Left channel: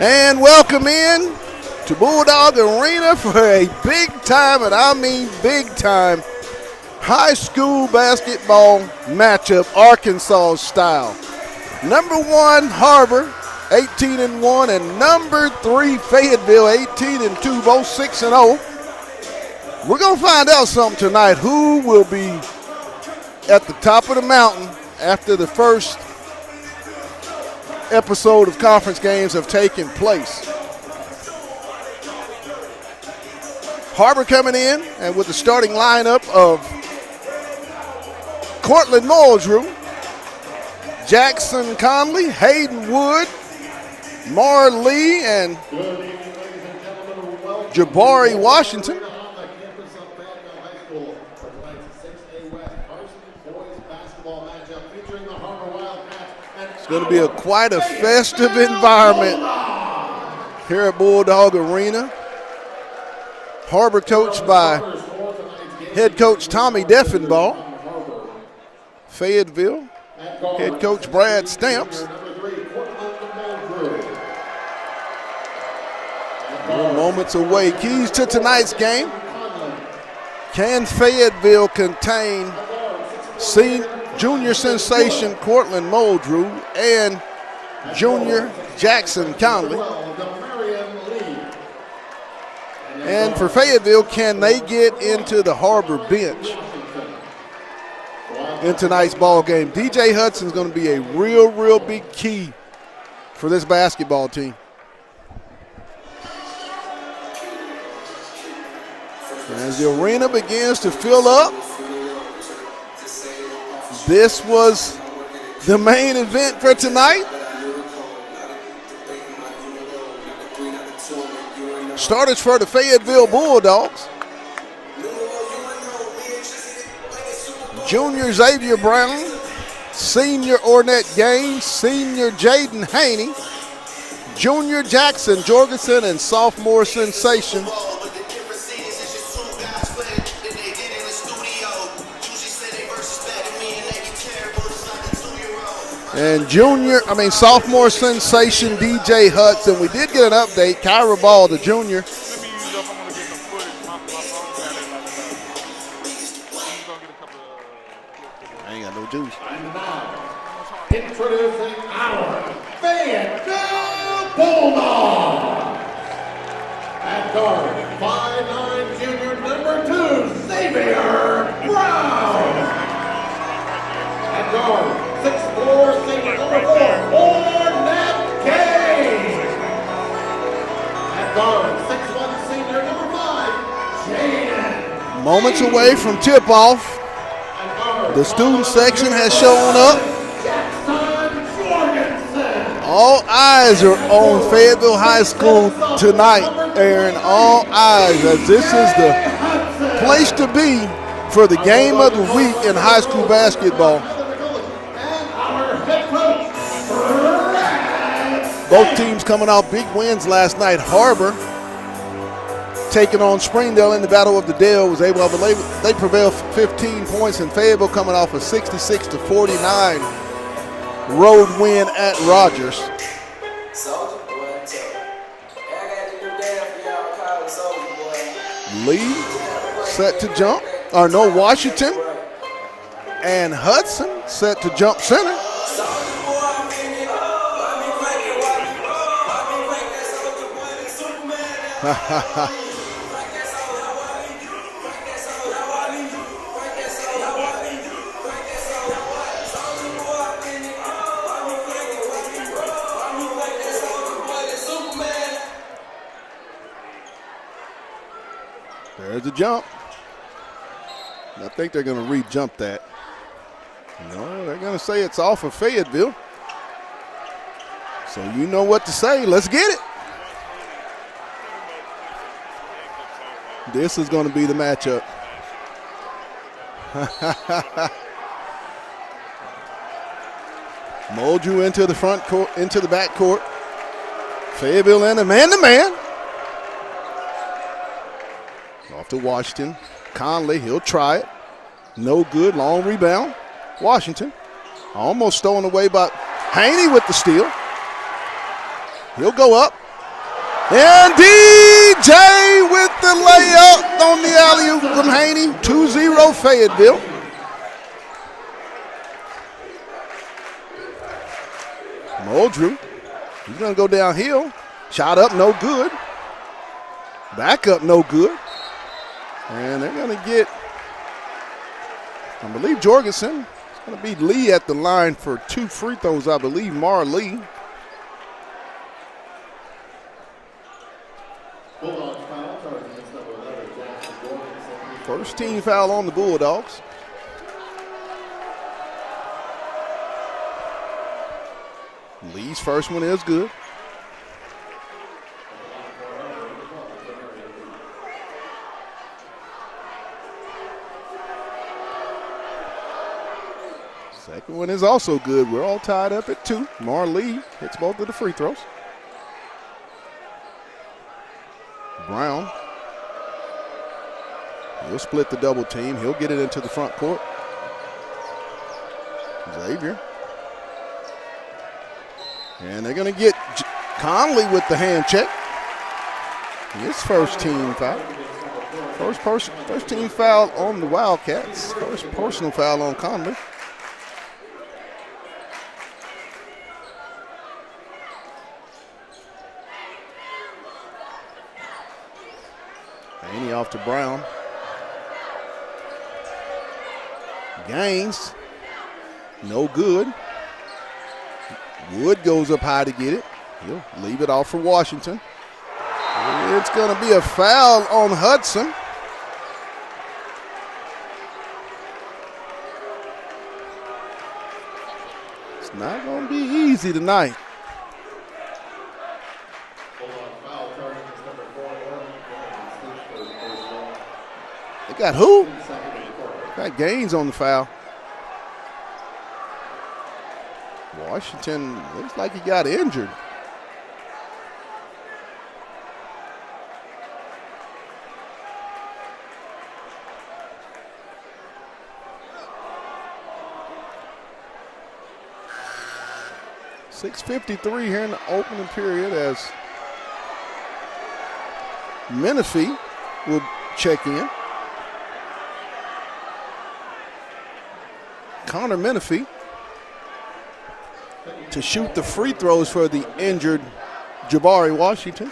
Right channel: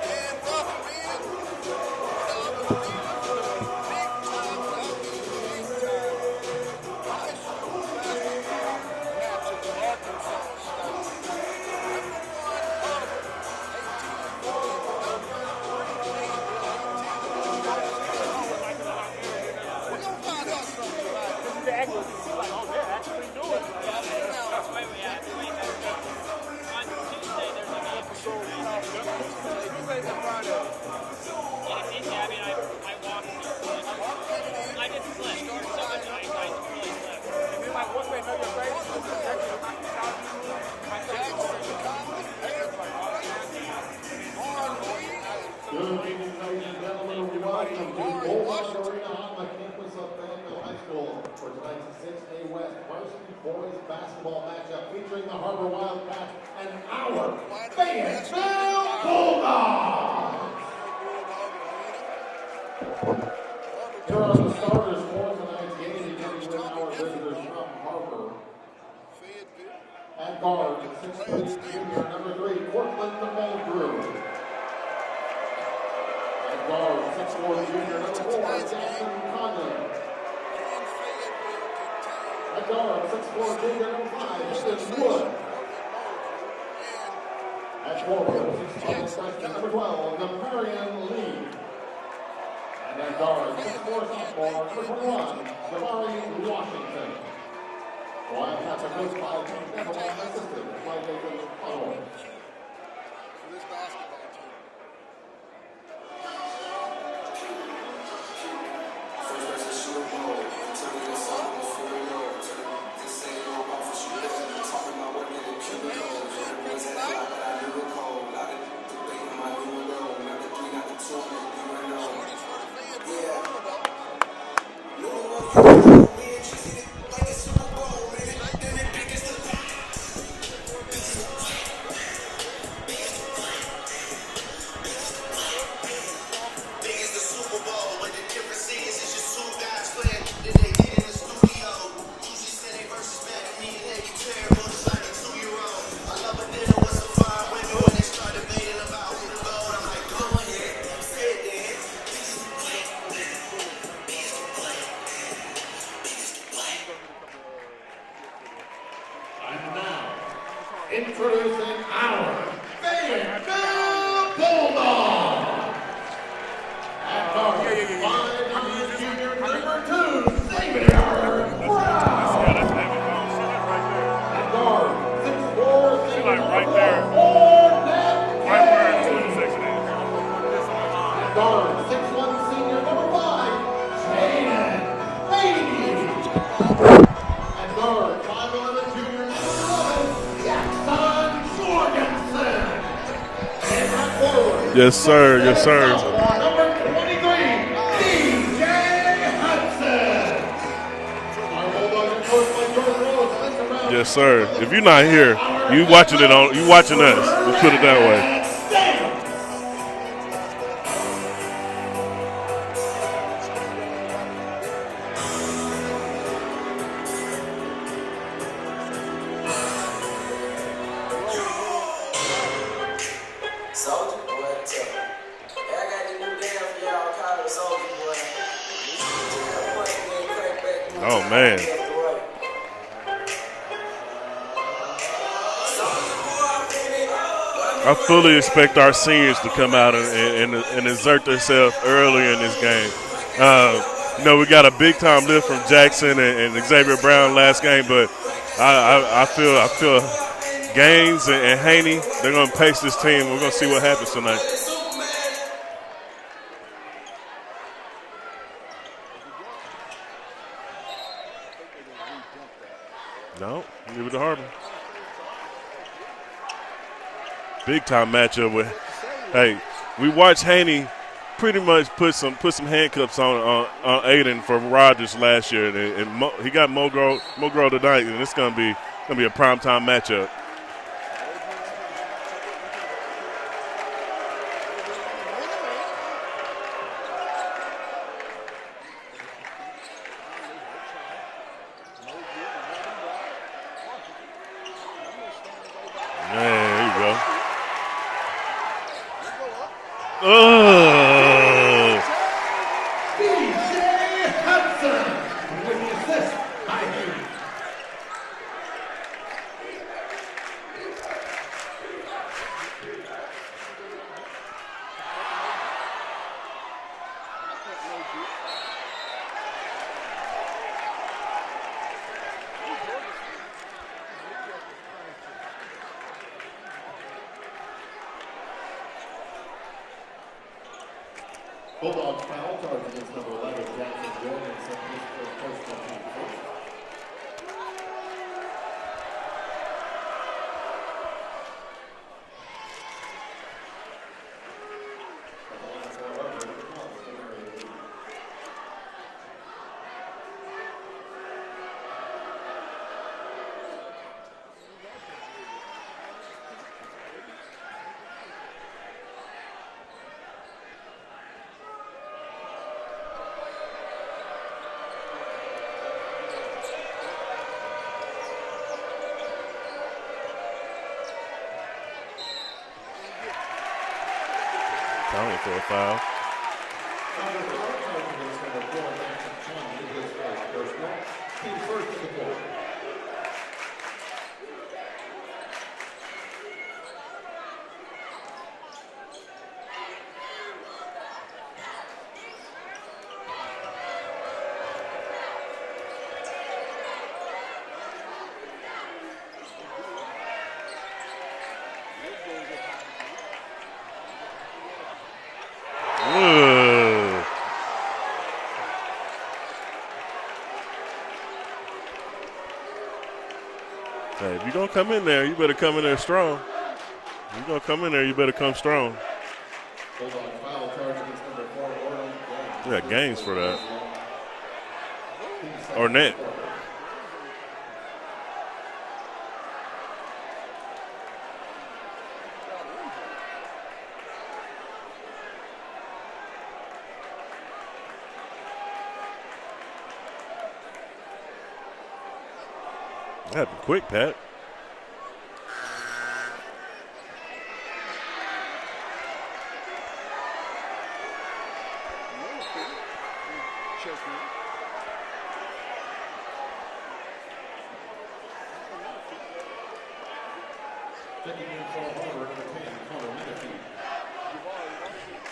And welcome in to Bulldog Arena for a big time, and I mean big time, high school basketball matchup, Arkansas style. Number 1, Har-ber, 18-1, and number 3, Fayetteville, 18-2, both 6-0. We're going to find out something tonight. Who will be at the top of the mountain after the first episode of conference games have taken place. Har-ber coming in, and with the starting lineup of Cortland Muldrew, Jackson Conley, Hayden Wood, Mar Lee, and Jabari Washington. It's going to be quite a festive environment here at Bulldog Arena. Har-ber coached by head coach Tommy Deffenbaugh. Fayetteville, head coach Brad Stamps. Moments away. Keys to tonight's game. Can Fayetteville contain junior sensation Cortland Muldrew and junior Jackson Conley? And for Fayetteville, can they get into the Har-ber bench in tonight's ball game? DJ Hudson's going to be a real big key for this basketball team. As the arena begins to fill up, this was the main event for tonight. Starters for the Fayetteville Bulldogs. Junior Xavier Brown, senior Ornette Gaines, senior Jaden Haney, junior Jackson Jorgensen, and sophomore sensation sophomore sensation DJ Hudson. We did get an update. Kyra Ball, the junior, I ain't got no juice. And now, introducing our Fayetteville Bulldogs. At guard, 5'9" junior number 2, Xavier Brown. At guard, 6'4" senior number 4, Ornette Gaines. At guard, 6'1" senior number 5, Jaden. Moments away from tip-off. The student section has shown up. All eyes are on Fayetteville High School tonight, Aaron. All eyes, as this is the place to be for the game of the week in high school basketball. Yes, sir. If you're not here, you watching us. Let's put it that way. Both teams coming off big wins last night. Har-ber taking on Springdale in the Battle of the Dale was able to, they prevailed 15 points, and Fayetteville coming off a 66-49 road win at Rogers. Lee set to jump. Washington and Hudson set to jump center. I fully expect our seniors to come out and exert themselves early in this game. We got a big-time lift from Jackson and Xavier Brown last game, but I feel Gaines and Haney, they're going to pace this team. We're going to see what happens tonight. There's the jump. I think they're going to re-jump that. No, leave it to Har-ber. They're going to say it's off of Fayetteville. Big-time matchup. You know what to say. Let's get it. We watched Haney pretty much put some handcuffs on Aiden from Rogers last year, and he got Mogro tonight, and it's going to be a primetime matchup. Muldrew into the front court, into the back court. Fayetteville in a man-to-man. Off to Washington. Conley, he'll try it. No good, long rebound. Washington almost stolen away by Haney with the steal. He'll go up. And DJ with the layup on the alley-oop from Haney. 2-0 Fayetteville. Muldrew, he's going to go downhill. Shot up, no good. Back up, no good. And they're going to get, I believe, Jorgensen. It's going to be Lee at the line for 2 free throws, I believe, Mar Lee. Bulldogs foul, charging against number 11, Jackson Jorgensen. First team foul on the Bulldogs. Lee's first one is good. Second one is also good. We're all tied up at 2. Mar Lee hits both of the free throws. Brown. He'll split the double team. He'll get it into the front court. Xavier. And they're going to get Conley with the hand check. His first team foul. First team foul on the Wildcats. First personal foul on Conley. Haney off to Brown. Gaines. No good. Wood goes up high to get it. He'll leave it off for Washington. It's going to be a foul on Hudson. So if you're going to come in there, you better come in there strong. It'll be easy tonight. You're going to come in there, you better come strong. You got Gaines for that. They got who? Ornette. Got Gaines on the foul. Washington looks like he got injured. That happened quick, Pat. 6:53 here in the opening period as Menifee will check in. Connor Menifee to shoot the free throws for the injured Jabari Washington.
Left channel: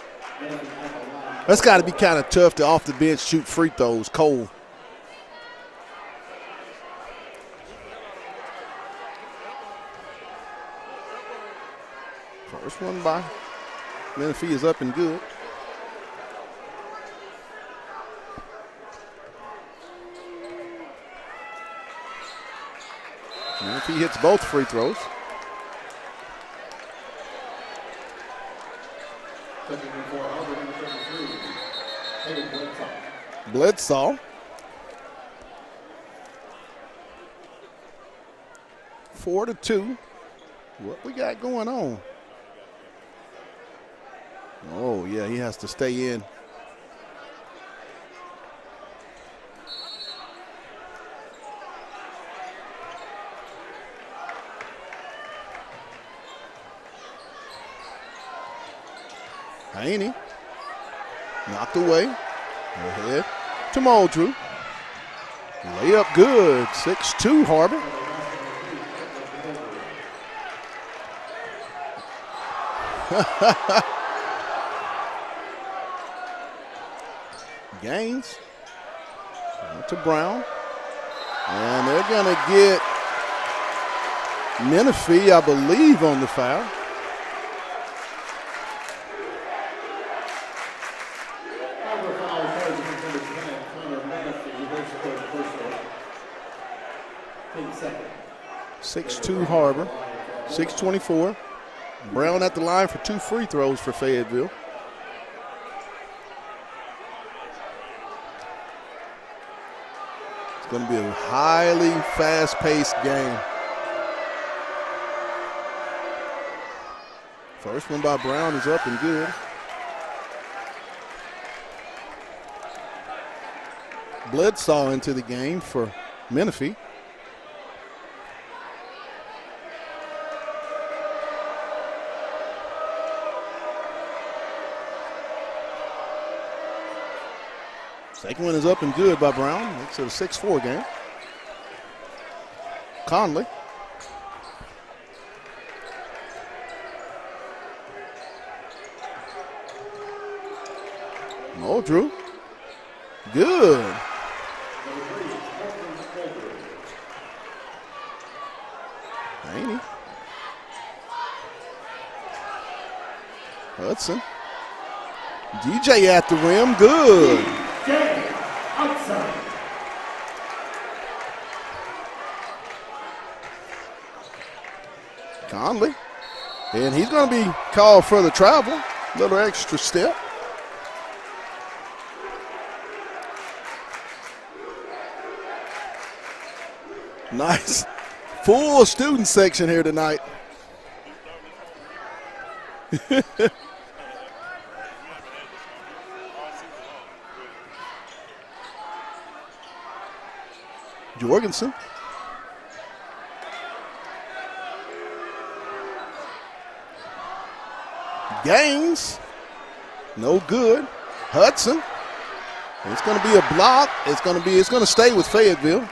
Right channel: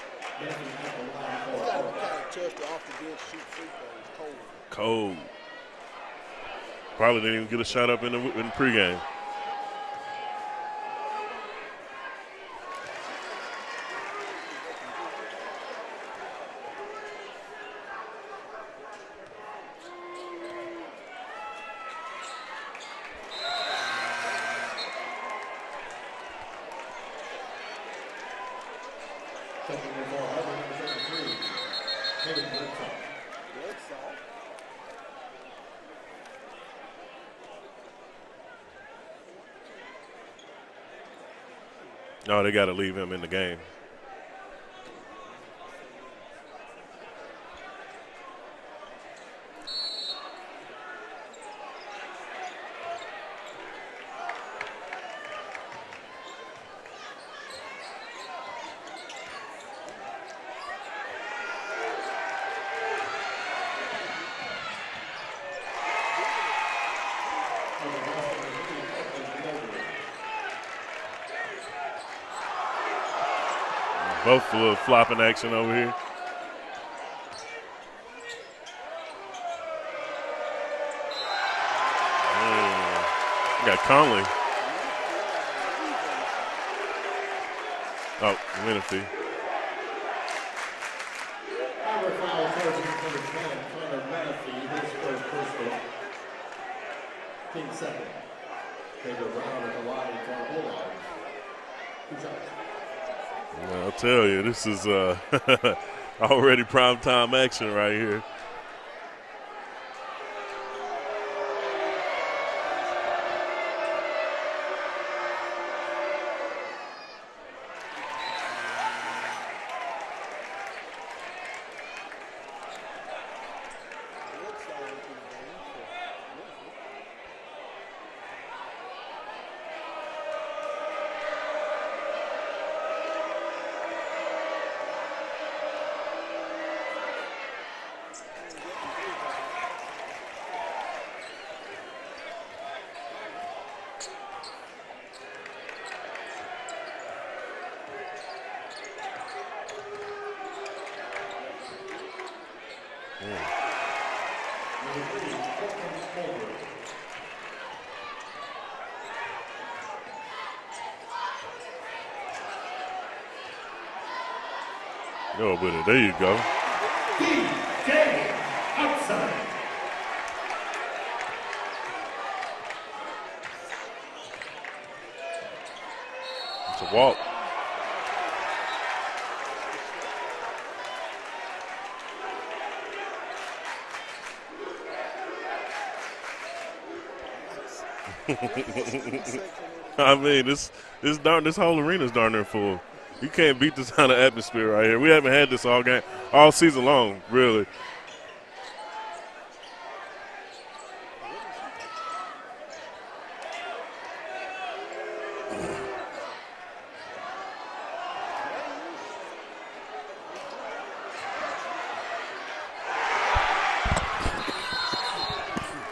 That's got to be kind of tough to off the bench shoot free throws cold. Cold. Probably didn't even get a shot up in the pregame. First one by Menifee is up and good. Menifee hits both free throws. Bledsoe. 4-2. What we got going on? No, they got to leave him in the game. Oh, yeah, he has to stay in. Haney knocked away. Ahead to Muldrew. Layup good. 6-2 Har-ber. Both a little flopping action over here. Gaines to Brown. And they're going to get Got Conley. Menifee, I believe, on the foul. Oh, Menifee. Har-ber foul charging number 10, Connor Menifee, his second. 6-2 Har-ber. 6:24. Brown at the line for 2 free throws for Fayetteville. Fayetteville. This is already primetime action right here. It's going to be a highly fast-paced game. First one by Brown is up and good. Bledsoe into the game for Menifee. Second one is up and good by Brown. It's a 6-4 game. Conley. Muldrew. Good. Haney. Hudson. DJ at the rim. Good. Outside. Conley. And he's going to be called for the travel. Little extra step. Nice. Full student section here tonight. I mean, this whole arena's darn near full. You can't beat this kind of atmosphere right here. We haven't had this all season long, really. Jorgensen. Gaines. No good. Hudson. It's going to be a block. It's going to stay with Fayetteville.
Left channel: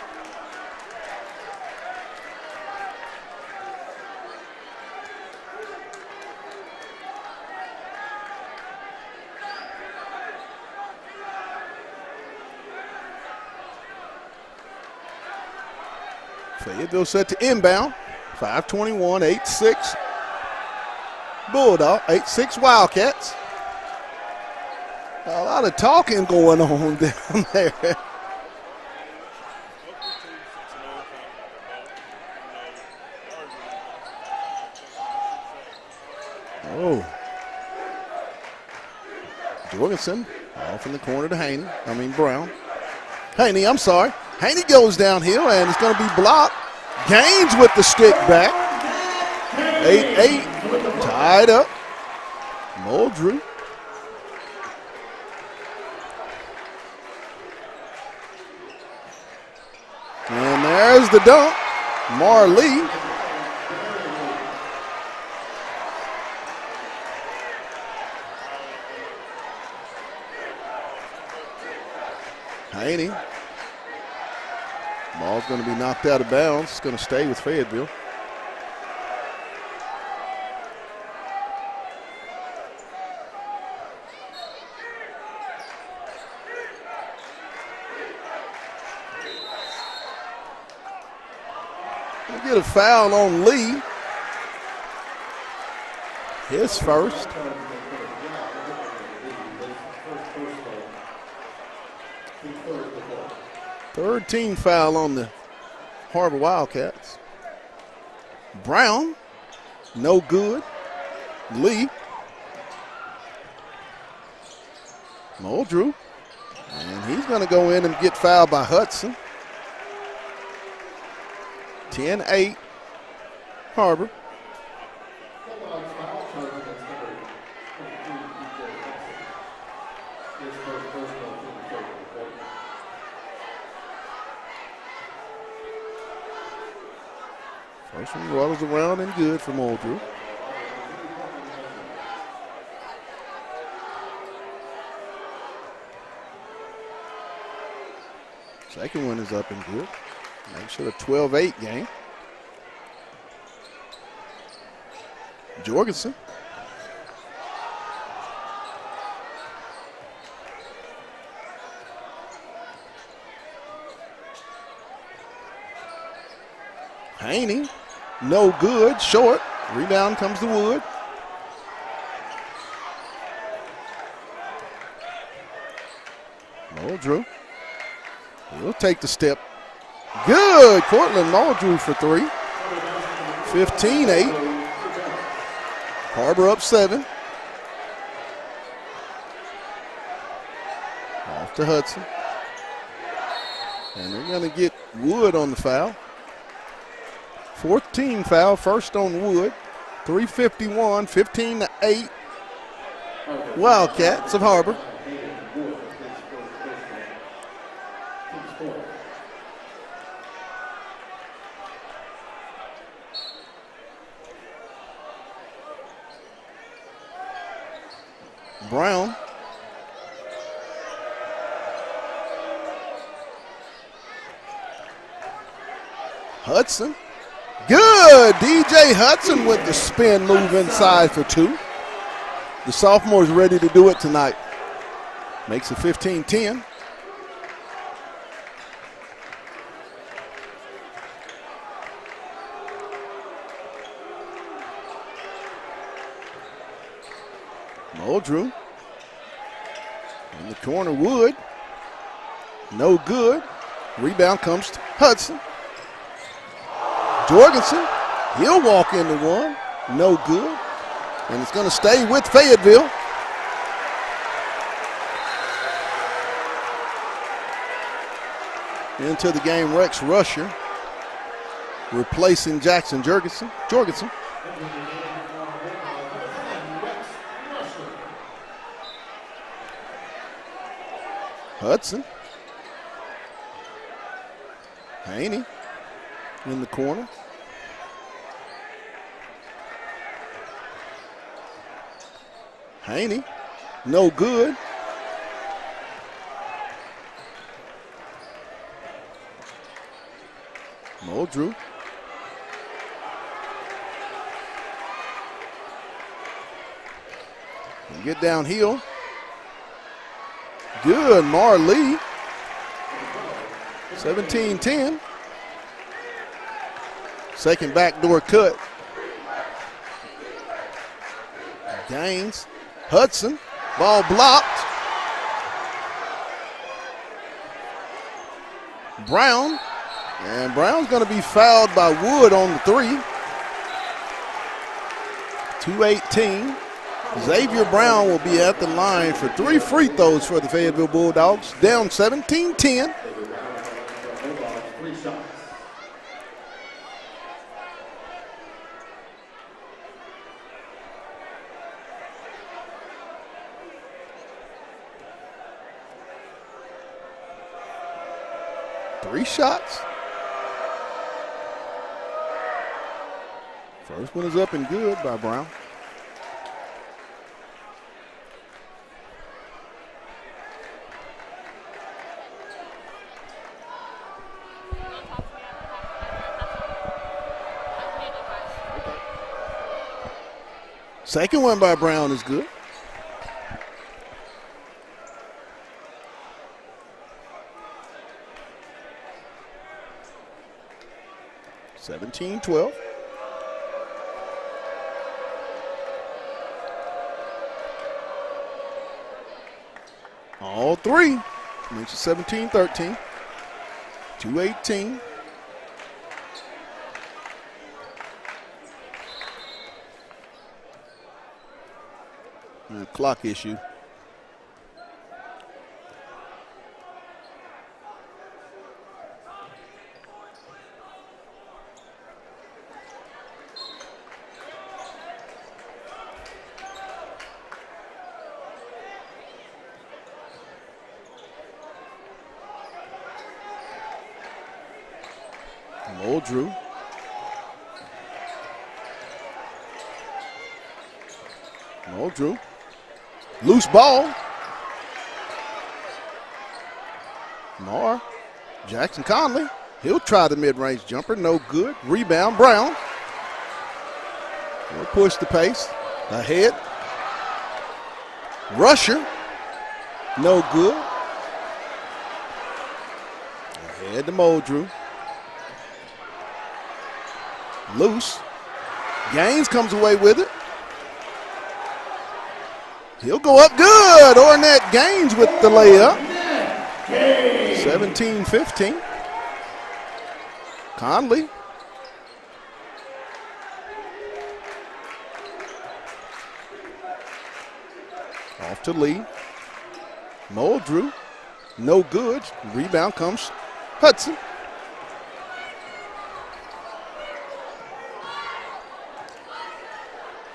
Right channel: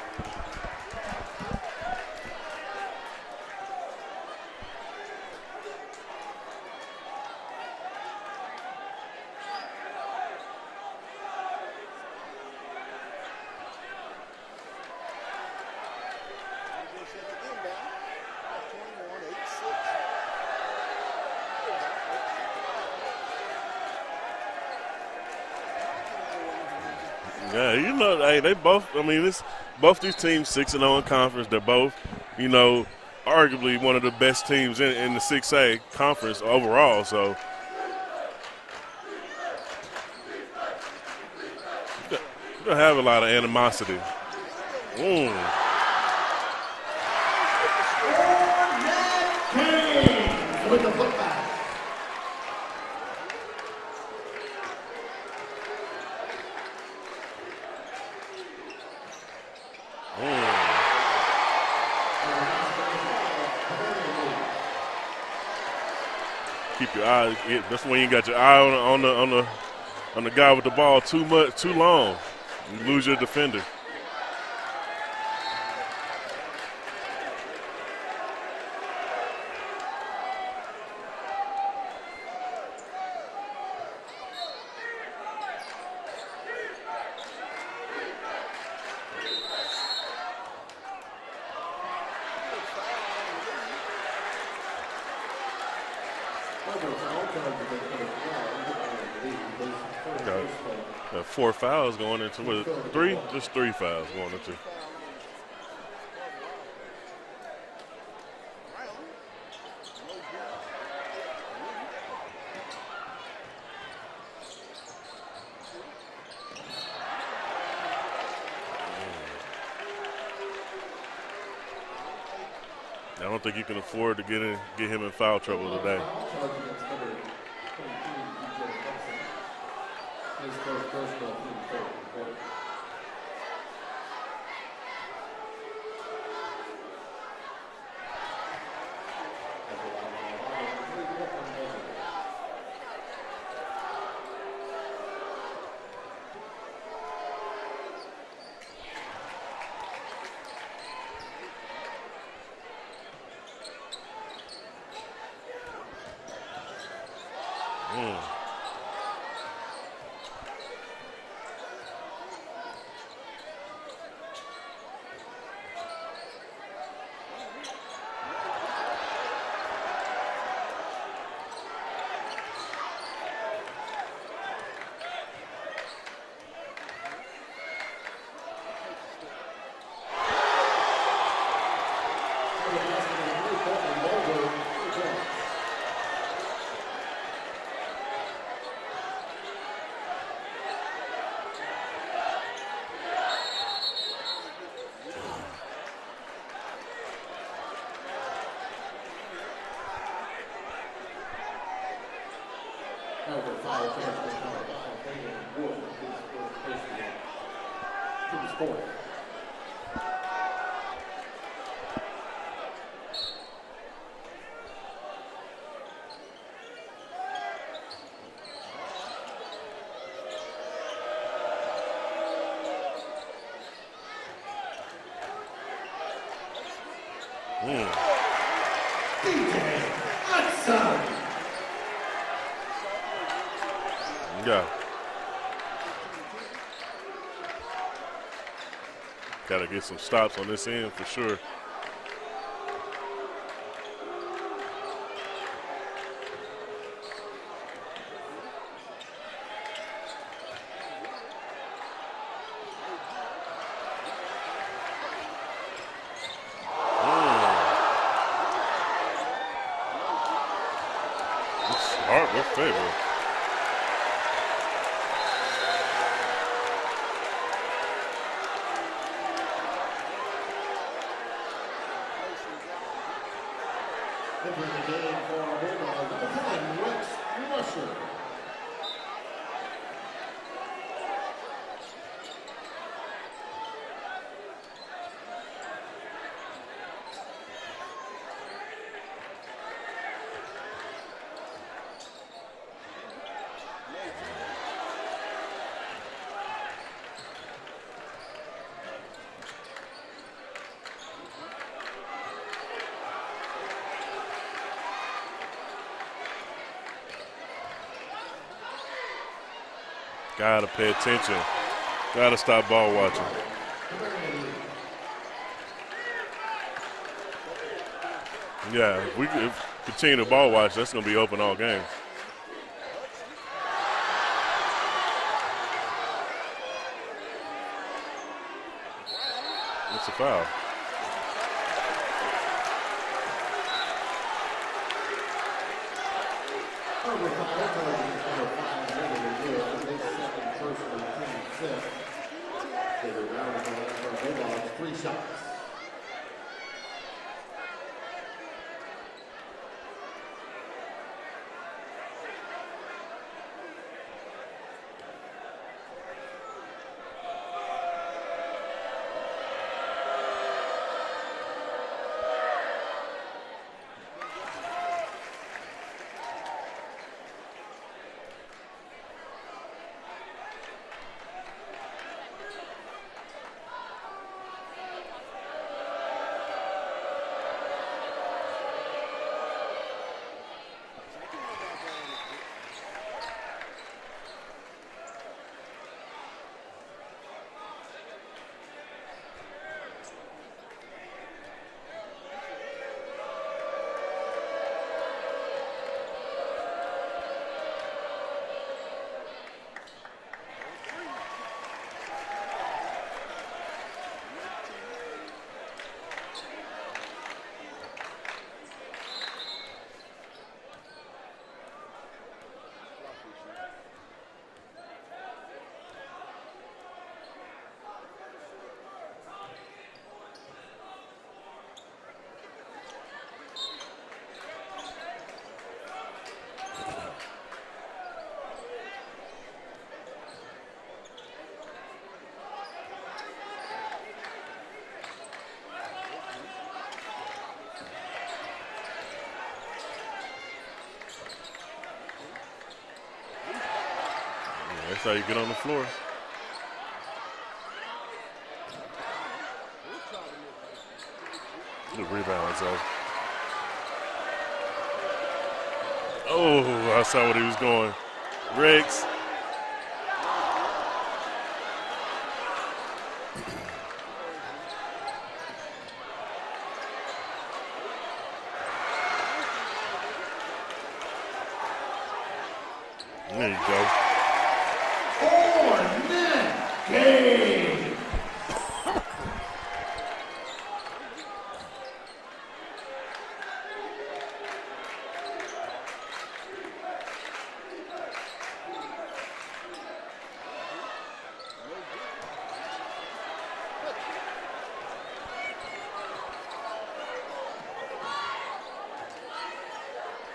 Fayetteville set to inbound. 5:21, 8-6. Bulldog, 8-6 Wildcats. A lot of talking going on down there. Yeah, you know, hey, they both. I mean, both these teams 6-0 in conference. They're both, you know, arguably one of the best teams in the 6A conference overall. Ooh. So Jorgensen off in the corner to Haney. Brown. you'll have a lot of animosity. Haney, I'm sorry. Haney goes downhill, and it's going to be blocked. Gaines with the stick back. 8-8. Tied up. Muldrew. And there's the dunk. Marley. Keep your eye. That's when you got your eye on the guy with the ball too long. You lose your defender. Ball's going to be knocked out of bounds. It's going to stay with Fayetteville. We'll get a foul on Lee. His first. Got 4 fouls going into it. 3? Just 3 fouls. Third team foul on the Har-ber Wildcats. Brown, no good. Lee. Muldrew. And he's going to go in and get fouled by Hudson. 10-8. I don't think you can Har-ber. afford to get him in foul trouble today. First one rolls around and good for Muldrew. Second one is up and good. Makes it a 12-8 game. Jorgensen. Haney, no good, short. Rebound comes to Wood. Muldrew. He'll take the step. Good, Cortland Muldrew for 3. 15-8. Har-ber up 7. Off to Hudson. And they're going to get Wood on the foul. 14 foul, first on Wood. 3:51, 15-8. Wildcats of Har-ber. Brown. Hudson. Good. DJ Hudson with the spin move inside for 2. The sophomore's ready to do it tonight. Yeah. Makes it 15-10. Got to get some stops on this end for sure. Muldrew. In the corner, Wood. No good. Rebound comes to Hudson. Jorgensen. He'll walk into one. No good. And it's going to stay with Fayetteville. Into the game, Rex Rusher, replacing Jackson Jorgensen. Hudson. Haney in the corner. Haney, no good. Muldrew. Get downhill. Gotta pay Good, attention. Marley. Gotta stop ball watching. 17-10. Second backdoor cut. Yeah, if we continue to ball watch, that's gonna be open all game. Gaines. Hudson. Ball blocked. Brown. That's a foul. And Brown's going to be fouled by Wood on the 3. 2:18. Xavier Brown will be at the line for 3 free throws for the Fayetteville Bulldogs. Down 17-10. Three shots. First one is up and good by Brown. Second one by Brown is good. (17-12). All 3. Makes it 17-13. 2:18. Clock issue. Muldrew. Muldrew. Loose ball. That's how you get on the floor. Marr. Jackson Conley. He'll try the mid-range jumper. No good. Rebound, Brown. He'll push the pace. Ahead. Oh, I saw what he was going. Rusher. No good. Ahead to Muldrew. Loose. Gaines comes away with it. He'll go up good. Ornette Gaines with the layup. 17-15. Conley. Off to Lee. Muldrew. No good. Rebound comes Hudson.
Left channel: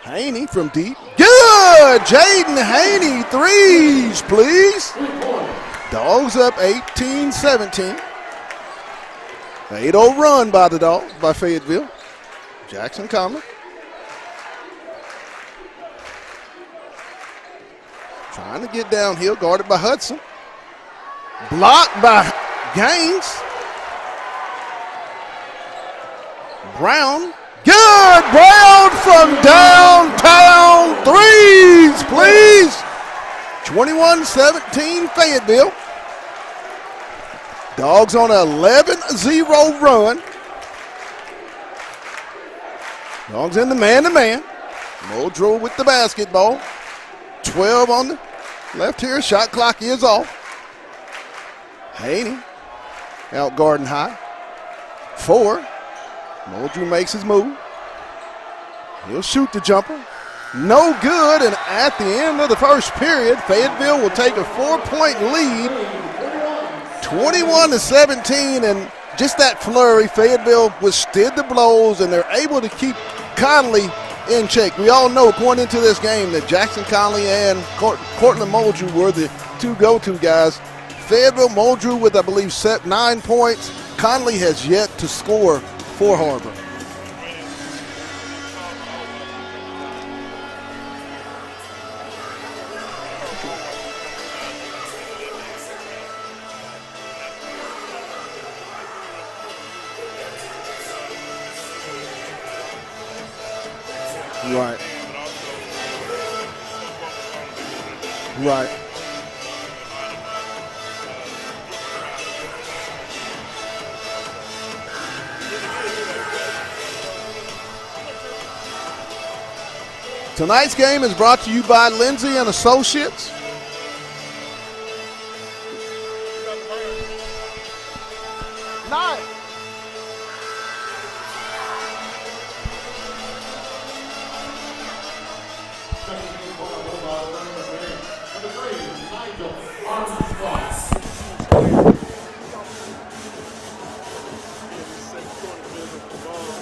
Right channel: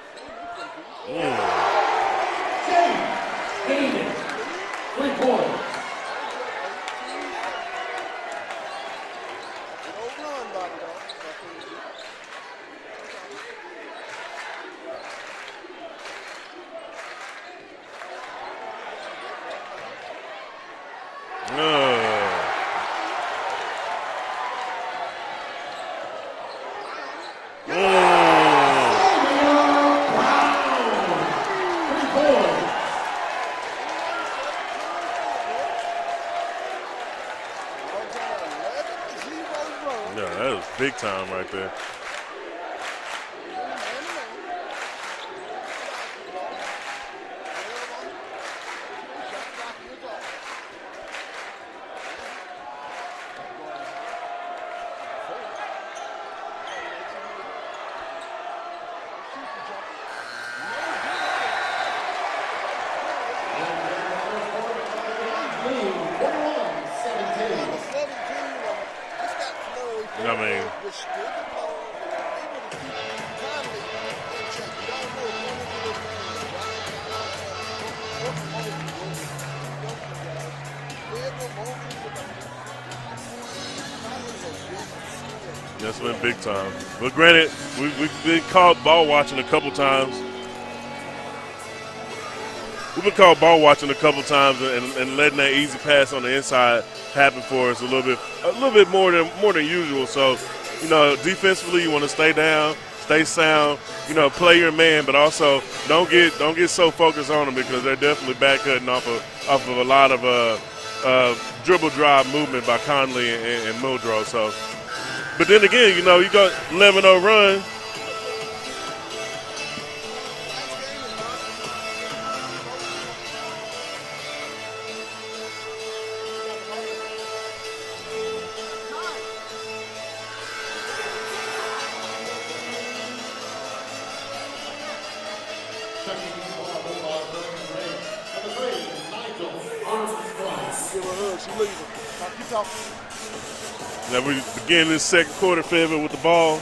Haney from deep. Good! Jaden Haney, threes, please. Dogs up 18-17. 8-0 run by the Dogs, by Fayetteville. Jackson Conley. Trying to get downhill, guarded by Hudson. Blocked by Gaines. Brown. Good. Brown from downtown. Threes, please. 21-17 Fayetteville. Dogs on an 11-0 run. Yeah, that was big time right there. Dogs in the man-to-man. Muldrow with the basketball. 12 on the left here. Shot clock is off. Haney out Garden High. 4. Muldrow makes his move. He'll shoot the jumper. No good, and at the end of the first period, Fayetteville will take a 4-point lead, 21-17, and just that flurry, Fayetteville withstood the blows, and they're able to keep Conley in check. We all know going into this game that Jackson Conley and Cortland Muldrew were the two go-to guys. Fayetteville, Muldrew with, I believe, 9 points. Conley has yet to score for Har-ber. Well, granted, we've been called ball watching a couple times. We've been called ball watching a couple times and letting that easy pass on the inside happen for us a little bit more than usual. So, defensively, you want to stay down, stay sound, play your man, but also don't get so focused on them because they're definitely back cutting off of a lot of dribble drive movement by Conley and Muldrow. So, but then again, you got 11-0 run. Tonight's game is brought to you by Lindsay and Associates. Now we begin this second quarter, Fayetteville with the ball.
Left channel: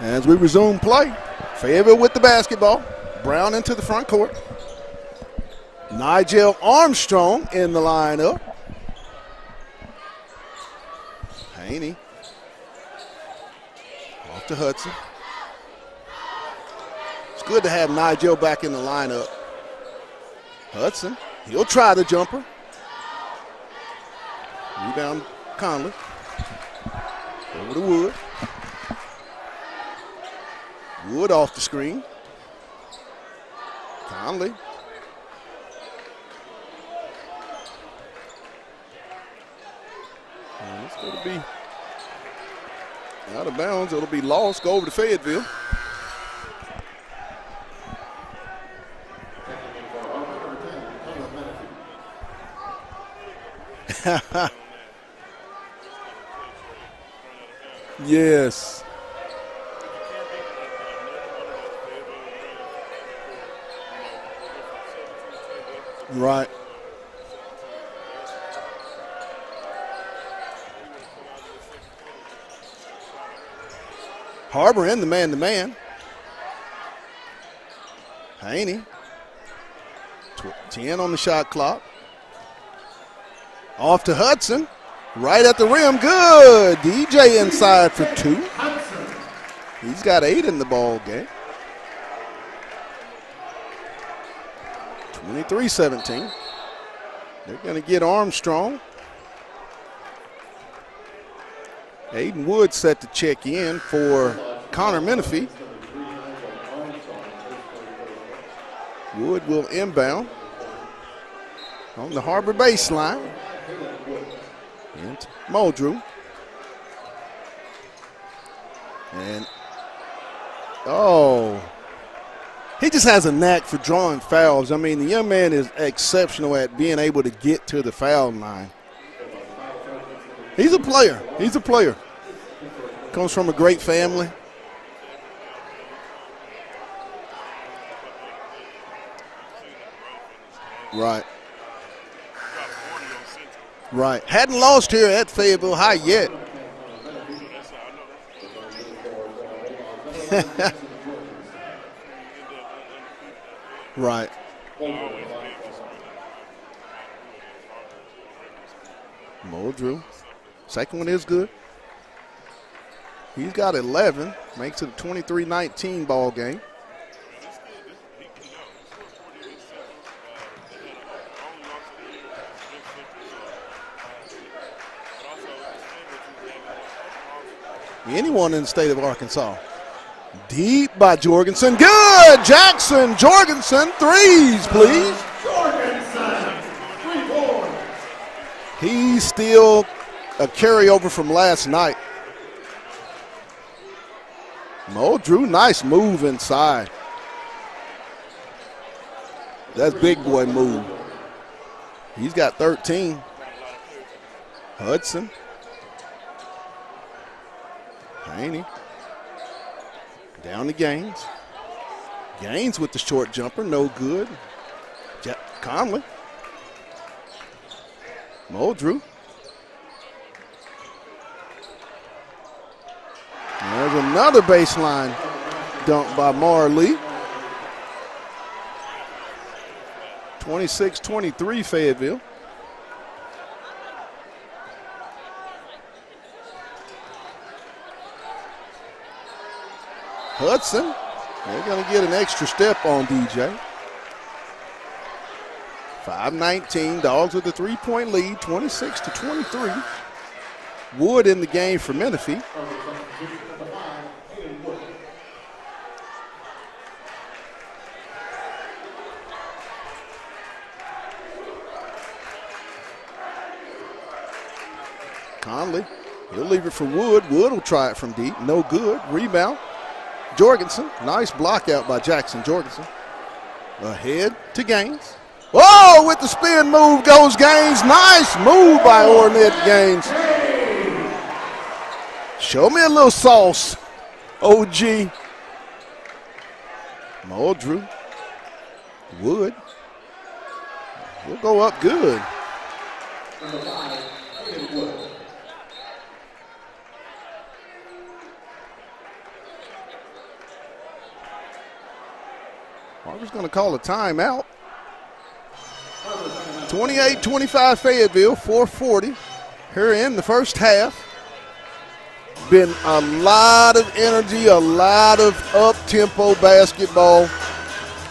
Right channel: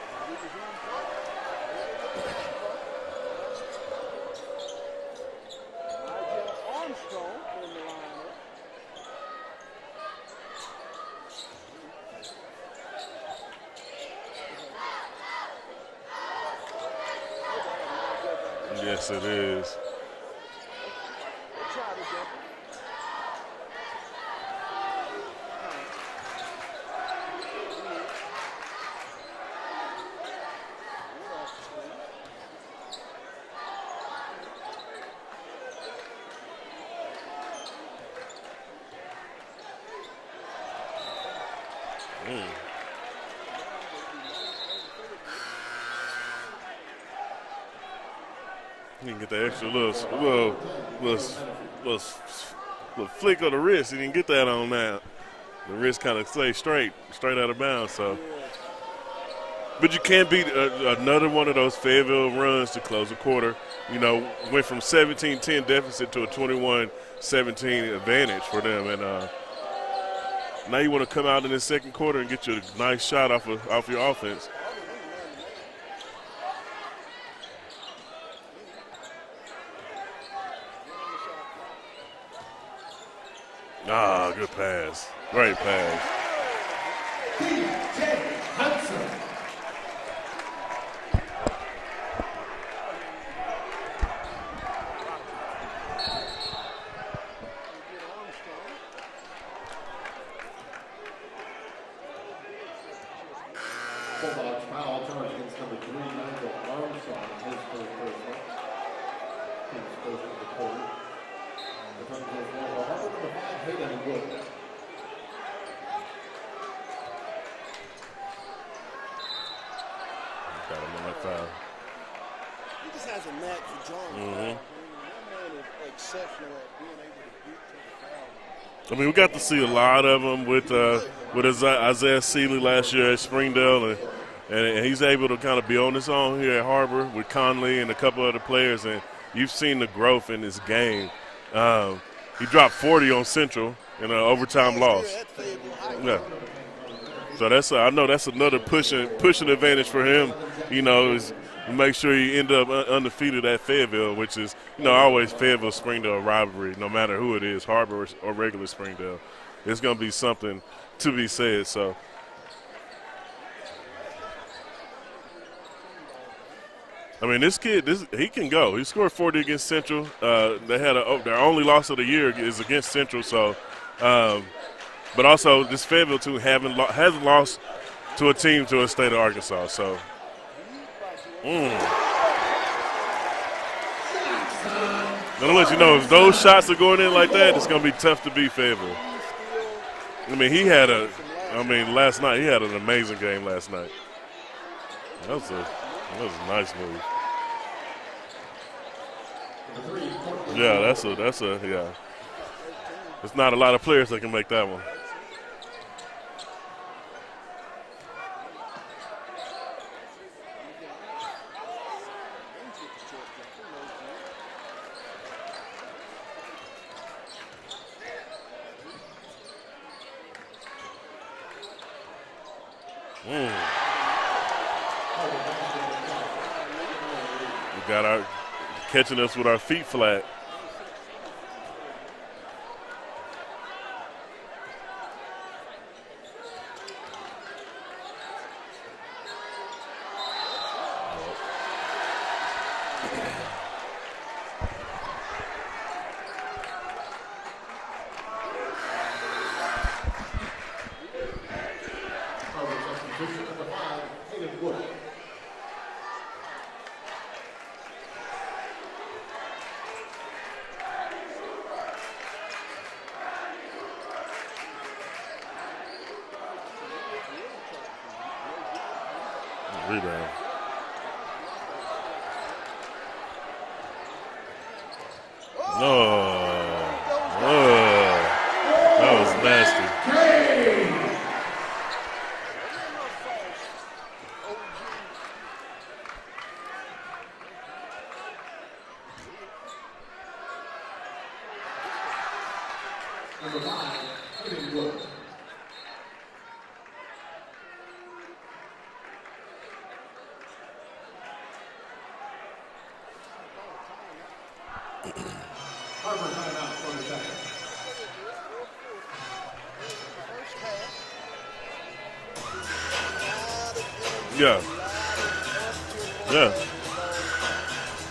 As we resume play, Fayetteville with the basketball. Brown into the front court. Nigel Armstrong in the lineup. Haney. Off to Hudson. It's good to have Nigel back in the lineup. It is. Hudson, he'll try the jumper. Rebound Conley. Over to Wood. Wood off the screen. Conley. And it's going to be out of bounds. It'll be lost. Go over to Fayetteville. You can get that extra little flick of the wrist. You can get that on now. The wrist kind of stays straight out of bounds. So. Yes. But you can't beat another one of those Fayetteville runs to close the quarter. Went from 17-10 deficit to a 21-17 advantage for them. And now you want to come out in the second quarter and get you a nice shot off your offense. Har-ber in the man-to-man. Haney. 10 on the shot clock. Off to Hudson. Right at the rim. Good. DJ inside for 2. He's got 8 in the ball game. 23-17. They're going to get Armstrong. Aiden Wood set to check in for Connor Menifee. Wood will inbound on the Har-ber baseline. And Muldrew. And he just has a knack for drawing fouls. I mean, the young man is exceptional at being able to get to the foul line. I mean, we got to see a lot of them. He's a player. With Isaiah Seeley last year at Comes from a Springdale, great family. And he's able to kind of be on his own here at Har-ber with Conley and a couple other players. And you've seen the growth in this game. Right. He dropped 40 on Central. Right. Hadn't lost here at Fayetteville High yet. So I know that's another pushing advantage for him. Is make sure you end up undefeated at Fayetteville, which is always Fayetteville Springdale rivalry, no matter who it is, Har-ber or regular Springdale. It's going to be something to be said. So he's got 11, makes it a 23-19 ball game. I mean, this kid, he can go. He scored 40 against Central. They had their only loss of the year is against Central. So, but also this Fayetteville team hasn't lost to a team to a state of Arkansas. So deep by Jorgensen, good. Jackson Jorgensen, threes, please. I'll let you know if those shots are going in like that, it's going to be tough to beat Fayetteville. He's still a carryover from last night. Last night, he had an amazing game last night. Mo Drew, nice move inside. Nice move. That's big boy move. Yeah, that's a. He's got 13. There's not a lot of players that can make that one. Hudson. Haney. Down to Gaines. Gaines with the short jumper, no good. Conley. Mo Drew. There's another baseline dunk by Marley. We got our catching us with our feet flat. 26-23 Fayetteville. Hudson, they're going to get an extra step on DJ. 5-19, Dogs with a 3-point lead, 26-23. Wood in the game for Menifee. Conley, he'll leave it for Wood. Wood will try it from deep. No good. Rebound. Jorgensen. Nice block out by Jackson Jorgensen. Ahead to Gaines. Oh, with the spin move goes Gaines. Nice move by Ornette Gaines. Show me a little sauce, OG. Mo Drew. Wood. He'll go up good. Har-ber's going to call a timeout. 28-25 Fayetteville, 4:40 here in the first half. Been a lot of energy, a lot of up-tempo basketball.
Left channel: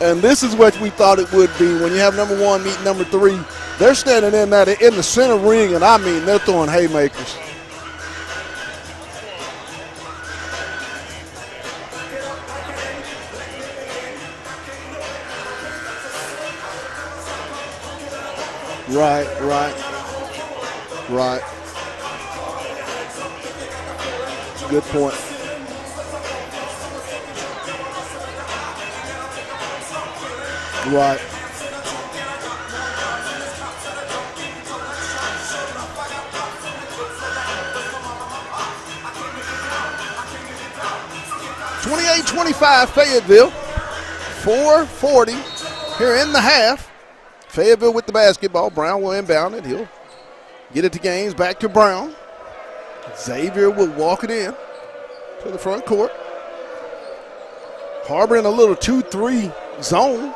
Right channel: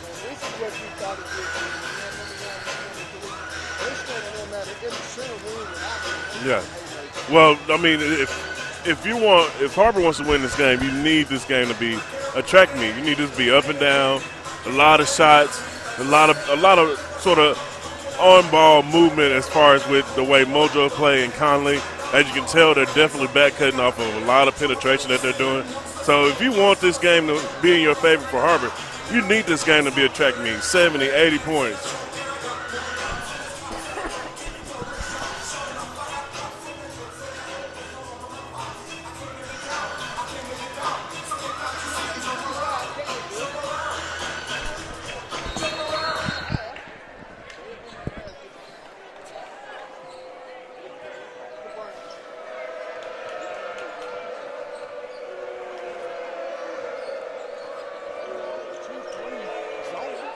And this is what we thought it would be when you have number one meet number three. They're standing in the center ring, and I mean, they're throwing haymakers. Well, I mean, if Har-ber wants to win this game, you need this game to be a track meet. You need this to be up and down, a lot of shots, a lot of sort of on-ball movement as far as with the way Mojo played, Conley. As you can tell, they're definitely back cutting off of a lot of penetration that they're doing. So if you want this game to be in your favor for Har-ber, you need this game to be a track meet, 70, 80 points. (28-25) Fayetteville, 4:40 here in the half. Fayetteville with the basketball. Brown will inbound it. He'll get it to Gaines, back to Brown. Xavier will walk it in to the front court. Har-ber in a little 2-3 zone.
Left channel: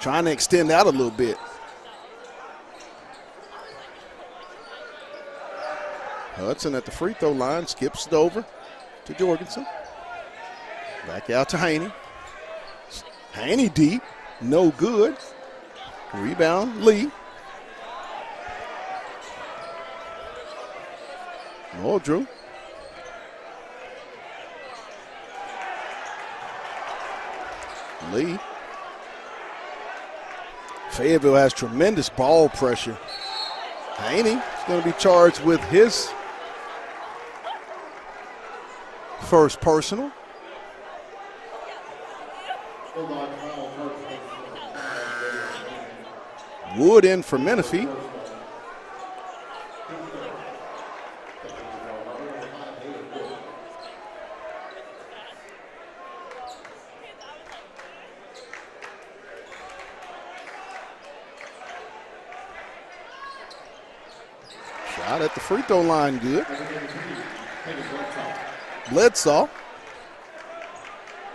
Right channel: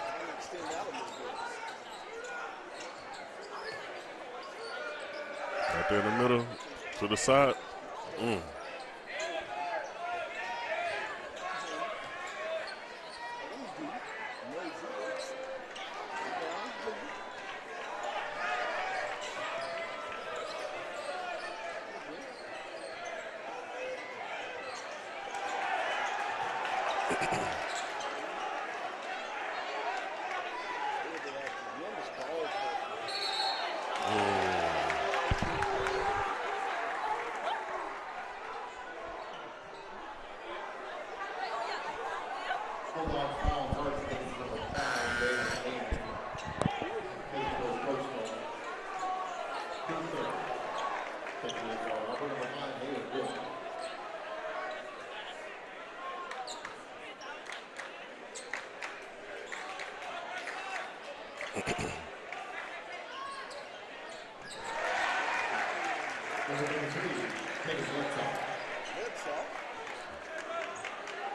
Trying to extend out a little bit. Right there in the middle. Hudson at the free throw line, skips it over to Jorgensen. Back out to Haney. Haney deep, no good. Rebound, Lee. Mo Drew. Lee. Fayetteville has tremendous ball pressure. Haney is going to be charged with his first personal. Wood in for Menifee. Shot at the free throw line, good. Bledsoe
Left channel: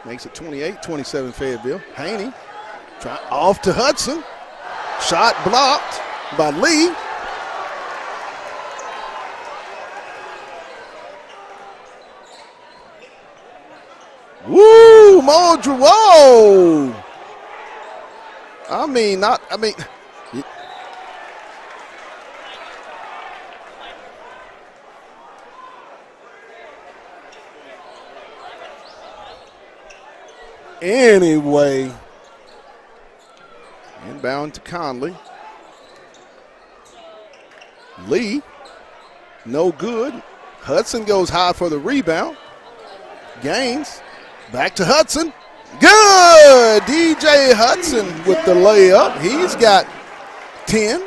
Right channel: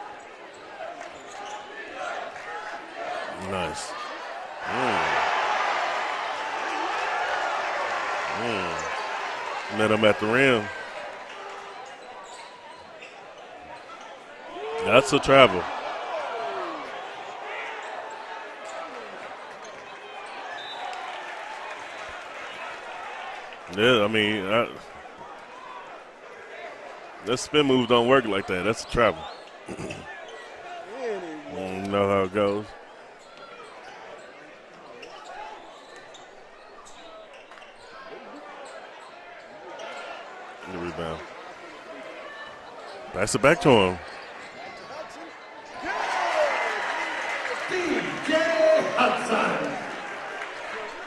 makes it 28-27 Fayetteville. Haney off to Hudson. Shot blocked by Lee. Met him at the rim. Woo, travel. Muldrew, whoa. Yeah, I mean, that spin move don't work like that. That's a travel. Anyway. You know how it goes. Inbound to Conley. Lee, no good. Hudson goes high for the rebound. That's it back to him. Back to Hudson. Good! DJ Hudson with the layup. He's got 10.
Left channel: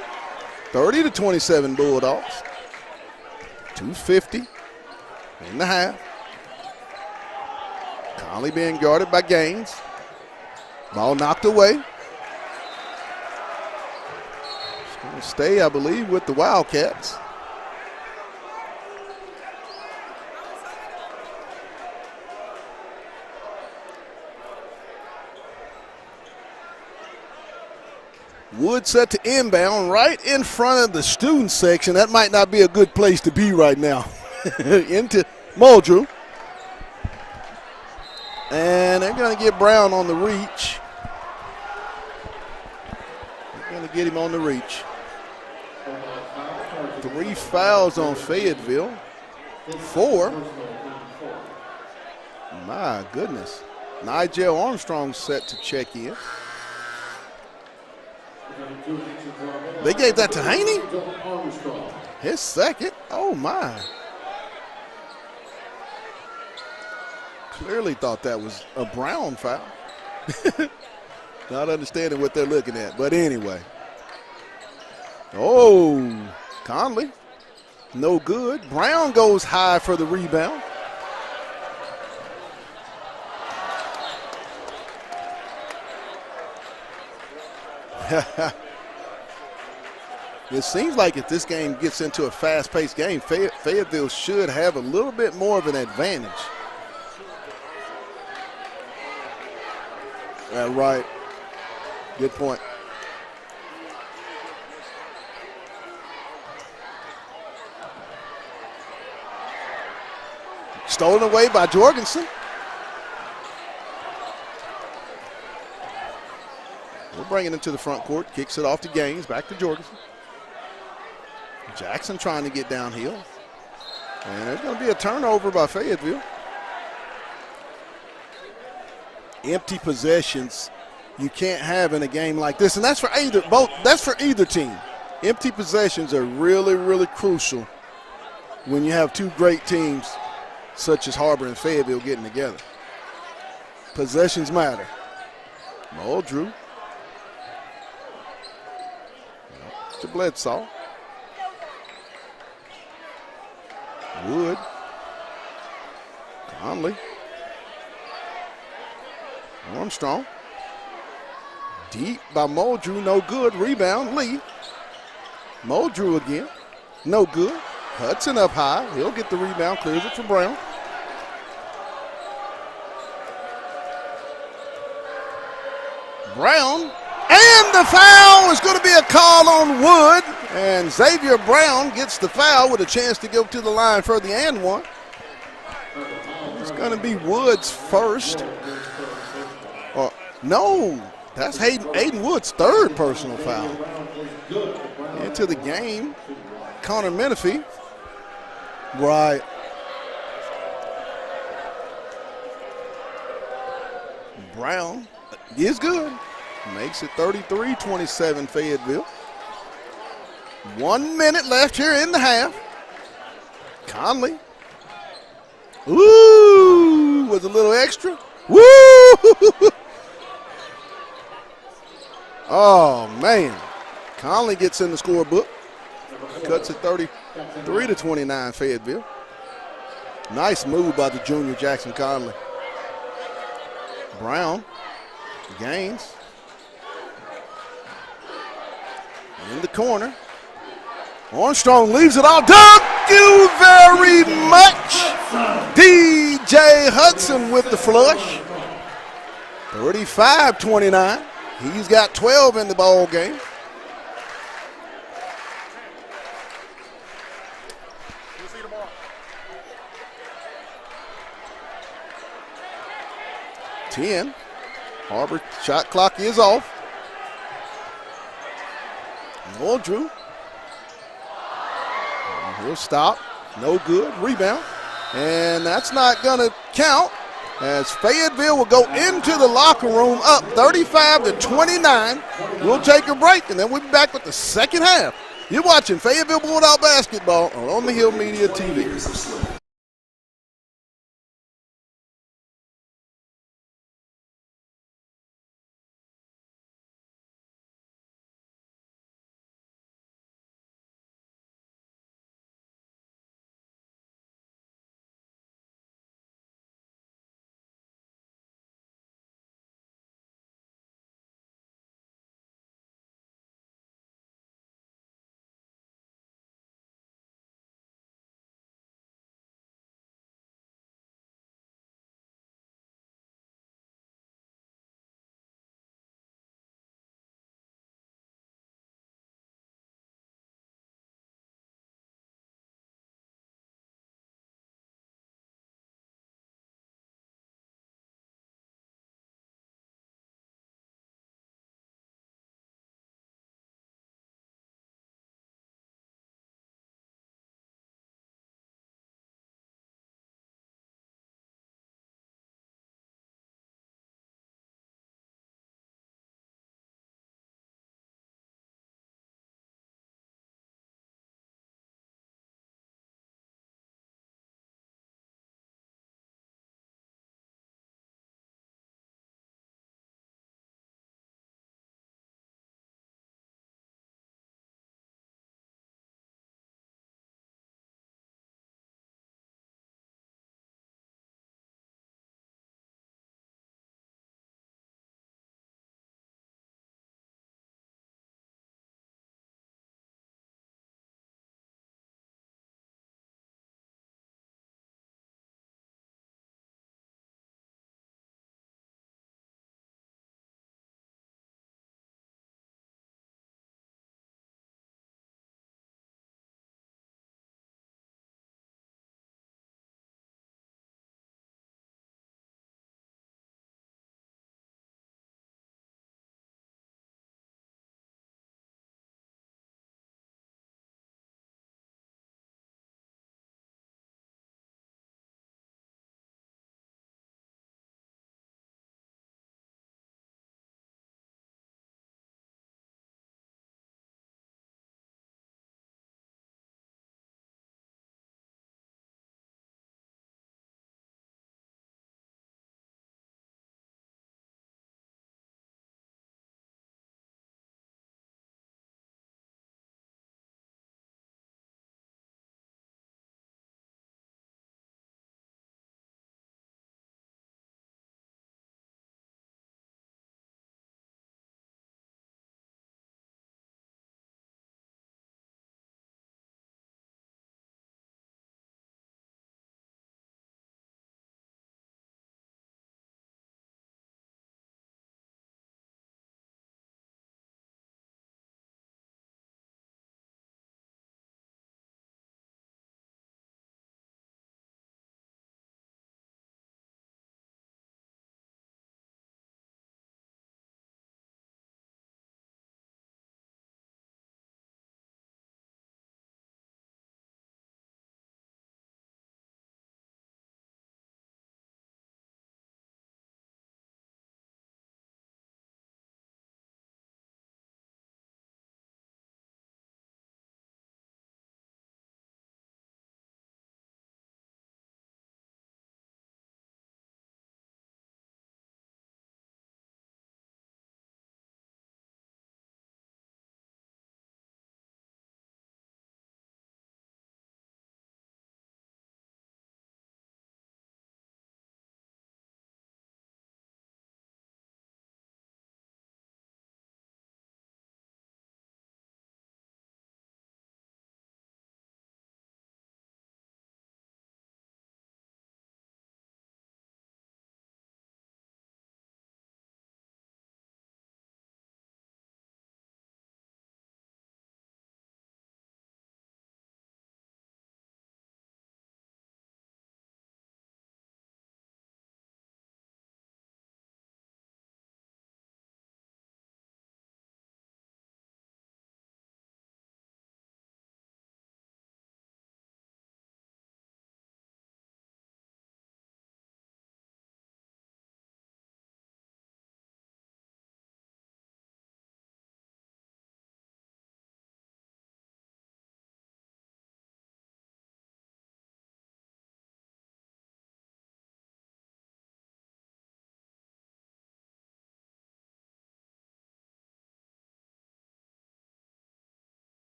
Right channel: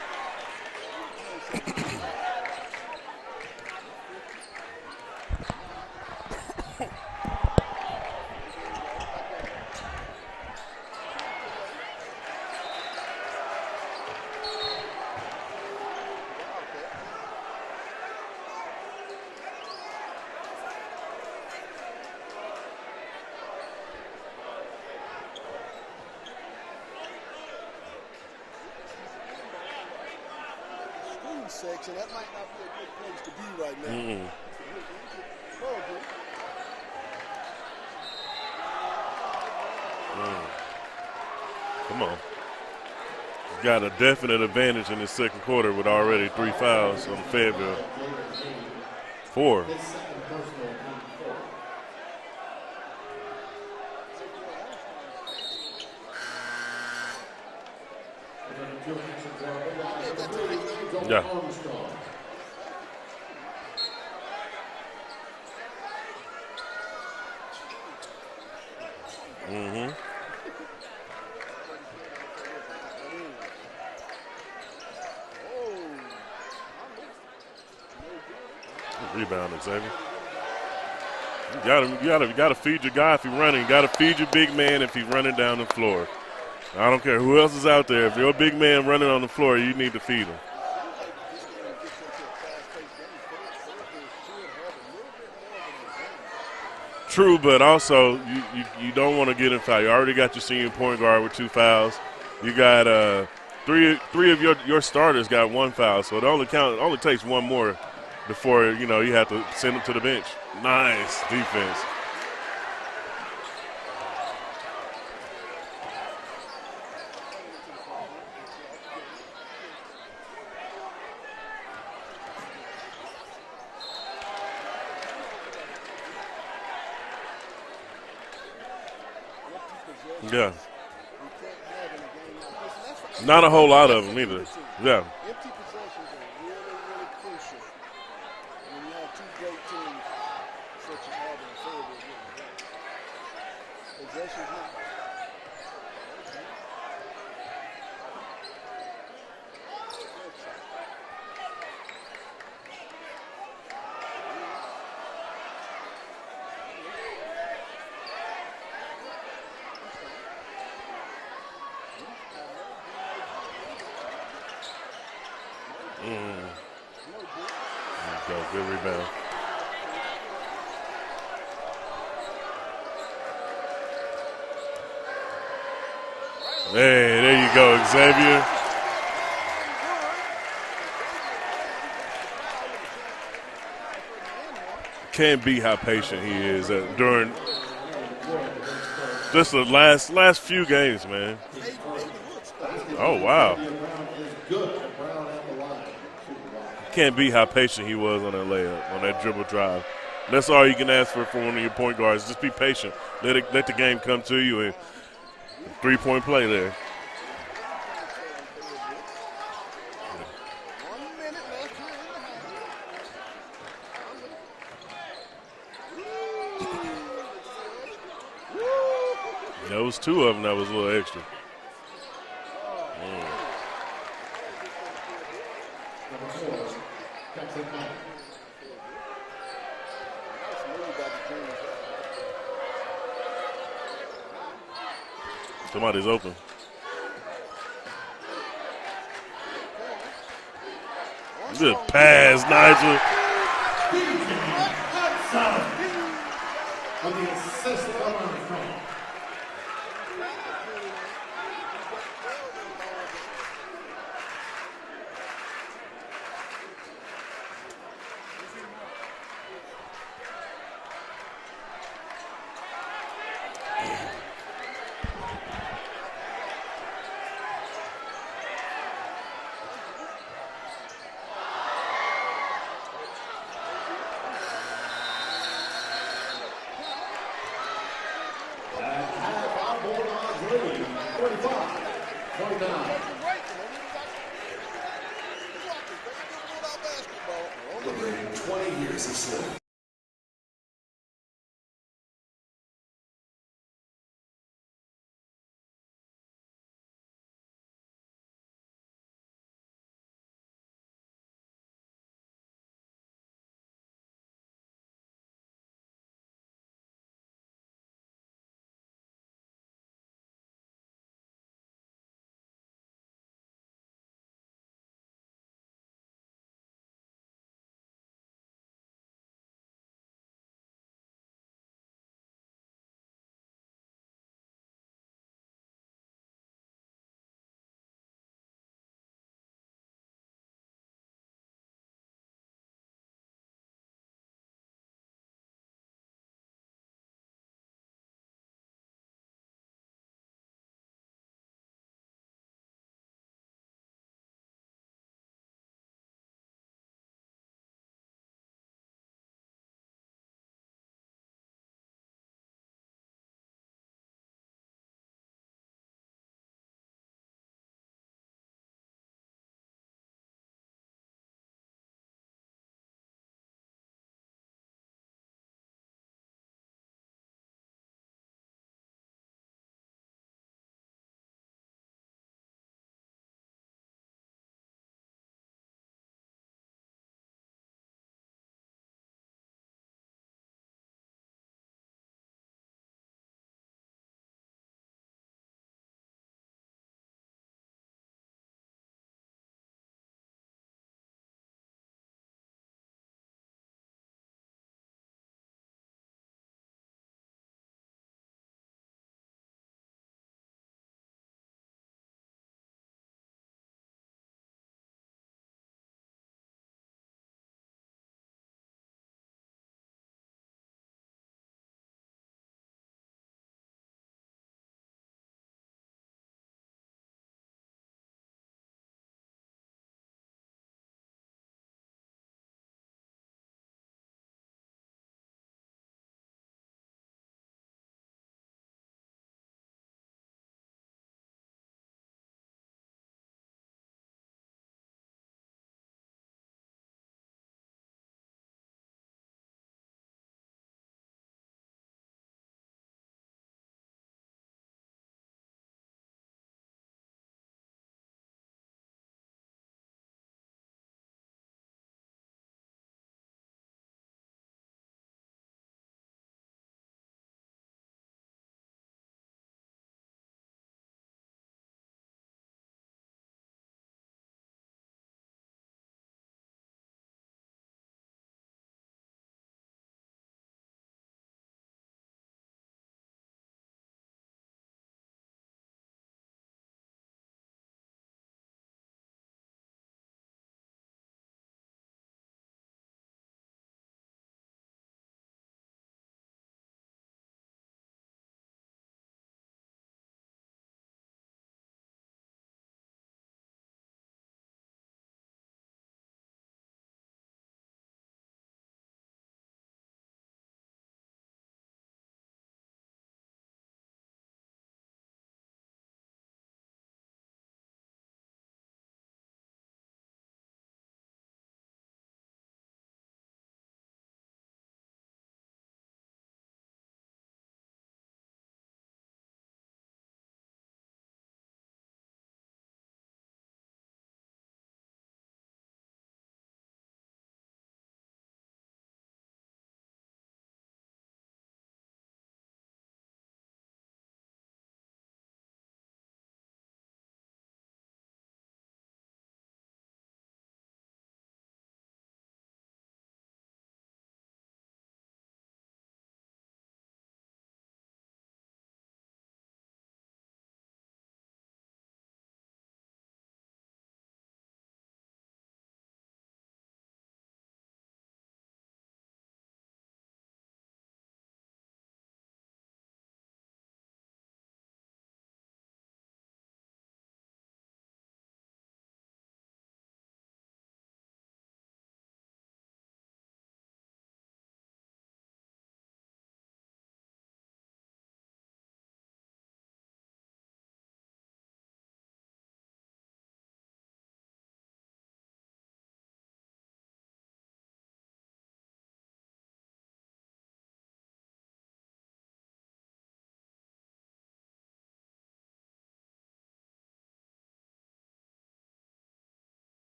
30-27 Bulldogs. 2:50 in the half. Conley being guarded by Gaines. Ball knocked away. It's going to stay, I believe, with the Wildcats. Wood set to inbound right in front of the student section. That might not be a good place to be right now. Into Muldrew. And they're going to get Brown on the reach. Come on. You got a definite advantage in the second quarter with already 3 fouls. 3 fouls on Fayetteville. 4. 4. My goodness. Nigel Armstrong set to check in. They gave that to Haney? Yeah. His second? Oh, my. Clearly thought that was a Brown foul. Not understanding what they're looking at. But anyway. Oh, Conley. No good. Brown goes high for the rebound. You gotta feed your guy if he's running. You gotta feed your big man if he's running down the floor. I don't care who else is out there. If you're a big man running on the floor, you need to feed him. It seems like if this game gets into a fast-paced game, Fayetteville should have a little bit more of an advantage. True, but also you don't want to get in foul. You already got your senior point guard with 2 fouls. Good point. You got three of your starters got 1 foul, so it only takes one more before you have to send them to the bench. Nice. Stolen away by Jorgensen. We'll bring it into the front court. Kicks it off to Gaines. Back to Jorgensen. Jackson trying to get downhill. And there's going to be a turnover by Fayetteville. Empty possessions you can't have in a game like this. And that's for either, Not a whole lot that's of for them either team. Yeah. Empty possessions are really, really crucial when you have two great teams such as Har-ber and Fayetteville getting together. Possessions matter. Muldrew. To Bledsoe. Wood. Conley. Armstrong. Deep by Muldrew, no good. Rebound, Lee. Muldrew again, no good. Hudson up high, he'll get the rebound, clears it for Brown. Brown, and the foul is going to be a call on Wood, and Xavier Brown gets the foul with a chance to go to the line for the and one. Can't be how patient he is. It's going to be Wood's first. This is the last few games, man. That's Aiden Wood's third personal foul. Into the game. Can't be how patient he was on that layup, on that dribble drive. That's all you can ask for one of your point guards. Just be patient. Let the game come to you. Brown is good. 3-point play there. Makes it 33-27 Fayetteville. 1 minute left here in the half. Conley. Ooh, was a little extra. Woo! That was 2 of them that was a little extra. Oh, man. Conley gets in the scorebook. Cuts it 33-29 Fayetteville. Nice move by the junior Jackson Conley. Brown. Gaines. Somebody's open. In the corner. Armstrong leaves it off. Thank you very much. DJ Hudson with the flush. 35-29. He's got 12 in the ball game. 10. Har-ber shot clock is off. More Drew. He'll stop. No good. Rebound. And that's not going to count as Fayetteville will go into the locker room up 35-29. We'll take a break, and then we'll be back with the second half. You're watching Fayetteville Bulldog basketball on the Hill Media TV.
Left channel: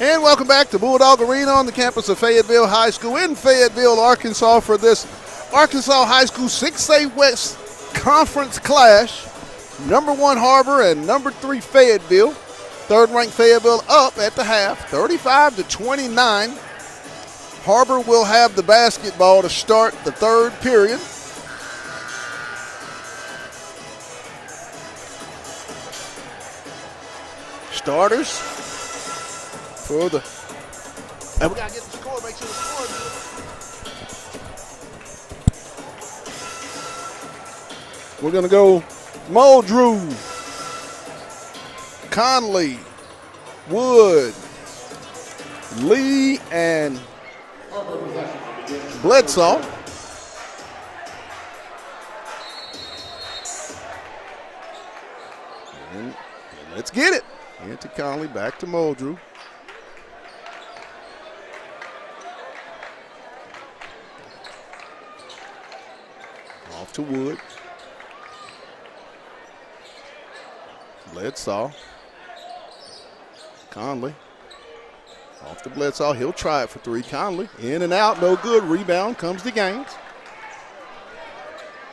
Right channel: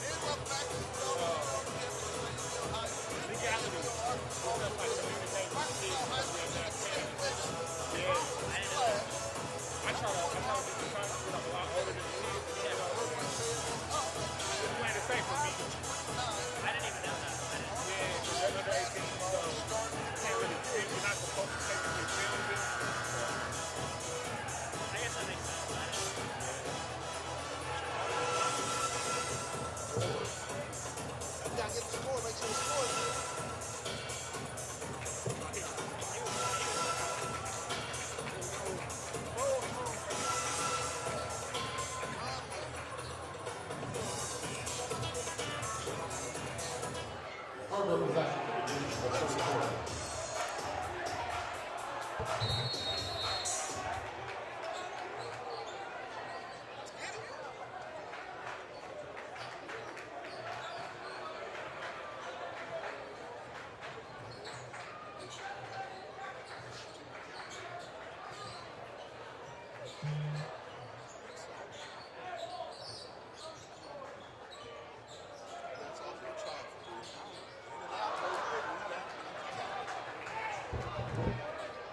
And welcome back to Bulldog Arena on the campus of Fayetteville High School in Fayetteville, Arkansas for this Arkansas High School 6A West Conference clash. Number 1 Har-ber and number 3 Fayetteville. Third-ranked Fayetteville up at the half, 35-29. Har-ber will have the basketball to start the third period. Starters for the, and we gotta get the score, make sure the score is good. We're gonna go Muldrew, Conley, Wood, Lee, and Bledsoe. And let's get it. Into Conley, back to Muldrew. Off to Wood. Bledsoe. Conley. Off to Bledsoe. He'll try it for 3. Conley. In and out. No good. Rebound comes to Gaines.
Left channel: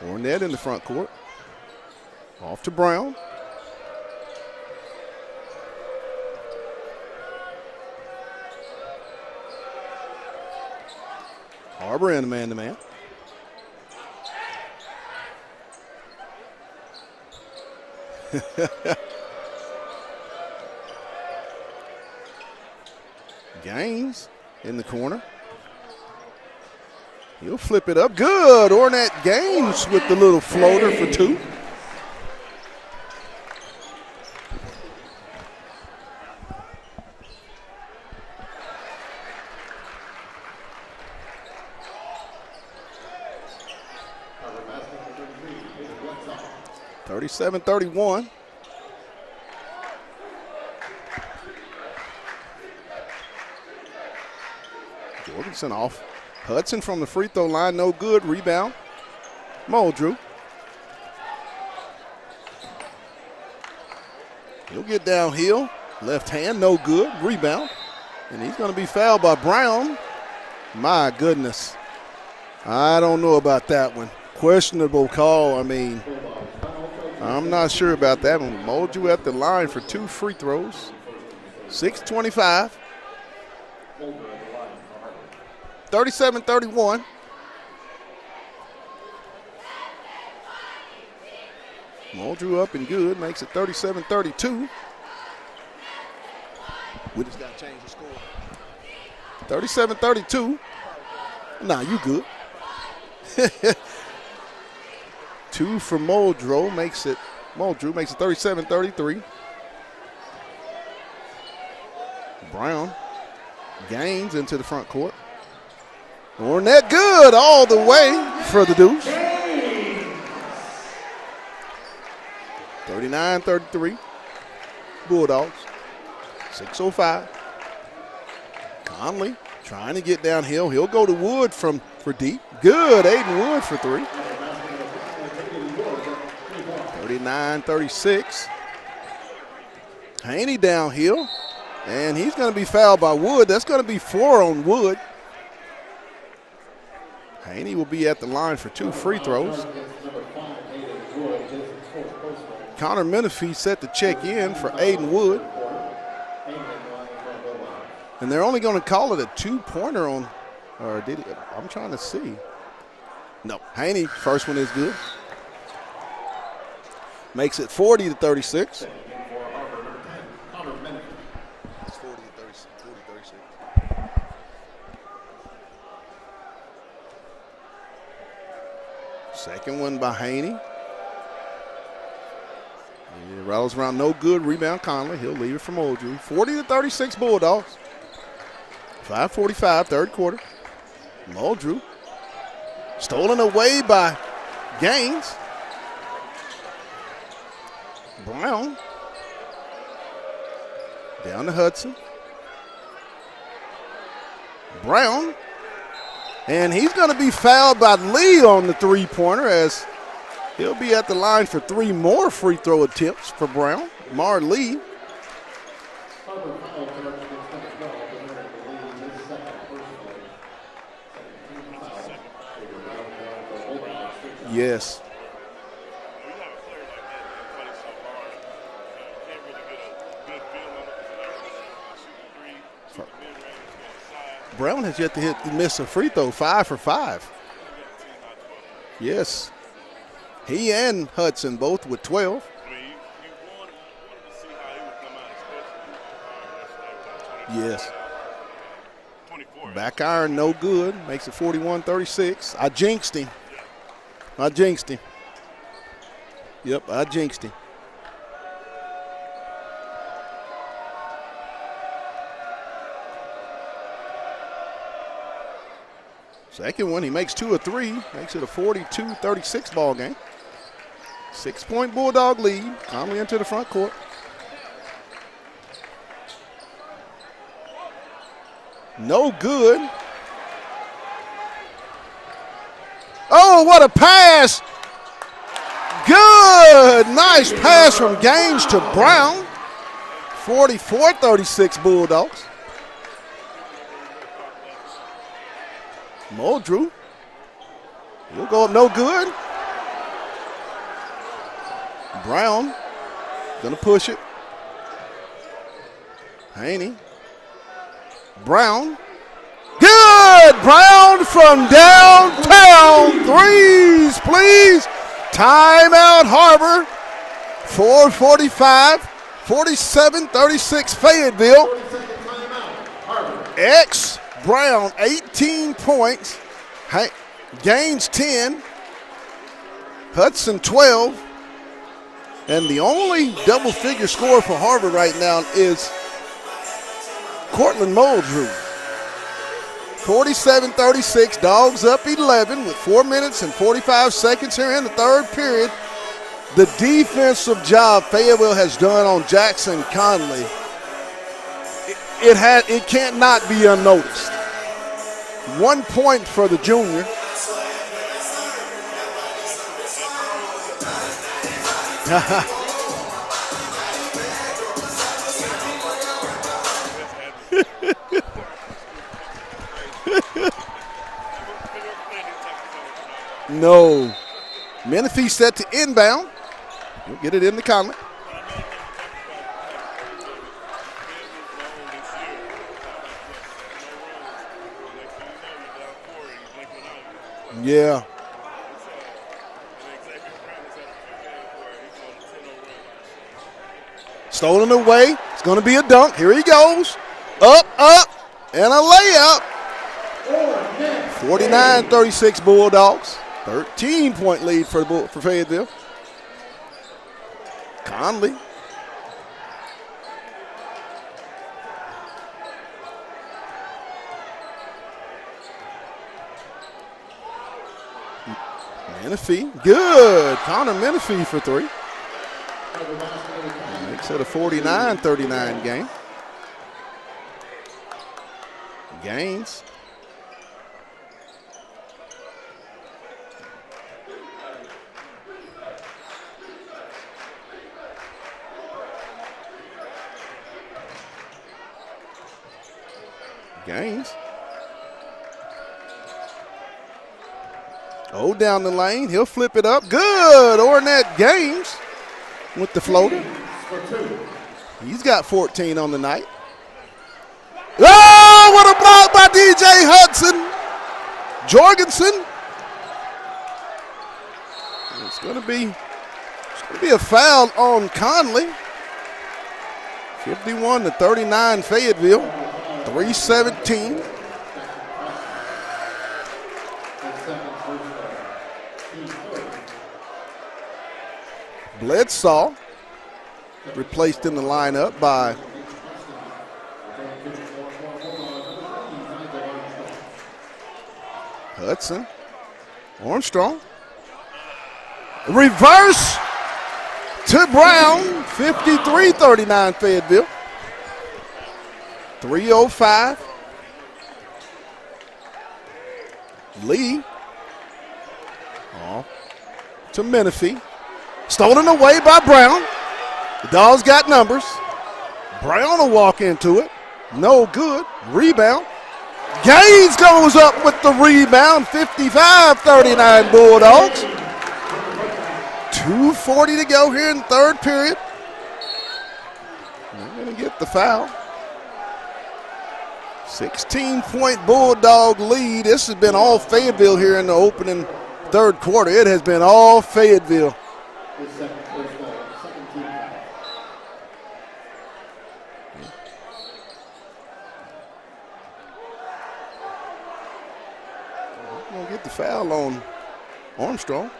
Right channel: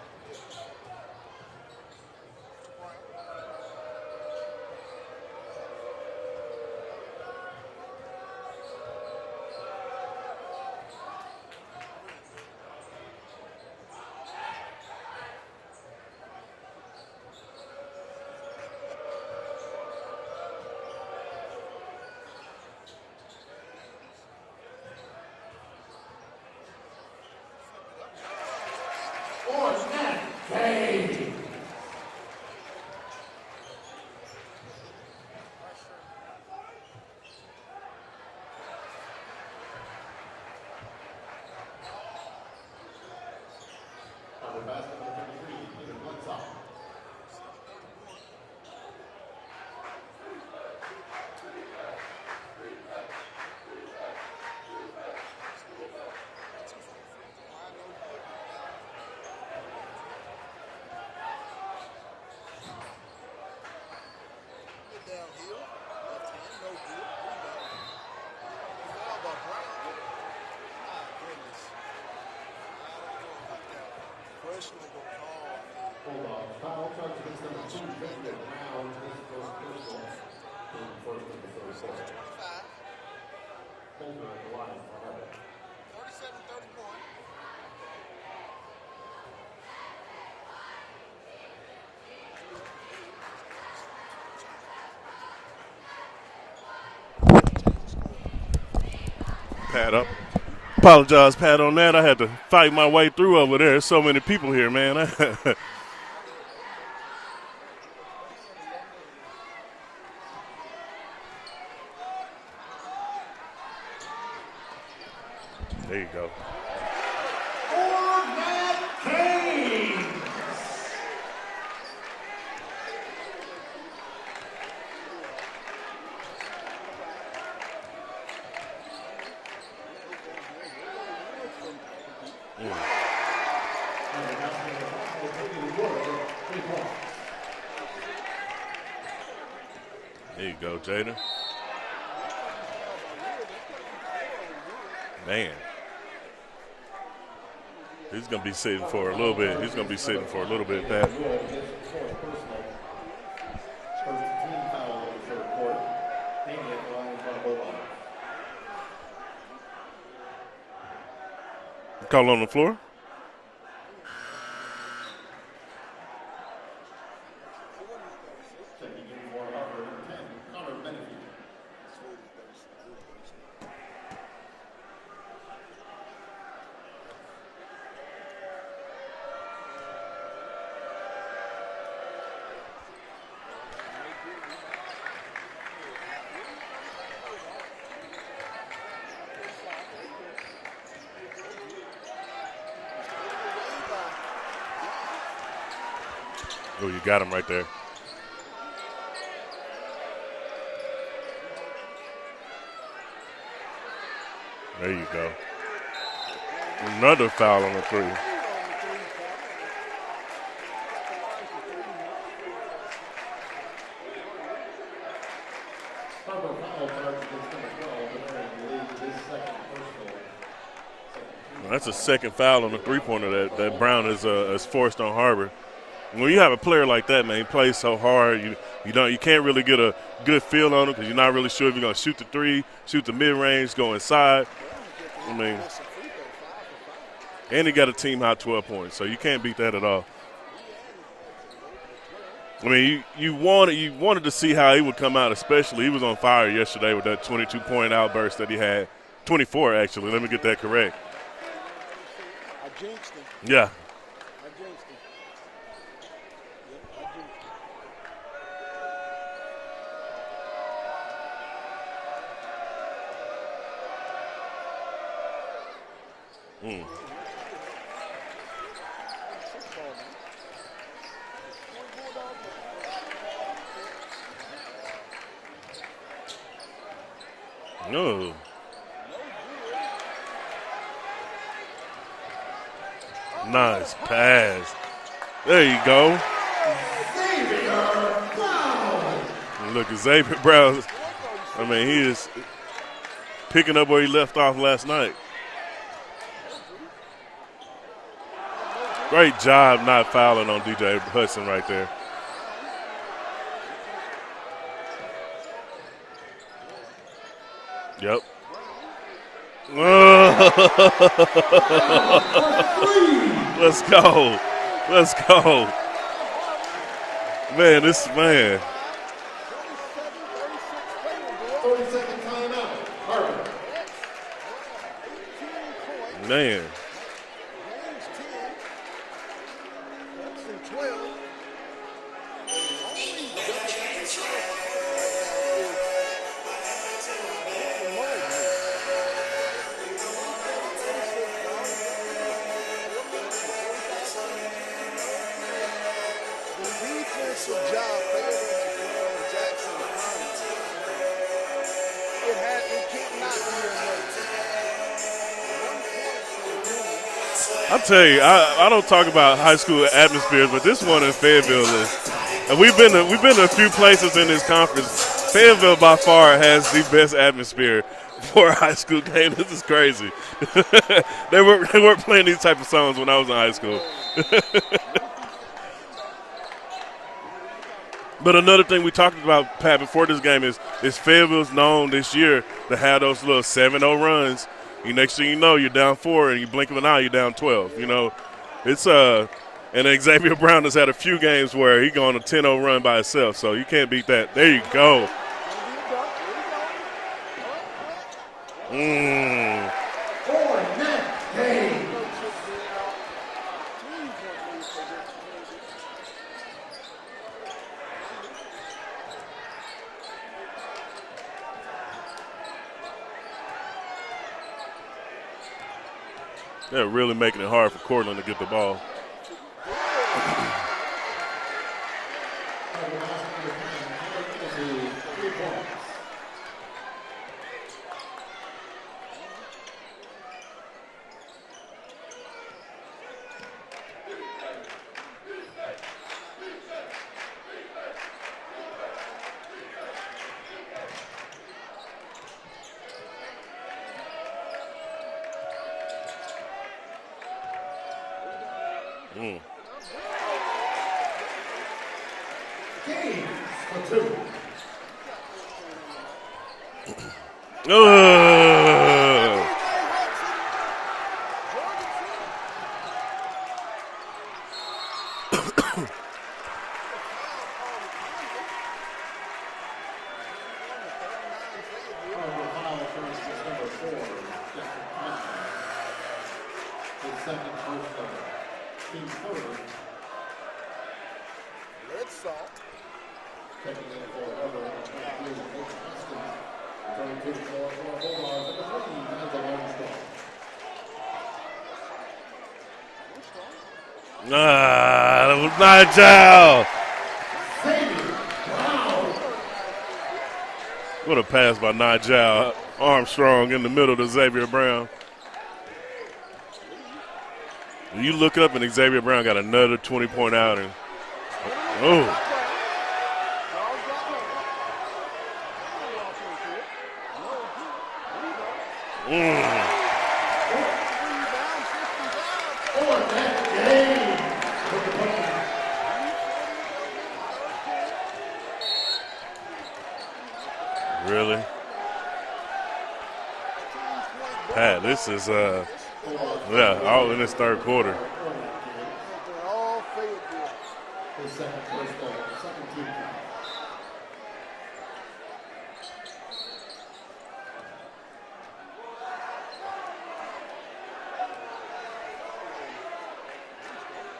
Ornette in the front court. Off to Brown. Har-ber in man-to-man. Gaines in the corner. He'll flip it up. Good. Ornette Gaines with the little floater for 2. Thirty-seven, 31. Jorgensen off. Hudson from the free throw line, no good. Rebound. Muldrew. He'll get downhill. Left hand, no good. Rebound. And he's going to be fouled by Brown. My goodness. I don't know about that one. Questionable call. I mean, I'm not sure about that one. Muldrew at the line for 2 free throws. 6:25. 37-31. Muldrew up and good. Makes it 37-32. We just got to change the score. 37-32. Apologize, Pat, on that. I had good. to fight my way through over there. There's so many people here, man. 2 for Muldrew makes it 37-33. Brown Gaines into the front court. There you go. Ornette good all the way for the Deuce. 39-33. Bulldogs. 6:05. Conley trying to get downhill. He'll go to Wood for deep. Good. Aiden Wood for 3. 39-36. Haney downhill. And he's going to be fouled by Wood. That's going to be 4 on Wood. Man. Haney will be at the line for 2 free throws. He's going to be sitting for a little bit, Pat. Connor Menifee set the check in for Aiden Wood. And they're only going to call it a 2-pointer on, or did it? I'm trying to see. Call on the floor? No. Haney, first one is good. Makes it 40-36. Second one by Haney. He rattles around, no good. Rebound Conley. He'll leave it from Muldrew. 40-36 Bulldogs. 5:45, third quarter. Muldrew. Stolen away by Gaines. Oh, you got him right there. Brown. Down to Hudson. There Brown. And he's going to be fouled by Lee on the 3-pointer as he'll be at the line for 3 more free throw attempts for Brown. Mar Lee. Har-ber foul charge against number 12, and they're in the lead, his second personal. That's a second foul on the three-pointer that Brown has Yes. forced on Har-ber. When you have a player like that, man, he plays so hard, you can't really get a good feel on him because you're not really sure if you're going to shoot the three, shoot the mid-range, go inside. Brown has yet to miss a free throw, 5 for 5. And he got a team high 12 points, so you can't beat that at all. He and Hudson both with 12. I mean, you wanted to see how he would come out, especially he was on fire yesterday with that 22-point outburst that he had. 24, actually. Back iron, Let me get no that correct. good. Makes it 41-36. I jinxed him. Yeah. I jinxed him. Yep, I jinxed him. Second one, he makes 2 of 3. Makes it a 42-36 ball game. 6-point Bulldog lead. Conley into the front court. No good. Oh, Nice what a pass. There you go. Good. Nice pass from Gaines to Brown. Look at Xavier Brown. 44-36 Bulldogs. Picking up where he left off last night. Muldrew. He'll go up no good. Great job not fouling on DJ Hudson right there. Brown gonna push it. Haney. Yep. Brown. Good! Brown from downtown. Threes, please. Let's go. Timeout, Har-ber. Man, 4:45. 47-36 Fayetteville. 40-second timeout. Har-ber. X Brown, 18 points. Man. Gaines 10. Hudson 12. And the only double-figure scorer for Har-ber right now is Cortland Muldrew. 47-36, Dogs up 11 with 4 minutes and 45 seconds here in the third period. The defensive job Fayetteville has done on Jackson Conley, it can't not be unnoticed. 1 point for the junior. I'll tell you, I don't talk about high school atmospheres, but this one in Fayetteville is. And we've been to a few places in this conference. Fayetteville by far has the best atmosphere for a high school game. This is crazy. They weren't playing these type of songs when I was in high school. No. Menifee set to inbound. We'll get it in the Conley. But another thing we talked about, Pat, before this game is Fayetteville's known this year to have those little 7-0 runs. Next thing you know, you're down 4, and you blink of an eye, you're down 12. Yeah. It's and Xavier Brown has had a few games where he gone a 10-0 run by himself, so you can't beat that. Stolen away. It's going to be a dunk. Here he goes. Up, and a layup. 49-36 Bulldogs. 13-point lead for Fayetteville. Conley. They're really making it hard for Cortland to get the ball. Menifee. Good. Connor Menifee for 3. Makes it a 49-39 game. Gaines. Gaines. Oh, down the lane. He'll flip it up. Good. Ornette Gaines with the floater. He's got 14 on the night. Oh, what a block by DJ Hudson. Jorgensen. It's going to be a foul on Conley. 51-39 Fayetteville. 3:17. Bledsaw replaced in the lineup by Hudson. Armstrong. Reverse to Brown. 53-39 Fayetteville. What a pass by Nigel. 3:05. Armstrong in the middle to Xavier Brown. Lee. When you look up and Xavier Brown got another 20-point outing. Stolen away by Brown. The Dogs got numbers. Brown will walk into it. No good. Rebound. Gaines goes up with the rebound. 55-39 Bulldogs. 2:40 to go here in the third period. They're going to get the foul. Really? 16-point Bulldog lead. This has been all Fayetteville here in the opening third quarter. It has been all Fayetteville. His second personal, second team foul. Gonna get the foul on Armstrong.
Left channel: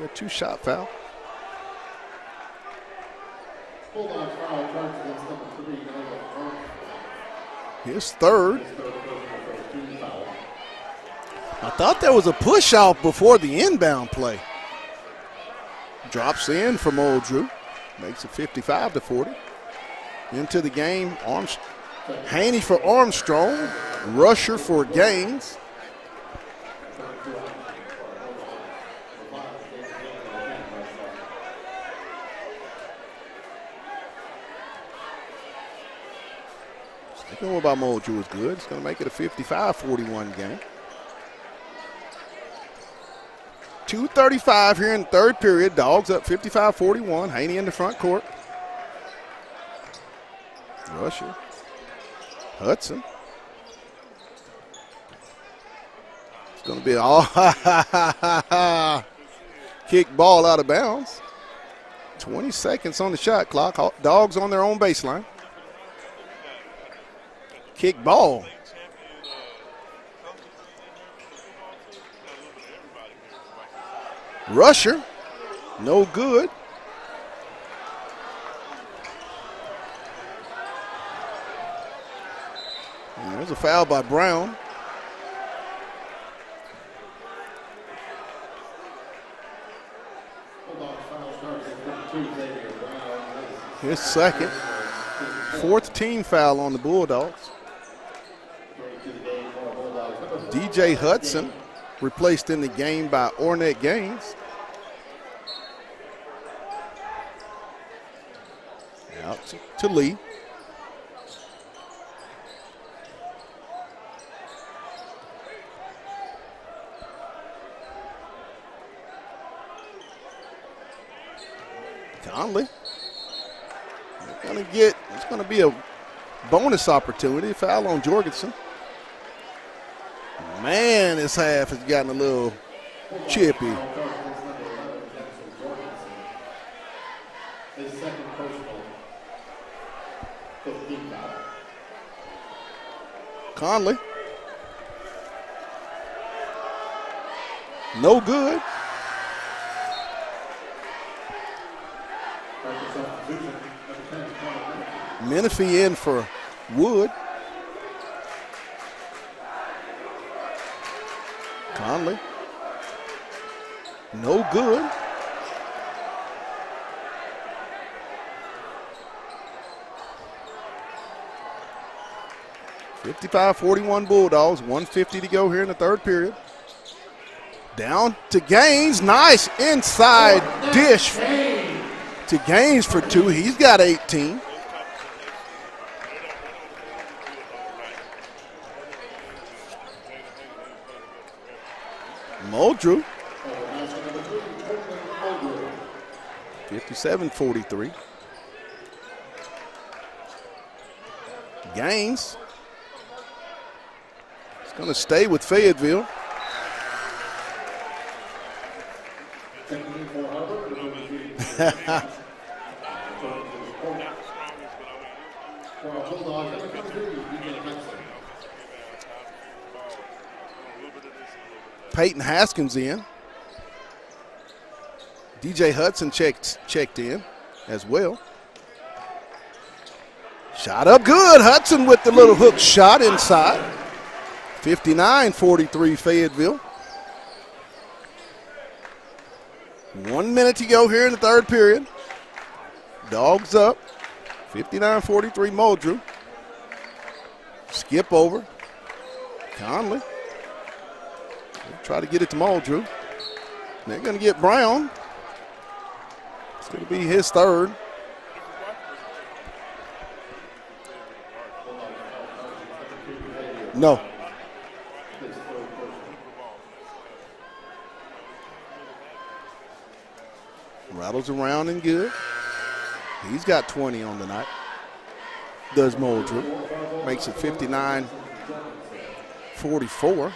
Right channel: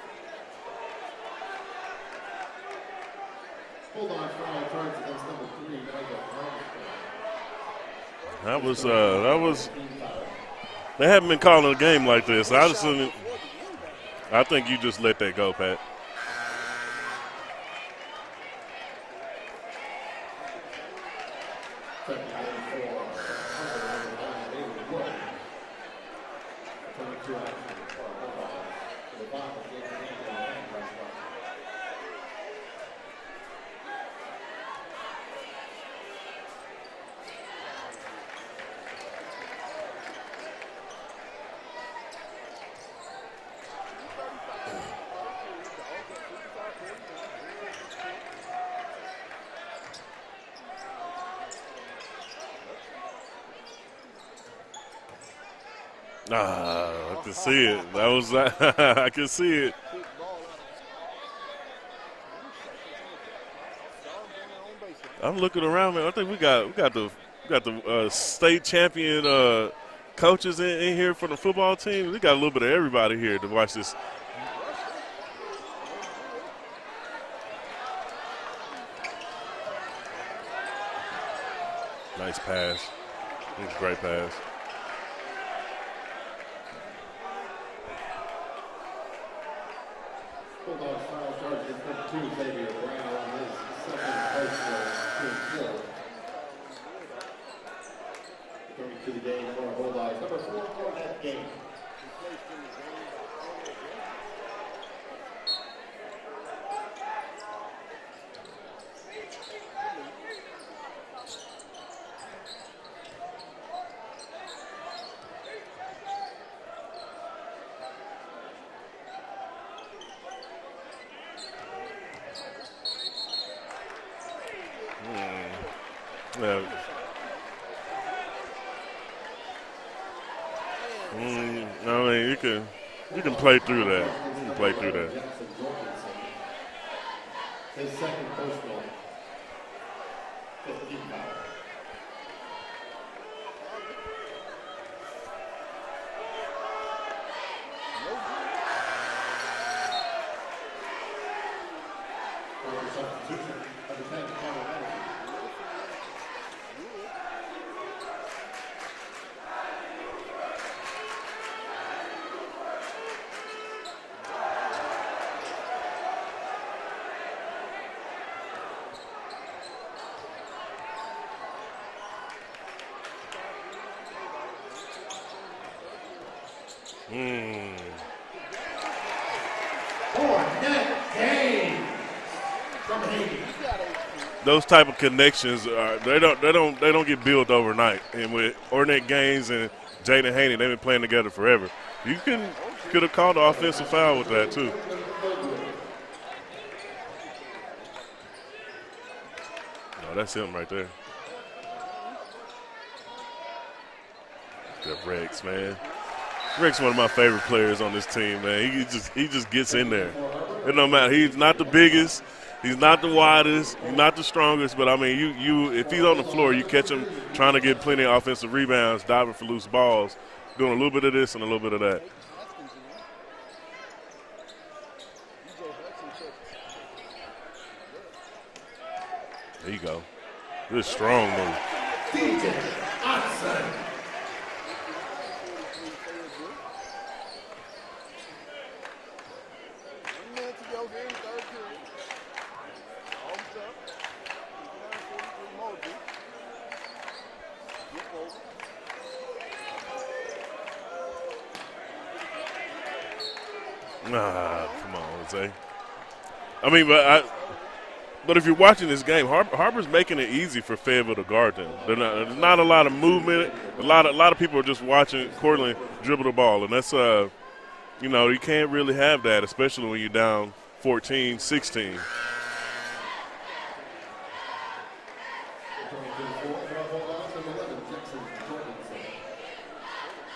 Got 2-shot foul. Bulldogs foul charge against number 3, His third. That was. They haven't been calling a game That like was a this. push out before the inbound play. I think you just let that go, Pat. Drops in from Old Drew. Makes it 55-40. Into the game, Haney for Armstrong. Rusher for Gaines. Sticking with by Moldrew is good. It's going to make it a 55-41 game. 2:35 here in the third period. Dogs up 55-41. Haney in the front court. Rusher. Hudson. I be all can see it. I can see it. Kick ball out of bounds. 20 seconds on the shot clock. Dogs on their own baseline. I'm looking around, man. I think we got the Kick ball. state champion coaches in here for the football team. We got a little bit of everybody here to watch this. Rusher. No good. Nice pass. There's a foul by Brown. His second. Fourth team foul on the Bulldogs. DJ Hudson replaced in the game by Ornette Gaines. Out to Lee. Conley. It's going to be a bonus opportunity. Foul on Jorgensen. Man, this half has got a little you can play through that. You can play through that. His second personal, 15 foul. Conley. No good. Menifee in for Wood. Conley. No good. (55-41) Bulldogs. 1:50 to go here in the third period. Down to Gaines. Nice inside dish to Gaines for 2. He's got 18. Those type of connections they don't get built overnight. And with Ornette Gaines and Jaden Haney, they've been playing together forever. You could have called the offensive foul with that too. 57-43. That's him right there. Gaines. He's going to stay with Fayetteville. Rick's one of my favorite players on this team, man. He just gets in there. It don't matter. He's not the biggest. He's not the widest. He's not the strongest. But, I mean, you if he's on the floor, you catch him trying to get plenty of offensive rebounds, diving for loose balls, doing a little bit of this and a little bit of that. Peyton Haskins in. DJ Hudson checked in as well. There you go. Shot up good. Hudson with the little hook shot inside. 59-43 Fayetteville. 1 minute to go here in the third period. Dogs up. 59-43 Moldrew. Skip over. Conley. Try to get it to Moldrew. They're going to get Brown. Come on, Jose. I mean, but his third. But if you're watching this game, Har-ber's making it easy for Fayetteville to guard them. There's not a lot of movement. No. A lot of people are just watching Cortland dribble the ball, and that's you can't really have that, especially when you're down 14, around 16. And good. He's got 20 on the night. Does Moldrew. Makes it 59-44.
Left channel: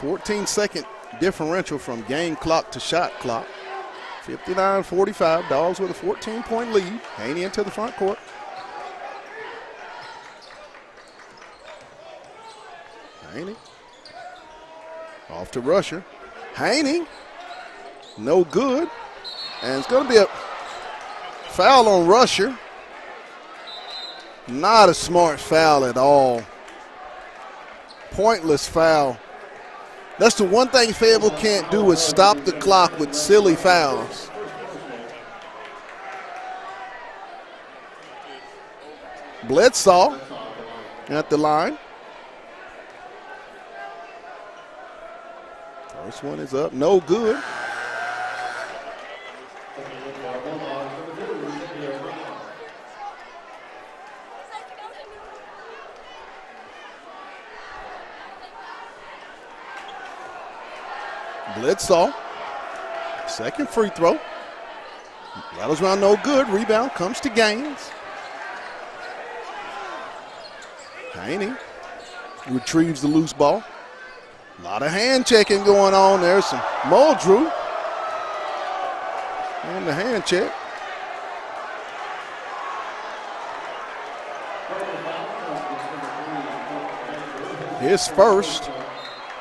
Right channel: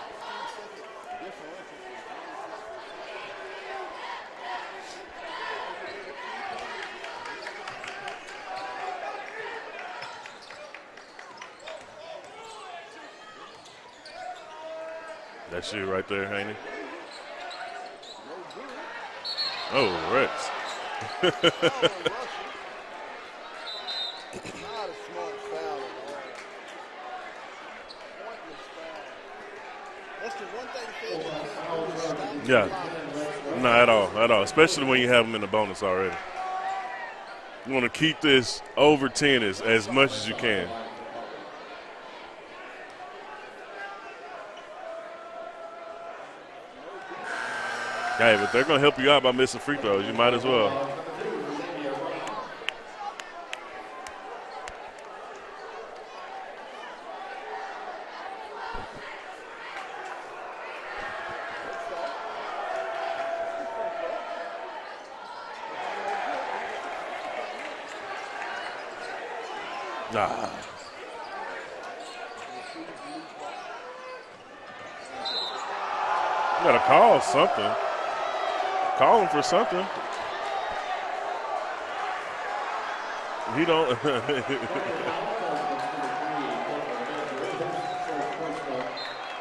14-second differential from game clock to shot clock. 59-45. Dogs with a 14-point lead. Haney into the front court. Haney. Off to Rusher. Right there, Haney. Haney. No good. And it's going to be a foul on Rusher. Not a smart foul at all. Pointless foul. That's the one thing Fayetteville can't do is stop the clock with silly fouls. Not at all, especially when you have them in the bonus already. You want to keep this over 10 as much as you can. At the line. First one is up, no good. Hey, but they're going to help you out by missing free throws. You might as well. Bledsoe, second free throw. Rattles around, no good. Rebound comes to Gaines. Haney retrieves the loose ball. A lot of hand checking going on there. Some Moldrew. Call him for something. The hand check. He don't. His first.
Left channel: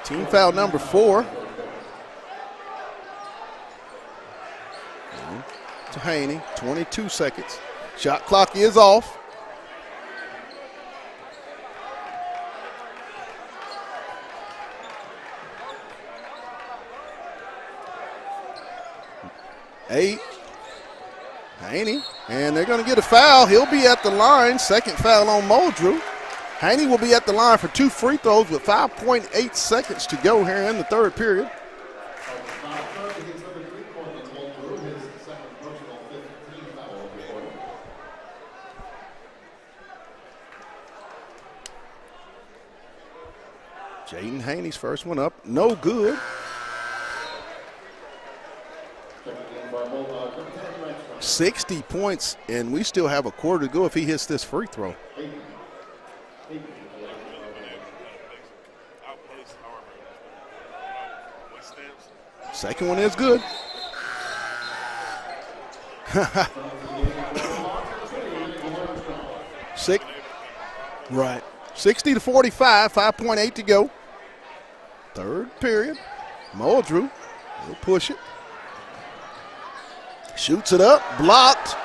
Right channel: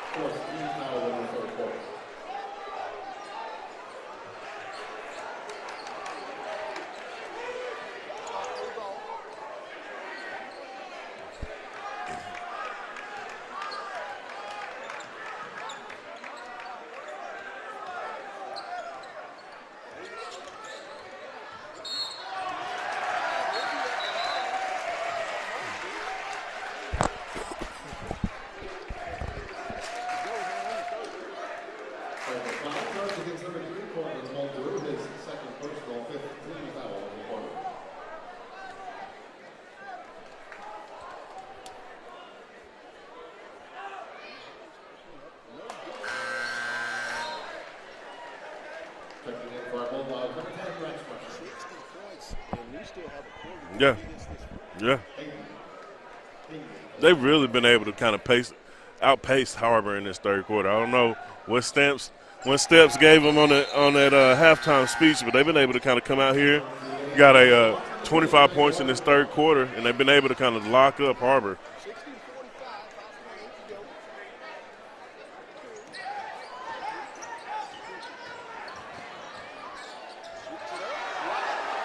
Team foul number 4. To Haney, 22 seconds. Shot clock is off. Eight. Haney, and they're going to get a foul. He'll be at the line. Second foul on Moldrew. Haney will be at the line for 2 free throws with 5.8 seconds to go here in the third period. Jaden Haney's first one up, no good. 60 points, and we still have a quarter to go if he hits this free throw. Yeah. They've really been able to kind of outpace Har-ber in this third quarter. I don't know what Steps gave them on that halftime speech, but they've been able to kind of come out here. Got a 25 points in this third quarter, and they've been able to kind of lock up Har-ber. 60-45, 5.8 to go. Third period. Moldrew will push it. Shoots it up, blocked.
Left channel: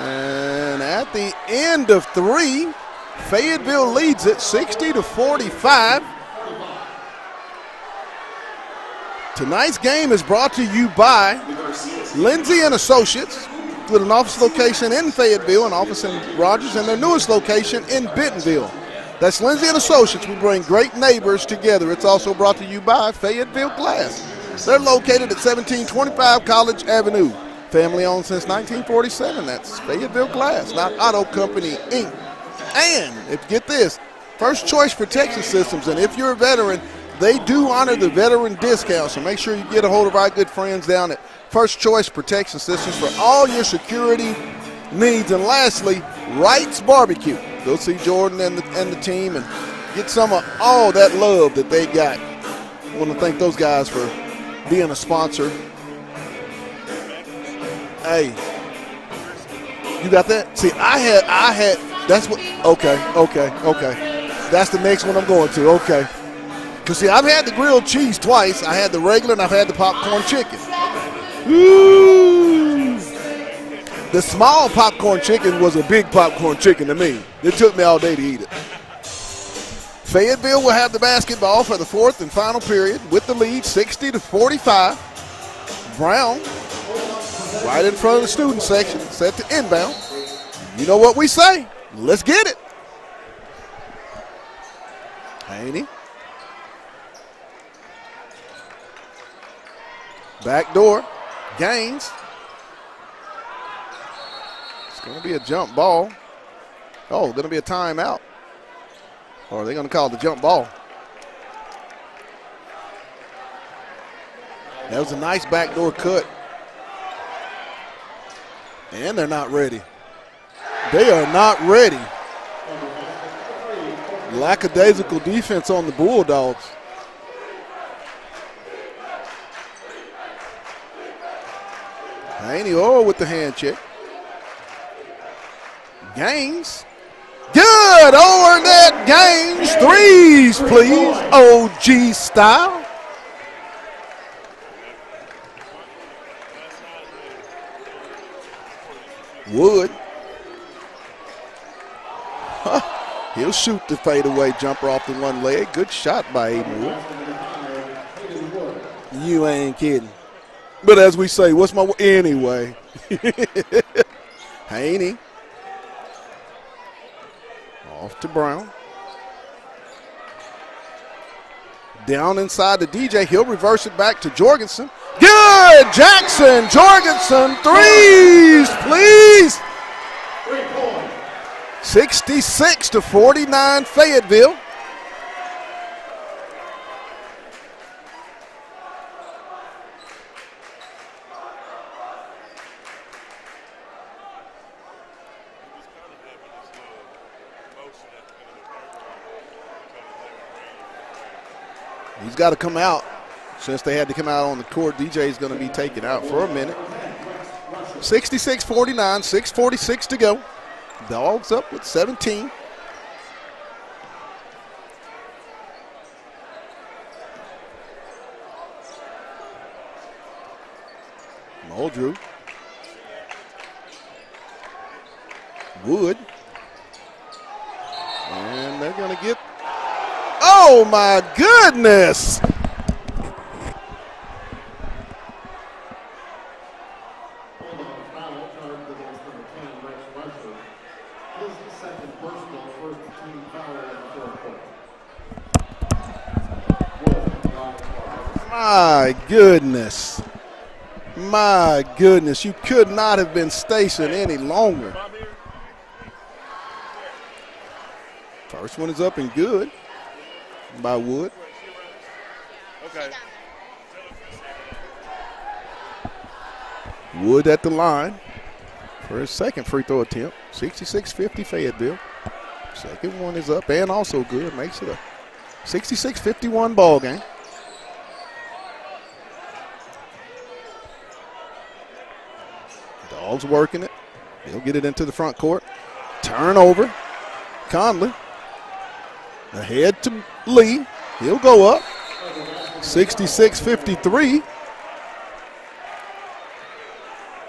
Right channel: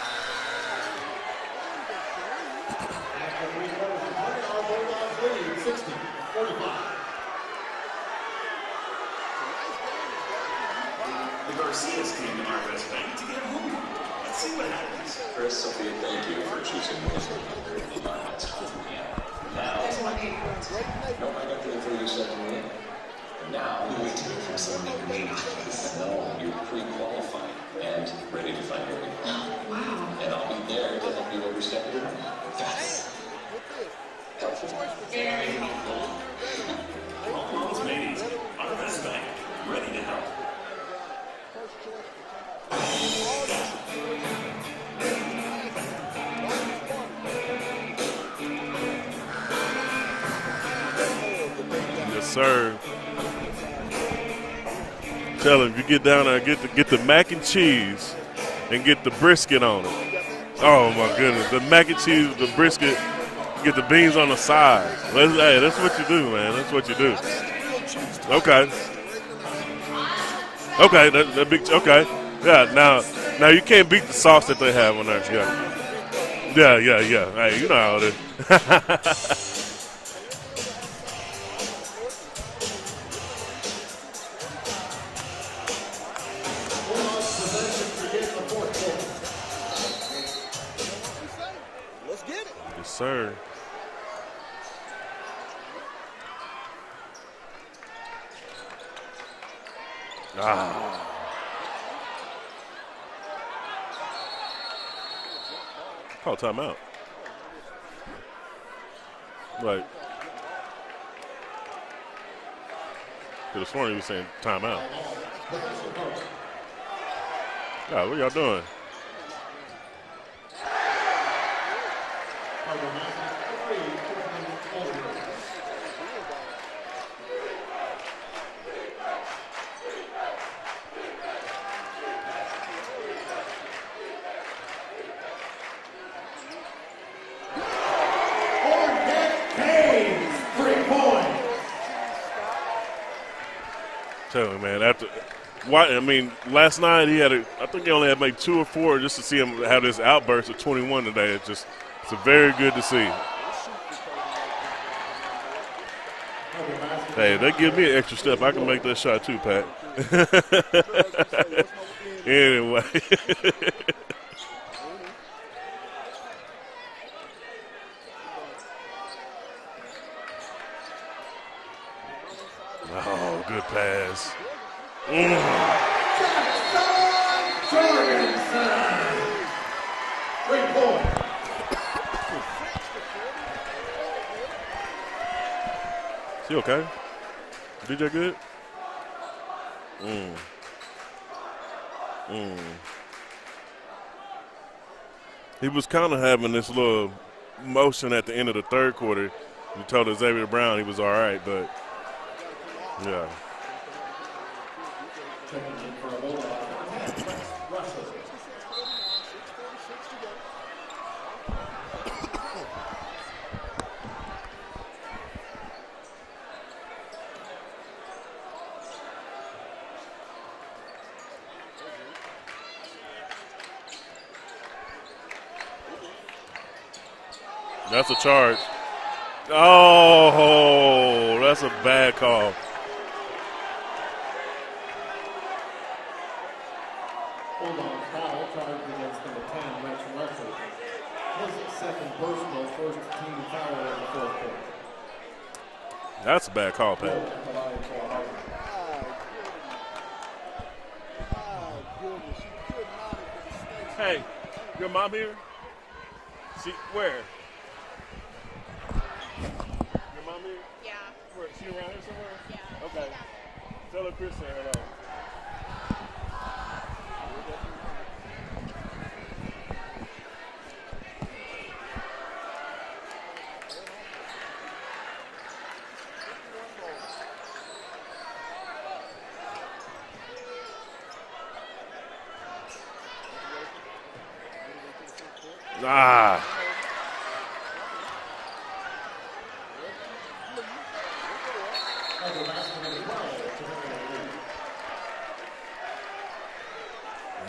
And at the end of 3, Fayetteville leads it 60-45. Tonight's game is brought to you by Lindsay and Associates, with an office location in Fayetteville, an office in Rogers, and their newest location in Bentonville. That's Lindsay and Associates. We bring great neighbors together. It's also brought to you by Fayetteville Glass. They're located at 1725 College Avenue. Family owned since 1947. That's Fayetteville Glass, not Auto Company, Inc. And if you get this, First Choice Protection Systems, and if you're a veteran, they do honor the veteran discount, so make sure you get a hold of our good friends down at First Choice Protection Systems for all your security needs. And lastly, Wright's Barbecue. Go see Jordan and the team and get some of all that love that they got. Yes, sir. I want to thank those guys for being a sponsor. Tell them, you get down there, get the mac and cheese. Hey. And get the brisket on it. You got that? See, I had the mac and cheese with the brisket. Okay. Get the beans on the side. That's the next one I'm going to. That's what you do, man. That's what you do. See, I've had the grilled cheese twice. Okay. I had the regular and I've had the popcorn chicken. Okay, that makes okay. Yeah, now you can't beat the sauce. The small popcorn chicken was a big popcorn chicken to me. It took me all day to eat it. Fayetteville will have the basketball for the fourth and final period with the lead 60-45. Brown right in front of the student section, set to inbound. You know what we say? Let's get it. Yes, sir. Haney. Back door. Gaines. Going to be a jump ball. Call timeout. Oh, going to be a timeout. Or are they going to call the jump ball? Could have sworn you were saying timeout. That was a nice backdoor cut. God, what y'all doing? And they're not ready. They are not ready. Lackadaisical defense on the Bulldogs. Haney Orr with the hand check. Gaines. Good. Over net. Gaines. Threes, please. OG style. Tell me, man. Last night I think he only had maybe 2 or 4 just to see him have this outburst of 21 today. It's very good to see. He'll shoot the fadeaway jumper off the one leg. Good shot by Aiden Wood. Hey, they give me an extra step. I can make that shot too. You ain't kidding. But as we say, what's my anyway? Haney. Off to Brown. Down inside the DJ. He'll reverse it back to Jorgensen. Good! Jackson, Jorgensen, threes, please. 3 points. 66-49 Fayetteville. He okay? DJ good? He was kind of having this little motion at the end of the third quarter. You told Xavier Brown he was all right, but he's got to come out. Yeah. Since they had to come out on the court, DJ is going to be taken out for a minute. 66-49, 6:46 to go. Dogs up with 17. Muldrew. Wood. That's a charge. And they're going to get. Oh my goodness. Bulldogs foul charged against number 10, Rex Russell. His second personal, first team foul in the fourth quarter. That's a bad call, man. My goodness. My goodness. You could not have been stationed any longer. Come here. See where? First one is up and good by Wood. Okay. Tell her Chris Wood at the line for his second free throw attempt. 66-50 Fayetteville. Second one is up and also good. Makes it a 66-51 ball game. Dogs working it. He'll get it into the front court. Turnover. Conley. Ahead to Lee. He'll go up. 66-53.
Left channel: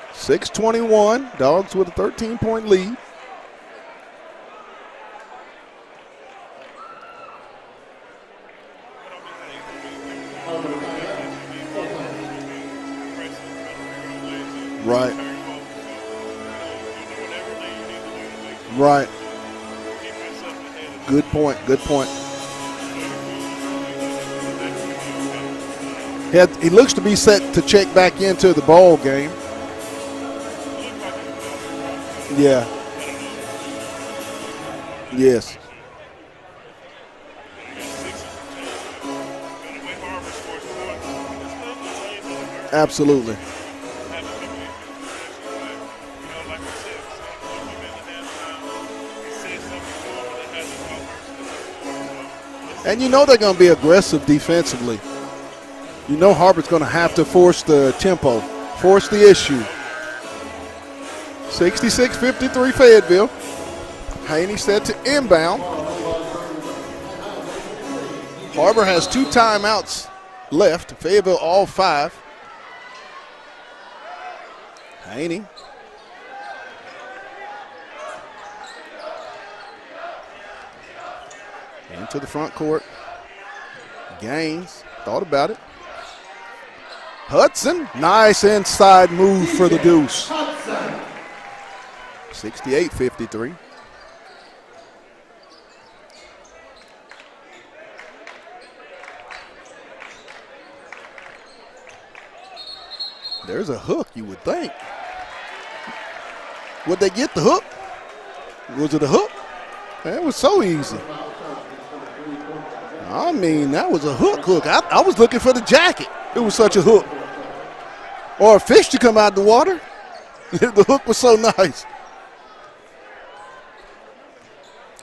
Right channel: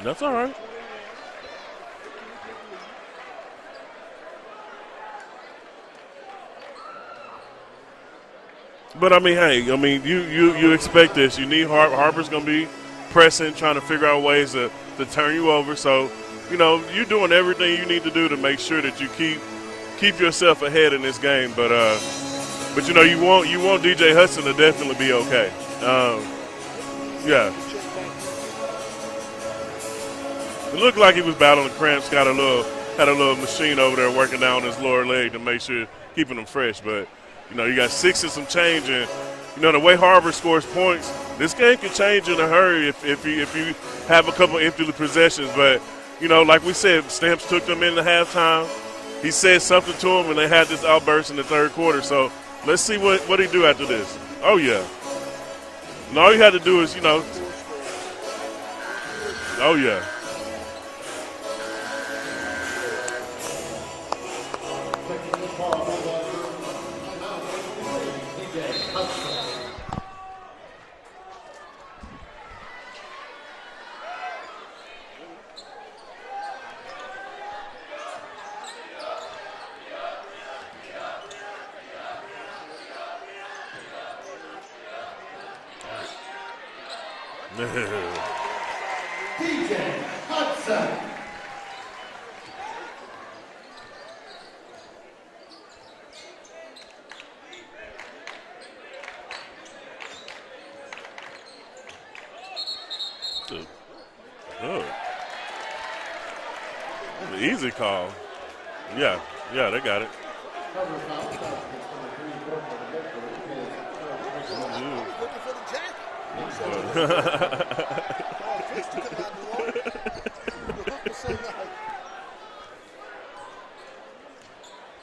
6:21. Dogs with a 13-point lead. But you expect this. You need Har-ber's going to be pressing, trying to figure out ways to turn you over. So, you're doing everything you need to do to make sure that you keep yourself ahead in this game. Good point. But you want DJ Hudson to definitely be okay. He looks to be set to check back into the ball game. It looked like he was battling cramps. Had a little machine over there working down his lower leg to make sure keeping him fresh. But you got 6 and some change, and the way Har-ber scores points, this game can change in a hurry. Absolutely. If you have a couple empty possessions. But like we said, Stamps took them in the halftime. He said something to him, and they had this outburst in the third quarter. So let's see. And they're going to be aggressive defensively. Har-ber's going to have to force the tempo, force the issue. Oh yeah. 66-53 Fayetteville. Haney set to inbound. Har-ber has 2 timeouts left. Fayetteville all 5. Haney. Into the front court. Gaines thought about it. Hudson, nice inside move for the Deuce. 68-53. There's a hook, you would think. Would they get the hook? Easy call. Was it a hook? Yeah, they got it. It was so easy. I mean, that was a hook. I was looking for the jacket. It was such a hook. Or a fish to come out of the water. The hook was so nice.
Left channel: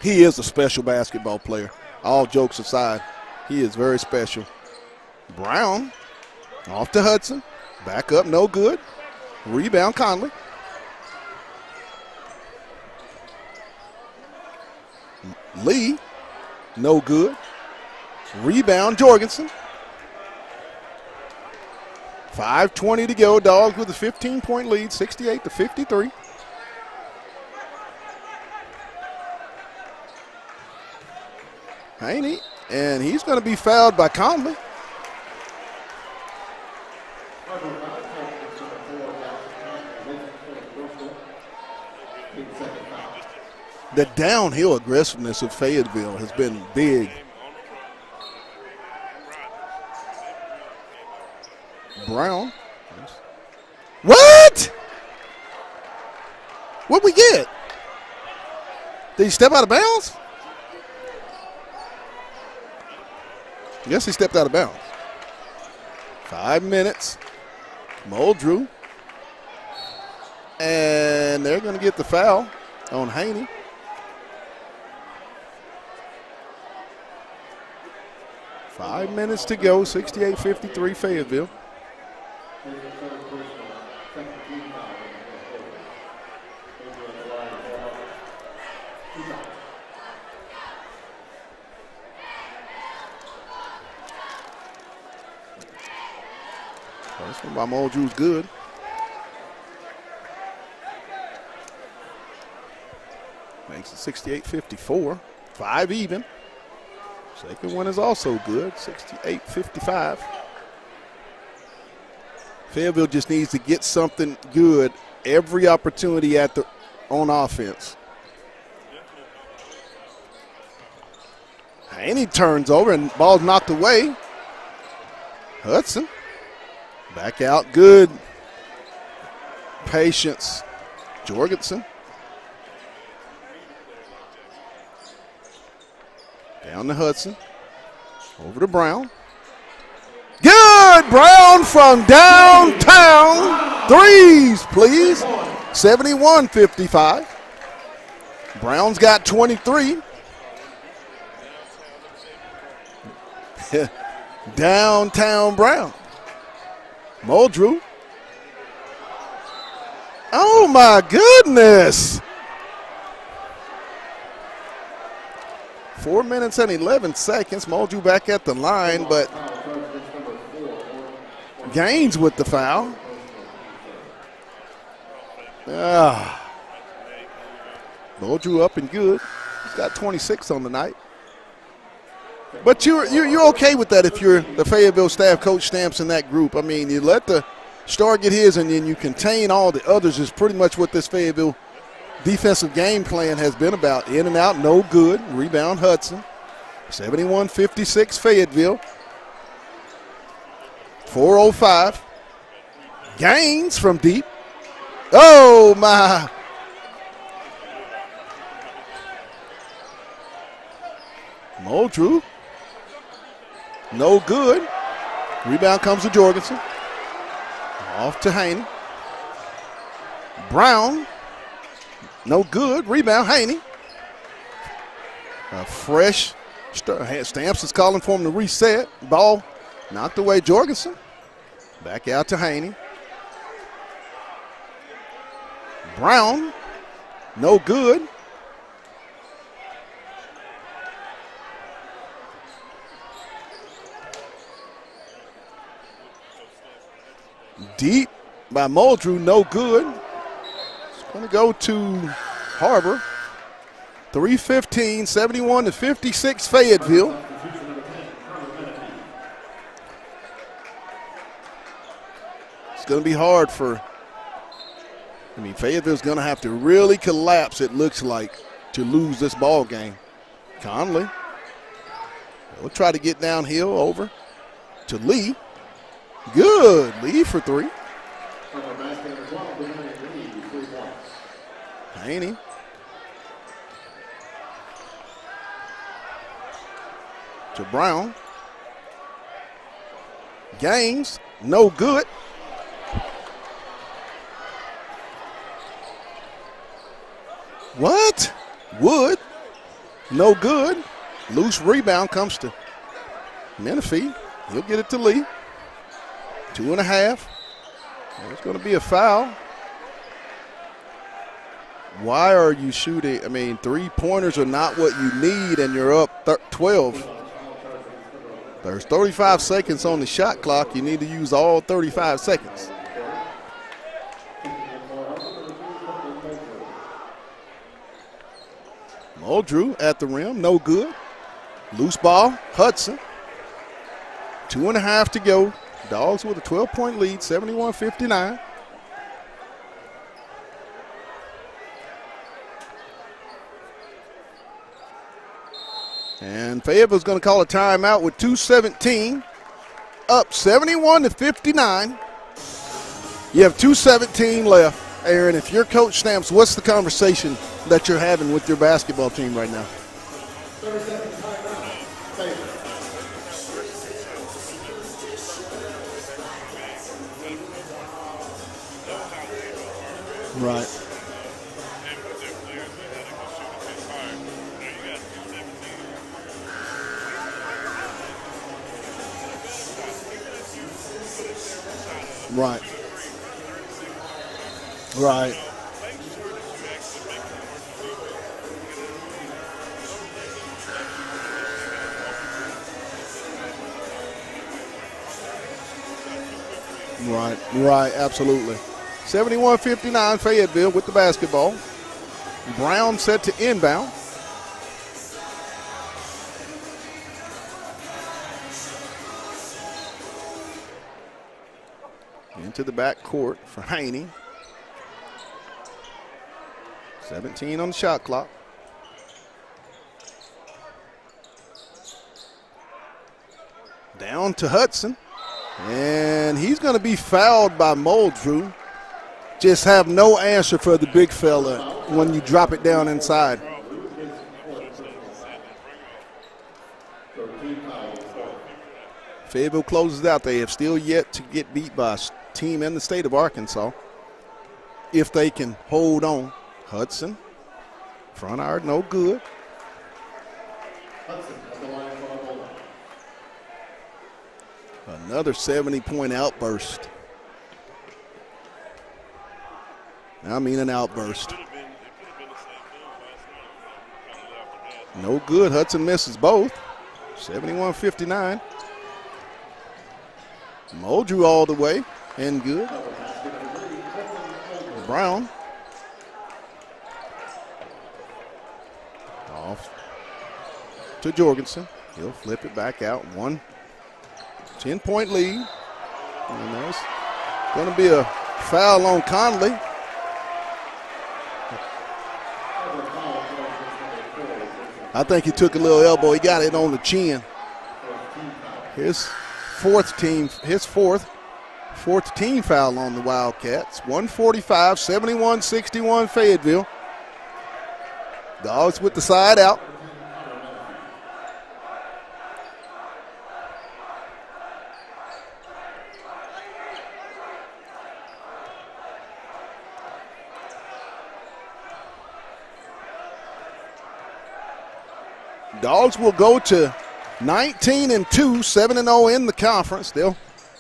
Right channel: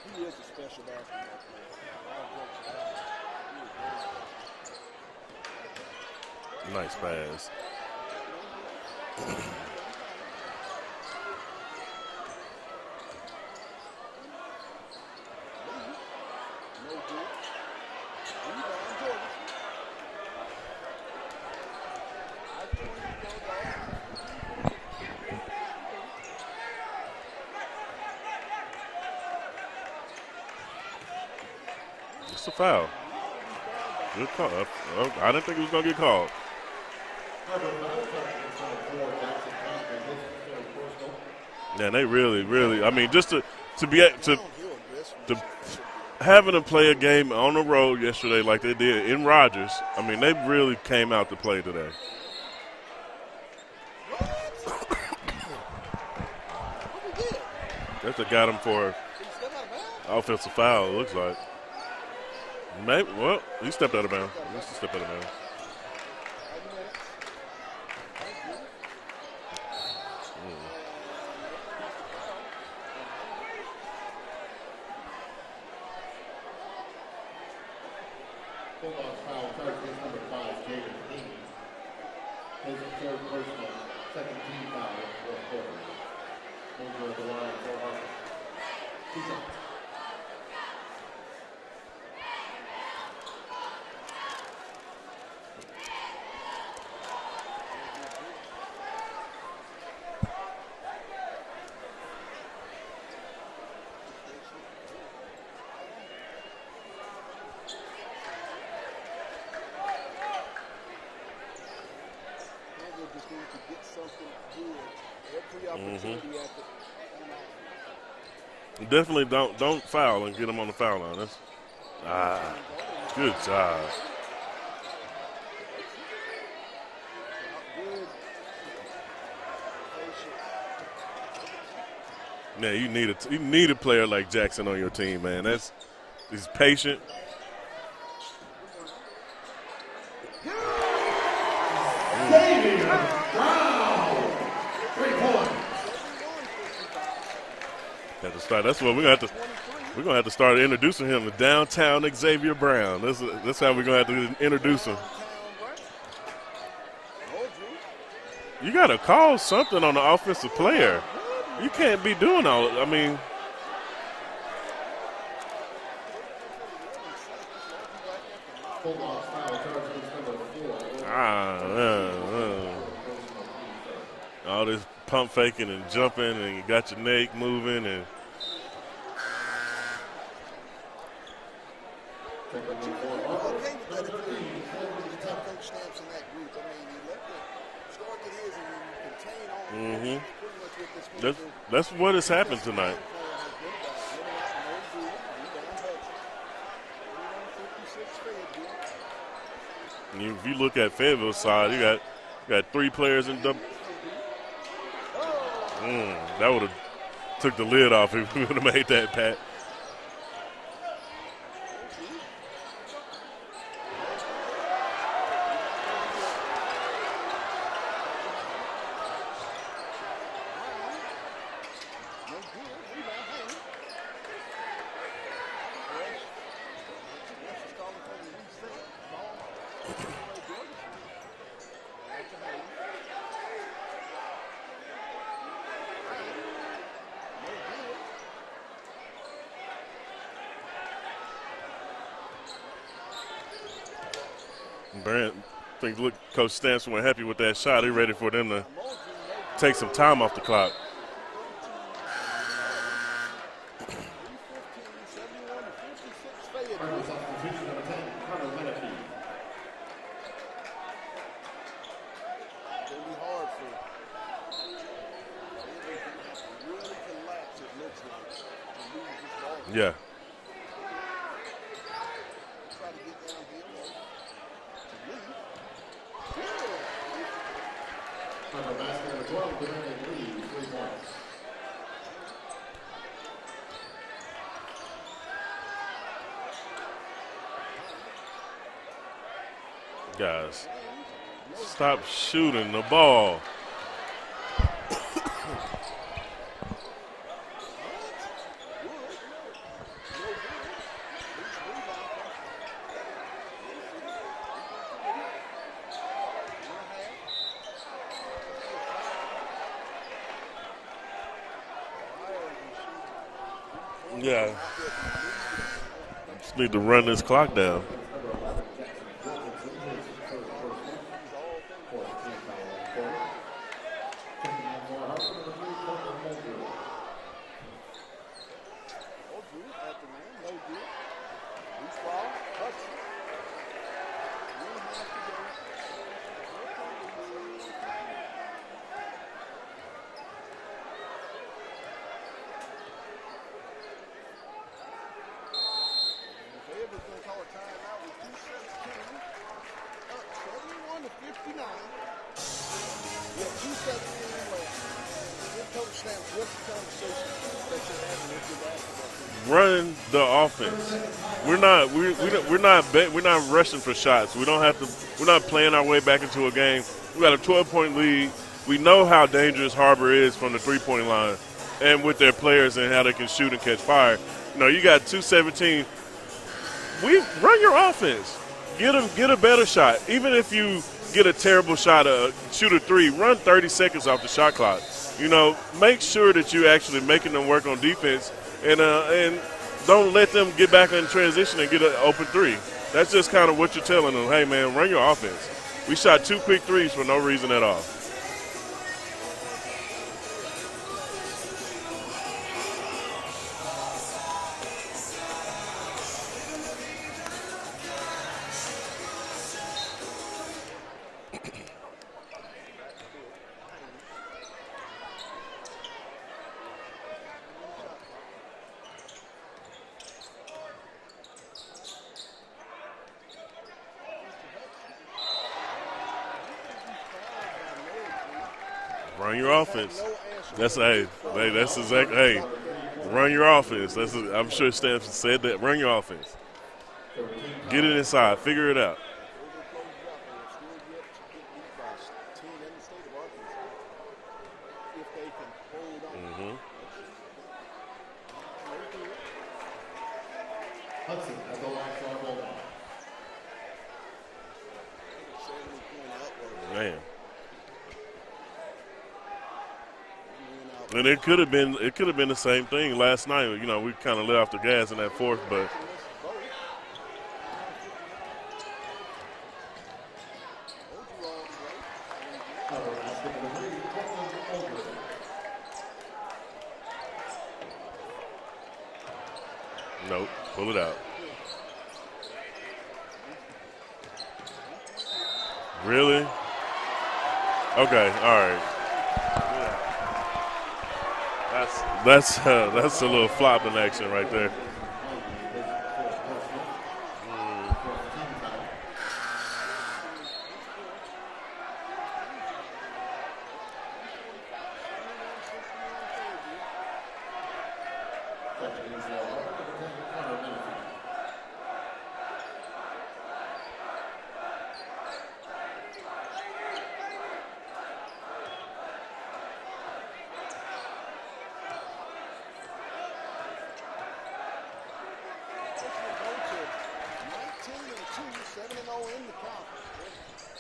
He is a special basketball player. All jokes aside, he is very special. Brown off to Hudson. Back up, no good. Rebound, Conley. Lee, no good. Rebound, Jorgensen. 5:20 to go. Dogs with a 15-point lead, 68-53. Haney, and he's going to be fouled by Conley. I didn't think he was going to get called. Man, they really, I mean, just to be the downhill aggressiveness of Fayetteville. Having to play a game on the road yesterday like they did in Rogers, I mean, they really came out to play today. Brown. What? What'd we get? That's what got him for. Did he step out of bounds? Offensive foul, it looks like. Maybe, well, he stepped out of bounds. Yes, he stepped out of bounds. 5 minutes. Muldrew. And they're going to get the foul on Haney. Five minutes to go, 68-53 Fayetteville. This one by Muldrew's good. Makes it 68-54. 5 even. Second one is also good, 68-55. Fayetteville just needs to get something good every opportunity on offense. Definitely don't foul and get them on the foul line. Haney turns over and ball's knocked away. Hudson back out, good patience. Jorgensen. Yeah, you need a player like Jackson on your team, man. He's patient. Down to Hudson. Over to Brown. Good! Brown from downtown. Threes, please. 71-55. Brown's got 23. We're going to have to start introducing him to downtown Xavier Brown. That's how we're going to have to introduce downtown him. Brown. Muldrew. You got to call something on the offensive Oh, player. my goodness. You can't be doing all. I mean. 4 minutes and 11 seconds. Muldrew back at the line, but Gaines with the foul. All this pump faking and jumping, and you got your neck moving. And Muldrew up and good. He's got 26 on the night. But you're okay with that if you're the Fayetteville staff, Coach Stamps in that group. I mean, you let the star get his, and then you contain all the others is pretty much what this Fayetteville defensive game plan has been about. In and out, no good. Rebound Hudson. 71-56 Fayetteville. If you look at Fayetteville, 4:05. You got 3 players. Gaines from deep. Oh, my. That would have took the lid off if we would have made that, Pat. Muldrew. No good. Rebound comes to Jorgensen. Off to Haney. Brown. No good. Rebound, Haney. A fresh Stamps is calling for him to reset. Ball knocked away Jorgensen. Back out to Haney. Brown. No good. Brent, I think Coach Stamps were happy with that shot. Deep He's ready for them to by Muldrew, no good. take some time off the clock. Going to go to Har-ber. 3:15, 71-56 Fayetteville. It's going to be hard Fayetteville's going to have to really collapse, it looks like, to lose this ball game. Yeah. Conley will try to get downhill over to Lee. Good. Lee for 3. Haney. To Brown. Guys. Gaines, no good. Shooting the ball. What? Wood, no good. Loose rebound comes to Menifee. He'll get it to Lee. 2.5. It's going to be a foul. Why are you shooting? I mean, three-pointers are not what you need, and you're up 12. Run this clock down. There's 35 seconds on the shot clock. You need to use all 35 seconds. Muldrew at the rim, no good. Loose ball, Hudson. 2.5 to go. Dogs with a 12-point lead, 71-59. And Fayetteville's going to call a timeout with 2:17, up 71-59. You have 2:17 left. Aaron, if you're Coach Stamps, what's the conversation that you're having with your basketball team right now? Running the offense. We're not rushing for shots. We're not playing our way back into a game. We got a 12-point lead. We know how dangerous Har-ber is from the three-point line, and with their players and how they can shoot and catch fire. You got 2:17. Run your offense. Get a better shot. Even if you get a terrible shot, shoot a three, run 30 seconds off the shot clock. Right. Make sure that you're actually making them work on defense, and don't let them get back in transition and get an open three. That's just kind of what you're telling them. Hey, man, run your offense. We shot 2 quick threes for no reason at all. Right, absolutely. 71-59 Fayetteville with the basketball. Brown set to inbound. Into the back court for Haney. 17 on the shot clock. Down to Hudson. And he's going to be fouled by Muldrew. Just have no answer for the big fella when you drop it down inside. Run your offense. I'm sure Stamps said that. Run your offense. Get it inside. Figure it out. Fayetteville closes out. They have still yet to get beat by a team in the state of Arkansas. If they can hold on. Hudson, front iron, no good. Another 70-point outburst. Man. I mean, an outburst. And it could have been the same thing last night. We kind of let off the gas in that fourth. No good. Hudson misses both. 71-59. Muldrew all the way and good. Brown. Off. Nope. Pull it out. To Jorgensen. He'll flip it back out. 10-point lead. Really? And that's going to be a foul on Conley. That's a little flopping action right there. I think he took a little elbow. He got it on the chin. His fourth team foul on the Wildcats. 145, 71-61 Fayetteville. Dogs with the side out. Dogs will go to 19-2, 7-0 in the conference. They'll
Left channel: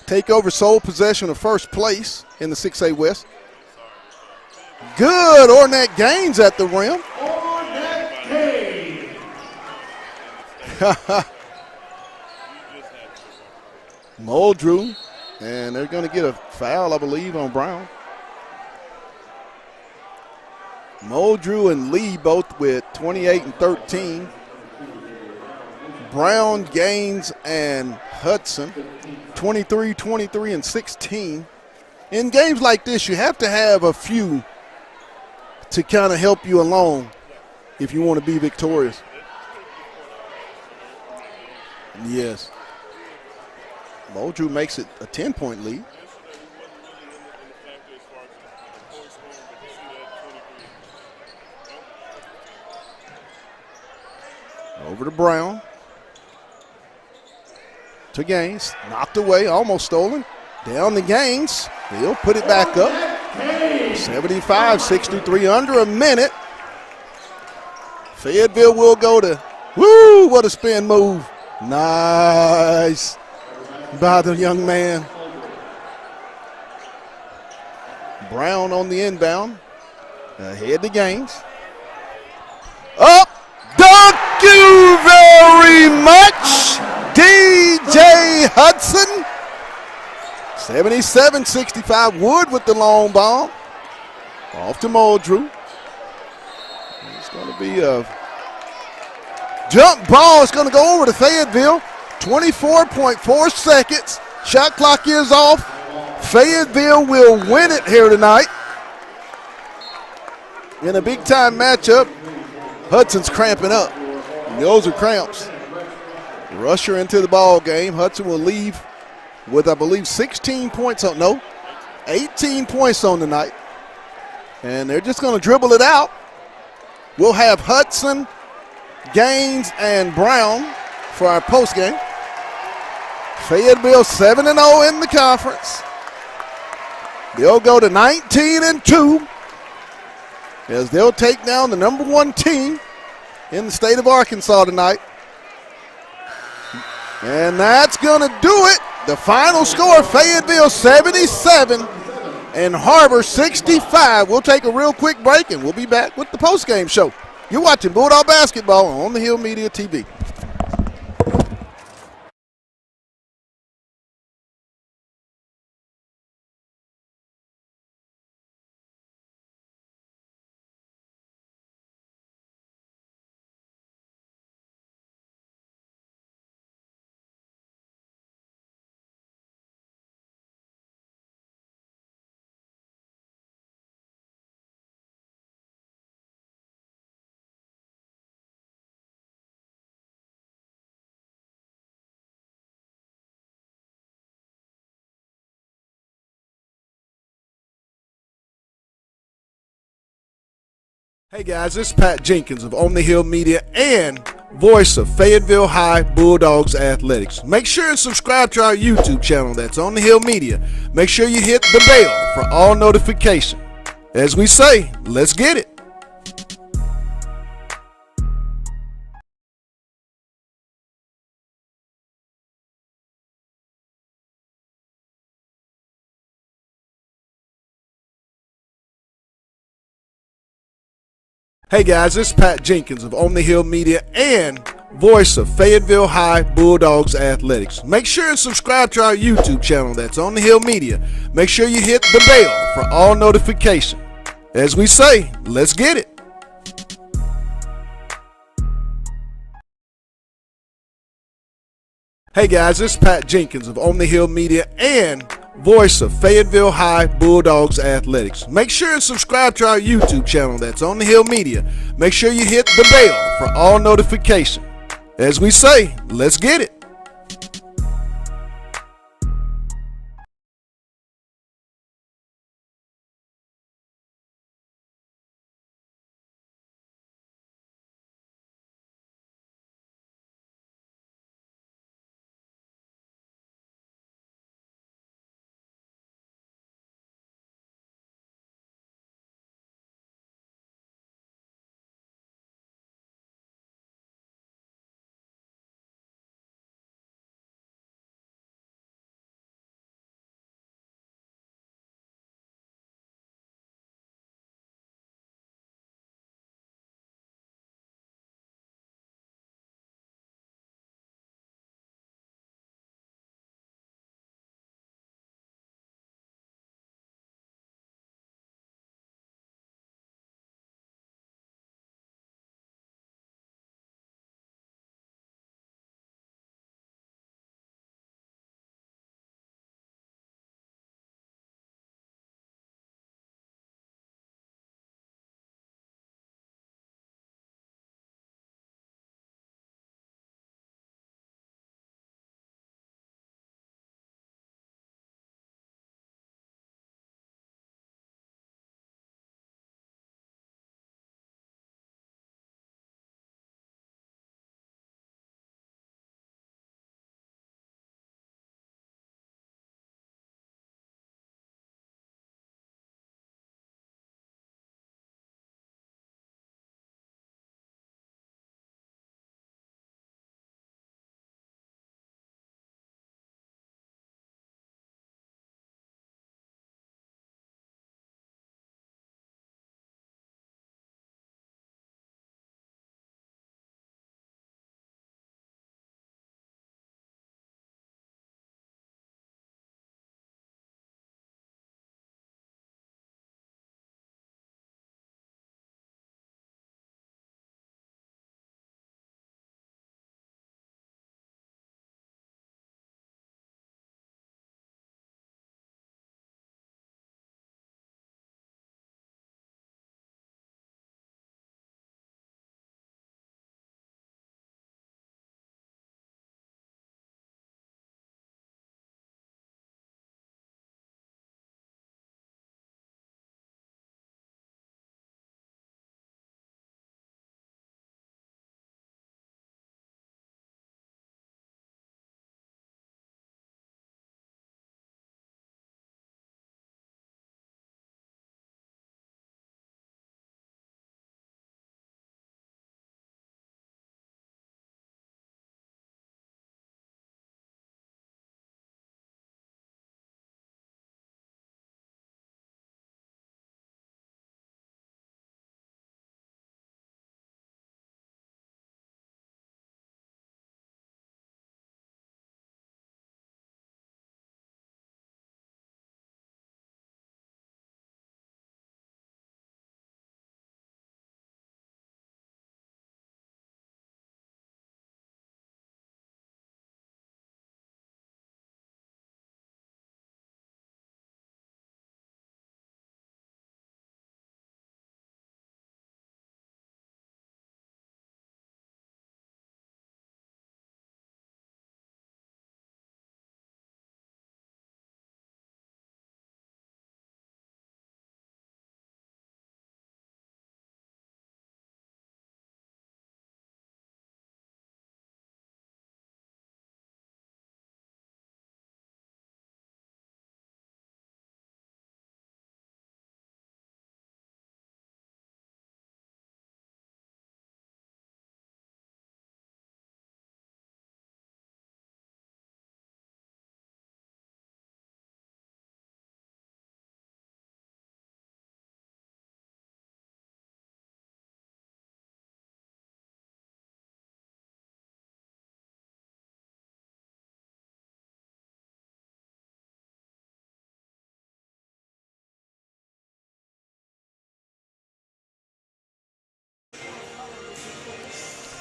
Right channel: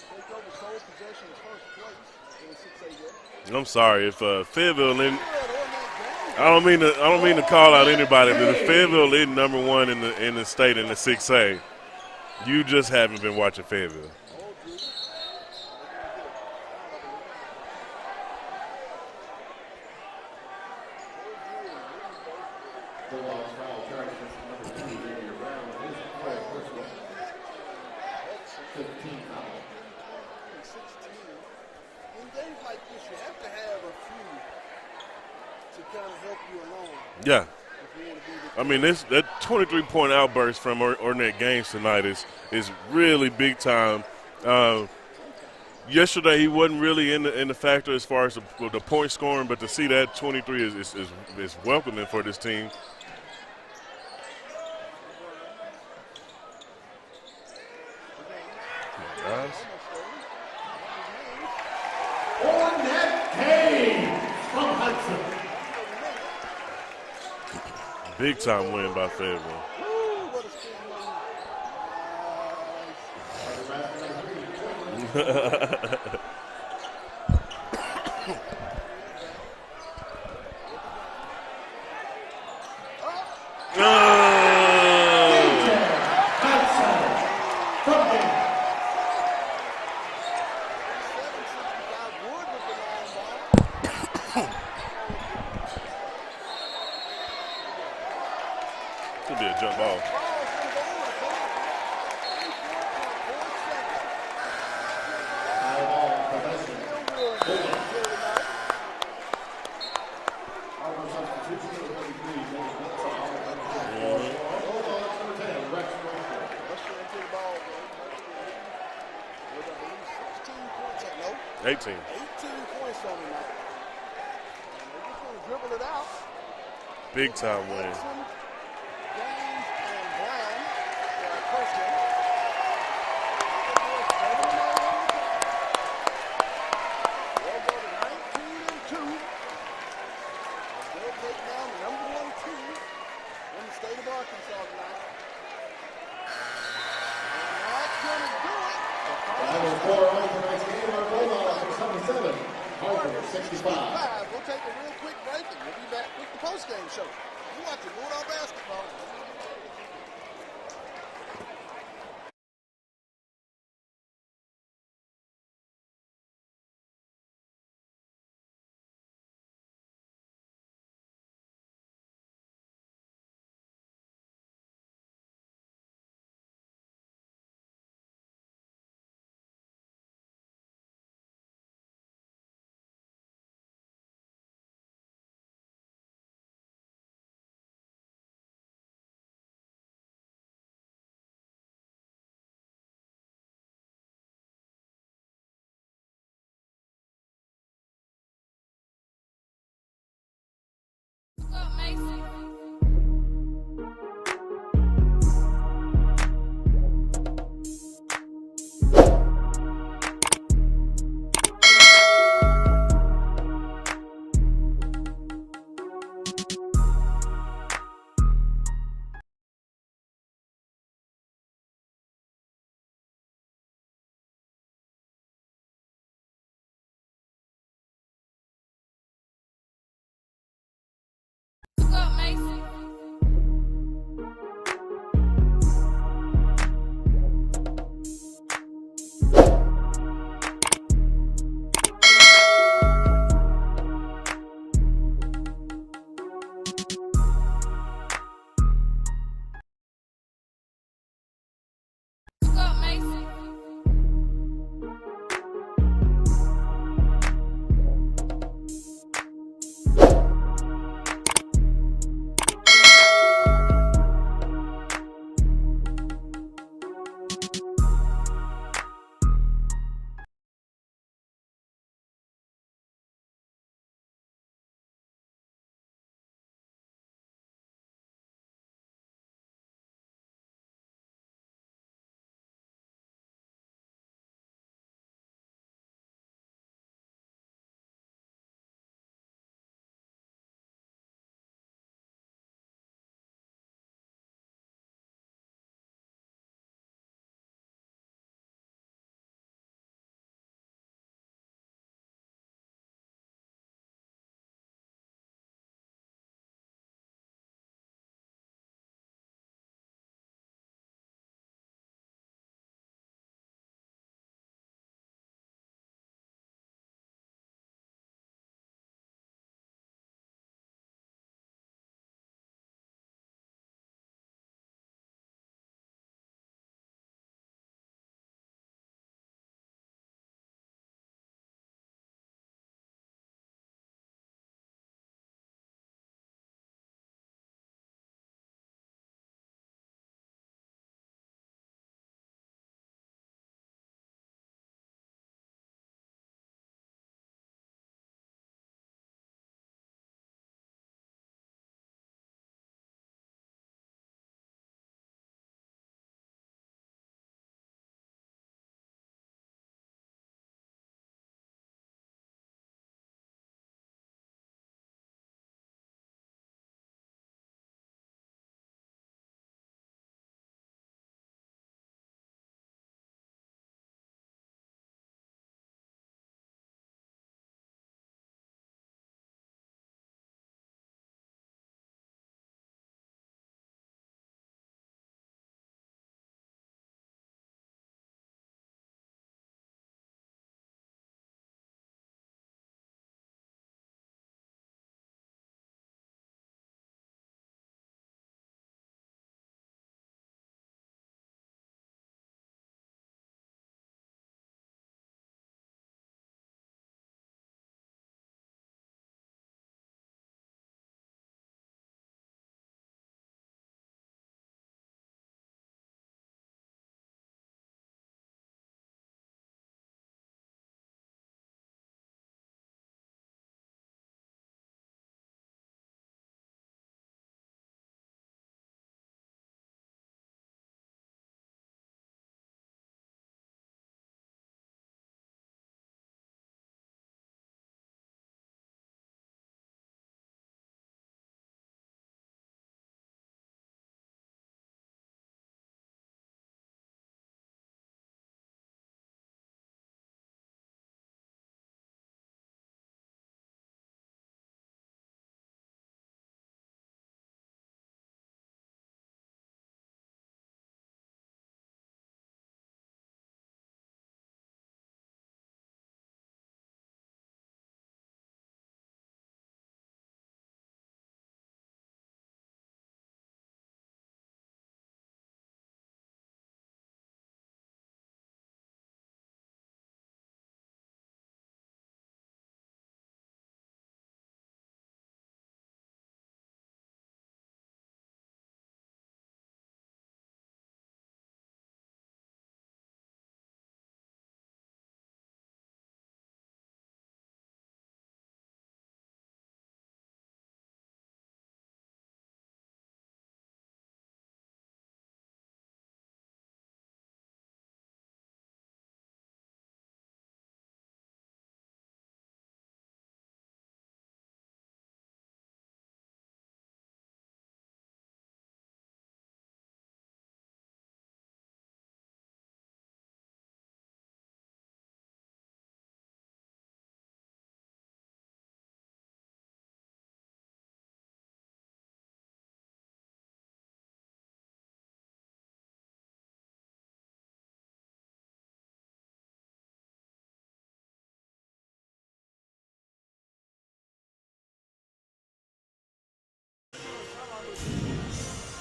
take over sole possession of first place in the 6A West. I'm sorry if Fayetteville. Good, Ornette Gaines at the rim. I don't mean to call out anybody, but if Fayetteville is number one in the state in the 6A, you just haven't been watching Fayetteville. Muldrew, and they're going to get a foul, I believe, on Brown. Muldrew and Lee both with 28 and 13. Brown, Gaines, and Hudson, 23, 23, and 16. In games like this, you have to have a few to kind of help you along. Yeah. if you want to be victorious. I mean, that 23-point outburst from Ornette Gaines tonight is really big time. Moldrew makes it a 10-point lead. Yesterday he wasn't really in the factor as far as the point scoring, but to see that 23 is welcoming for this team. Over to Brown. To Gaines. Knocked away, almost stolen. Down to Gaines. He'll put it back up. 75-63, under a minute. Fayetteville will go to, woo, what a spin move. Nice by the young man. Brown on the inbound. Ahead to Gaines. Up. Thank you very much, DJ Hudson. 77-65, Wood with the long bomb. Off to Moldrew. It's going to be a jump ball. It's going to go over to Fayetteville. 24.4 seconds. Shot clock is off. Fayetteville will win it here tonight. In a big-time matchup, Hudson's cramping up. And those are cramps. Rusher into the ball game. Hudson will leave with, I believe, 16 points on, no, 18 points on the night. And they're just going to dribble it out. We'll have Hudson, Gaines, and Brown for our postgame. Fayetteville 7-0 in the conference. They'll go to 19-2 as they'll take down the number 1 team in the state of Arkansas tonight. And that's going to do it. The final score, Fayetteville 77 and Har-ber 65. We'll take a real quick break and we'll be back with the postgame show. You're watching Bulldog Basketball on the Hill Media TV. Hey guys, this is Pat Jenkins of On the Hill Media and voice of Fayetteville High Bulldogs Athletics. Make sure and subscribe to our YouTube channel. That's On the Hill Media. Make sure you hit the bell for all notifications. As we say, let's get it. Hey guys, this is Pat Jenkins of On the Hill Media and voice of Fayetteville High Bulldogs Athletics. Make sure and subscribe to our YouTube channel. That's On the Hill Media. Make sure you hit the bell for all notifications. As we say, let's get it. Hey guys, this is Pat Jenkins of On the Hill Media and voice of Fayetteville High Bulldogs Athletics. Make sure and subscribe to our YouTube channel. That's On the Hill Media. Make sure you hit the bell for all notifications. As we say, let's get it.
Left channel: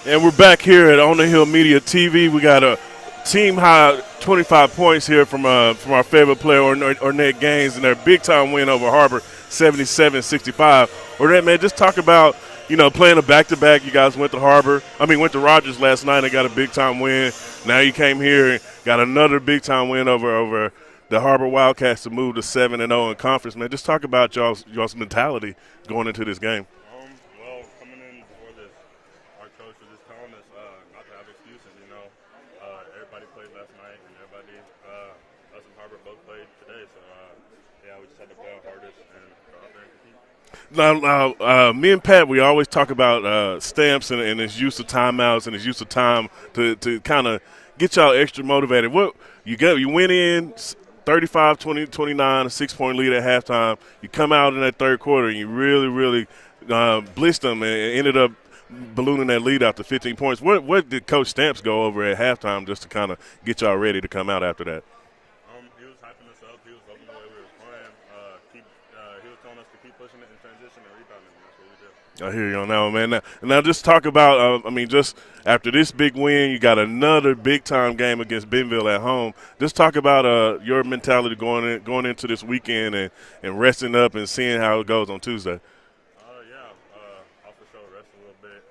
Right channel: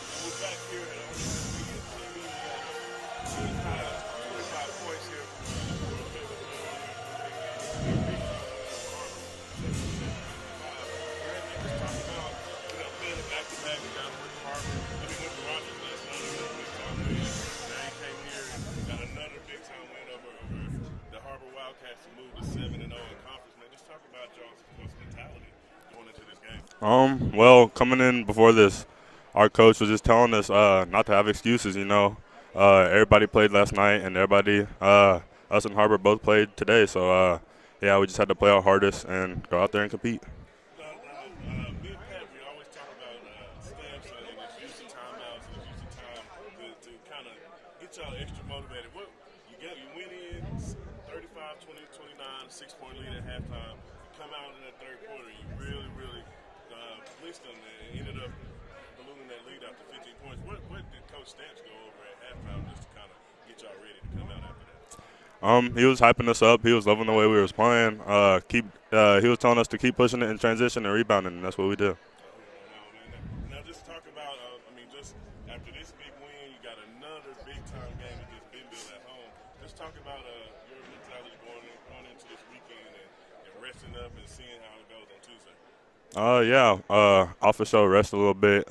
And we're back here at On the Hill Media TV. We got a team high 25 points here from our Fayetteville player, Ornette Gaines, and their big-time win over Har-ber, 77-65. Ornette, man, just talk about, playing a back-to-back. You guys went to Rogers last night and got a big-time win. Now you came here and got another big-time win over the Har-ber Wildcats to move to 7-0 in conference. Man, just talk about y'all's mentality going into this game. Well, coming in before this, our coach was just telling us not to have excuses, Everybody played last night, and everybody, us and Har-ber both played today. So, we just had to play our hardest and go out there and compete. Now, me and Pat, we always talk about Stamps and his use of timeouts and his use of time to kind of get y'all extra motivated. What you went in 35-29, a 6-point lead at halftime. You come out in that third quarter and you really blitzed them and ended up ballooning that lead out to 15 points. What did Coach Stamps go over at halftime just to kind of get y'all ready to come out after that? He was hyping us up. He was loving the way we was playing. He was telling us to keep pushing it in transition and rebounding, and that's what we did. I hear you on that one, man. Now just talk about, just after this big win, you got another big-time game against Bentonville at home. Just talk about your mentality going into this weekend and resting up and seeing how it goes on Tuesday. Off the show, rest a little bit.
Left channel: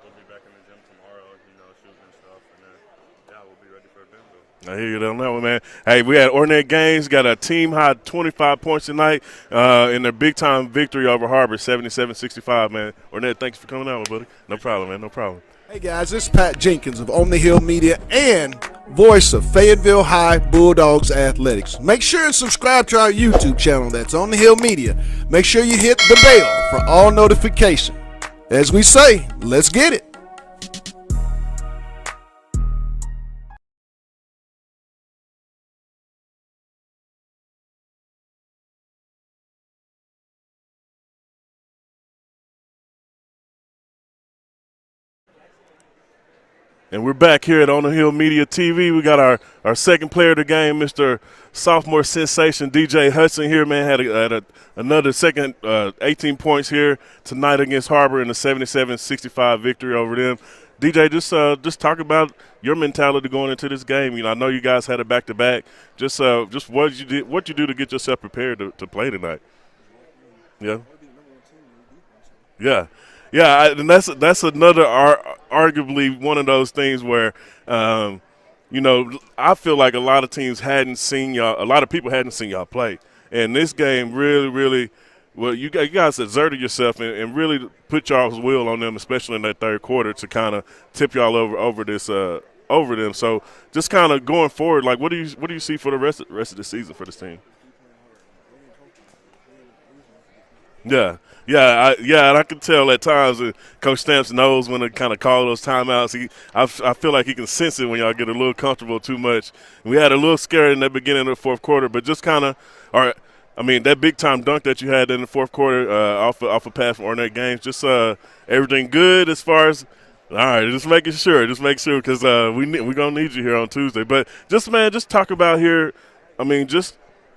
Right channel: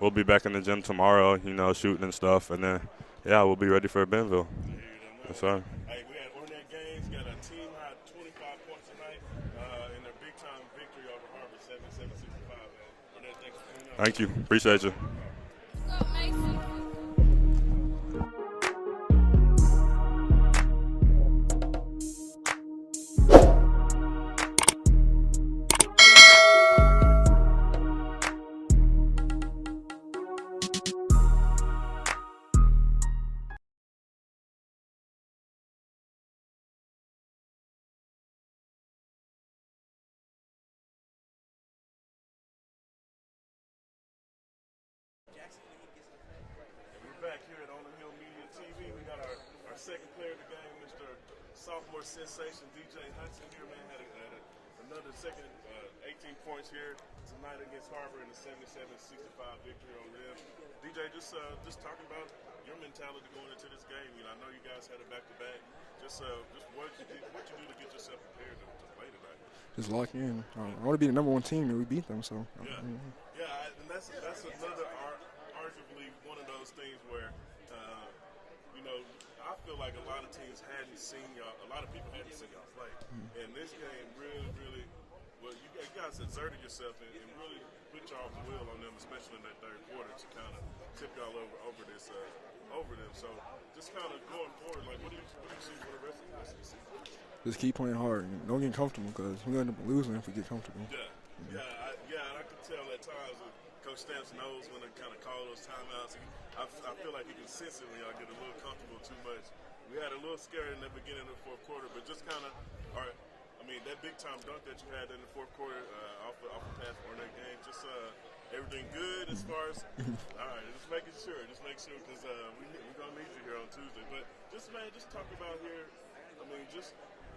We'll be back in the gym tomorrow, shooting and stuff, and then, we'll be ready for Bentonville. I hear you on that one, man. Hey, we had Ornette Gaines, got a team-high 25 points tonight in their big-time victory over Har-ber, 77-65, man. Ornette, thanks for coming out. Thank you. No problem, man. No problem. Hey, guys, this is Pat Jenkins of On the Hill Media and voice of Fayetteville High Bulldogs Athletics. Make sure and subscribe to our YouTube channel. That's On the Hill Media. Make sure you hit the bell for all notifications. As we say, let's get it. And we're back here at On the Hill Media TV. We got our second player of the game, Mr. Sophomore Sensation DJ Hudson here, man. Had another second 18 points here tonight against Har-ber in a 77-65 victory over them. DJ, just talk about your mentality going into this game. I know you guys had a back-to-back. Just what you do to get yourself prepared to play tonight. Just lock in. Yeah. I want to be the number one team, and we beat them. So yeah, and that's another arguably one of those things where, I feel like a lot of teams hadn't seen y'all. A lot of people hadn't seen y'all play, and this game really, well, you guys exerted yourself and really put y'all's will on them, especially in that third quarter, to kind of tip y'all over them. So just kind of going forward, like what do you see for the rest of the season for this team? just keep playing hard. Don't get comfortable because we're going to end up losing if we get comfortable. And I can tell at times that Coach Stamps knows when to kind of call those timeouts. I feel like he can sense it when y'all get a little comfortable too much. We had a little scare in the beginning of the fourth quarter, but just kind of that big-time dunk that you had in the fourth quarter off a pass from Ornette Gaines, just everything good as far as – all right, just making sure because we're going to need you here on Tuesday. But just talk about here, just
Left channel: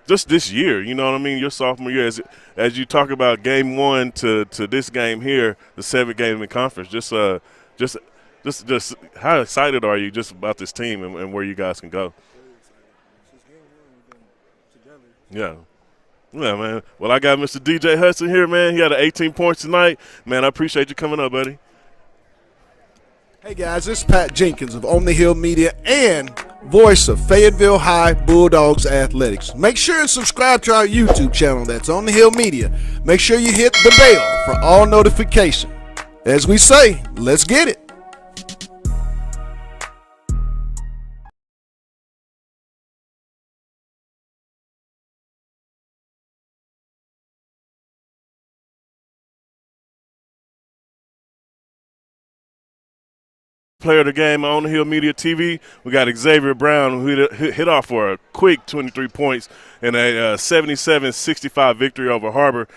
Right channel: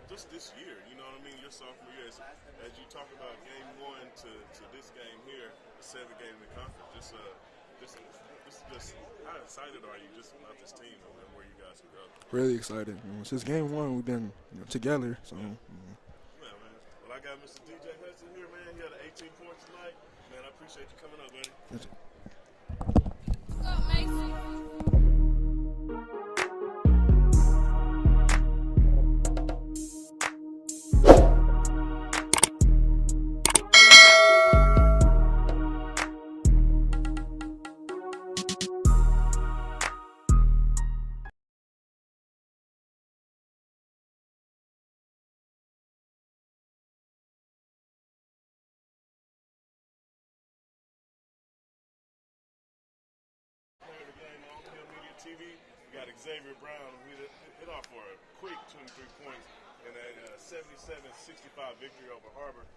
this year, you know what I mean, your sophomore year, as you talk about game one to this game here, the 7th game in conference, just how excited are you just about this team and where you guys can go? Really excited. Since game one, we've been together. So, Yeah. Yeah, man. Well, I got Mr. DJ Hudson here, man. He had 18 points tonight. Man, I appreciate you coming up, buddy. Hey, guys, this is Pat Jenkins of On the Hill Media and voice of Fayetteville High Bulldogs Athletics. Make sure and subscribe to our YouTube channel. That's On the Hill Media. Make sure you hit the bell for all notifications. As we say, let's get it. Player of the game on the Hill Media TV. We got Xavier Brown, who hit off for a quick 23 points in a 77-65 victory over Har-ber.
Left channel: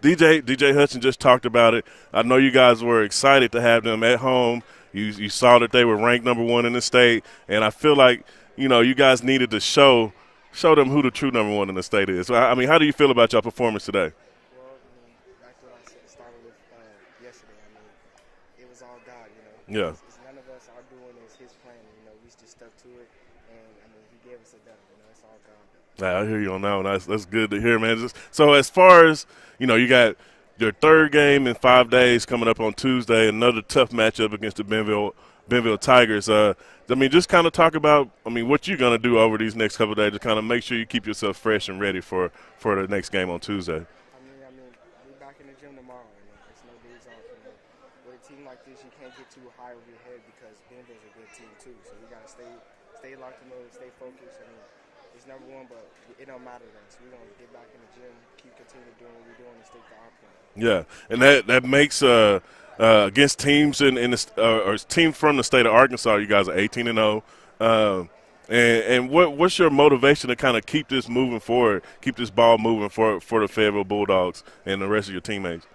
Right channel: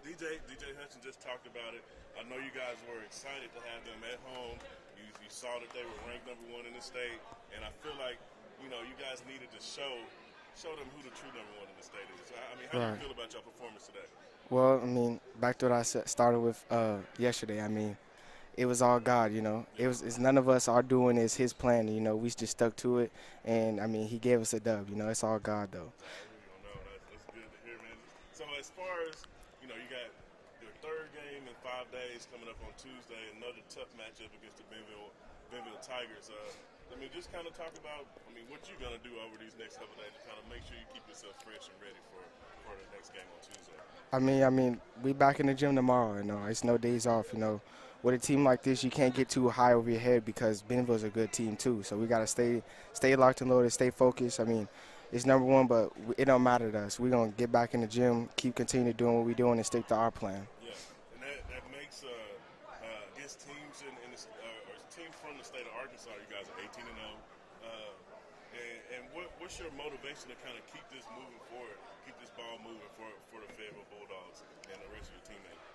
DJ Hudson just talked about it. I know you guys were excited to have them at home. You saw that they were ranked number 1 in the state, and I feel like you guys needed to show them who the true number 1 in the state is. How do you feel about your performance today? Well, back to what I started with yesterday. it was all God, you know. Yeah. It's none of us are doing is His plan, you know. We just stuck to it, and I mean, He gave us a dub, you know. It's all God though. I hear you on that one. That's good to hear, man. So as far as you got your third game in 5 days coming up on Tuesday. Another tough matchup against the Bentonville Tigers. Just kind of talk about, what you're going to do over these next couple of days to kind of make sure you keep yourself fresh and ready for the next game on Tuesday. I mean, we back in the gym tomorrow. You know, it's no days off. You know, with a team like this, you can't get too high over your head because Bentonville's a good team too. So we got to stay locked and loaded, stay focused. I mean, it's number one, but it don't matter to us. We're gonna get back in the gym, keep continuing doing what we're doing, and stick to our plan. Yeah, and that makes against teams or teams from the state of Arkansas, you guys are 18-0. And what's your motivation to kind of keep this moving forward, keep this ball moving for the Fayetteville Bulldogs and the rest of your teammates?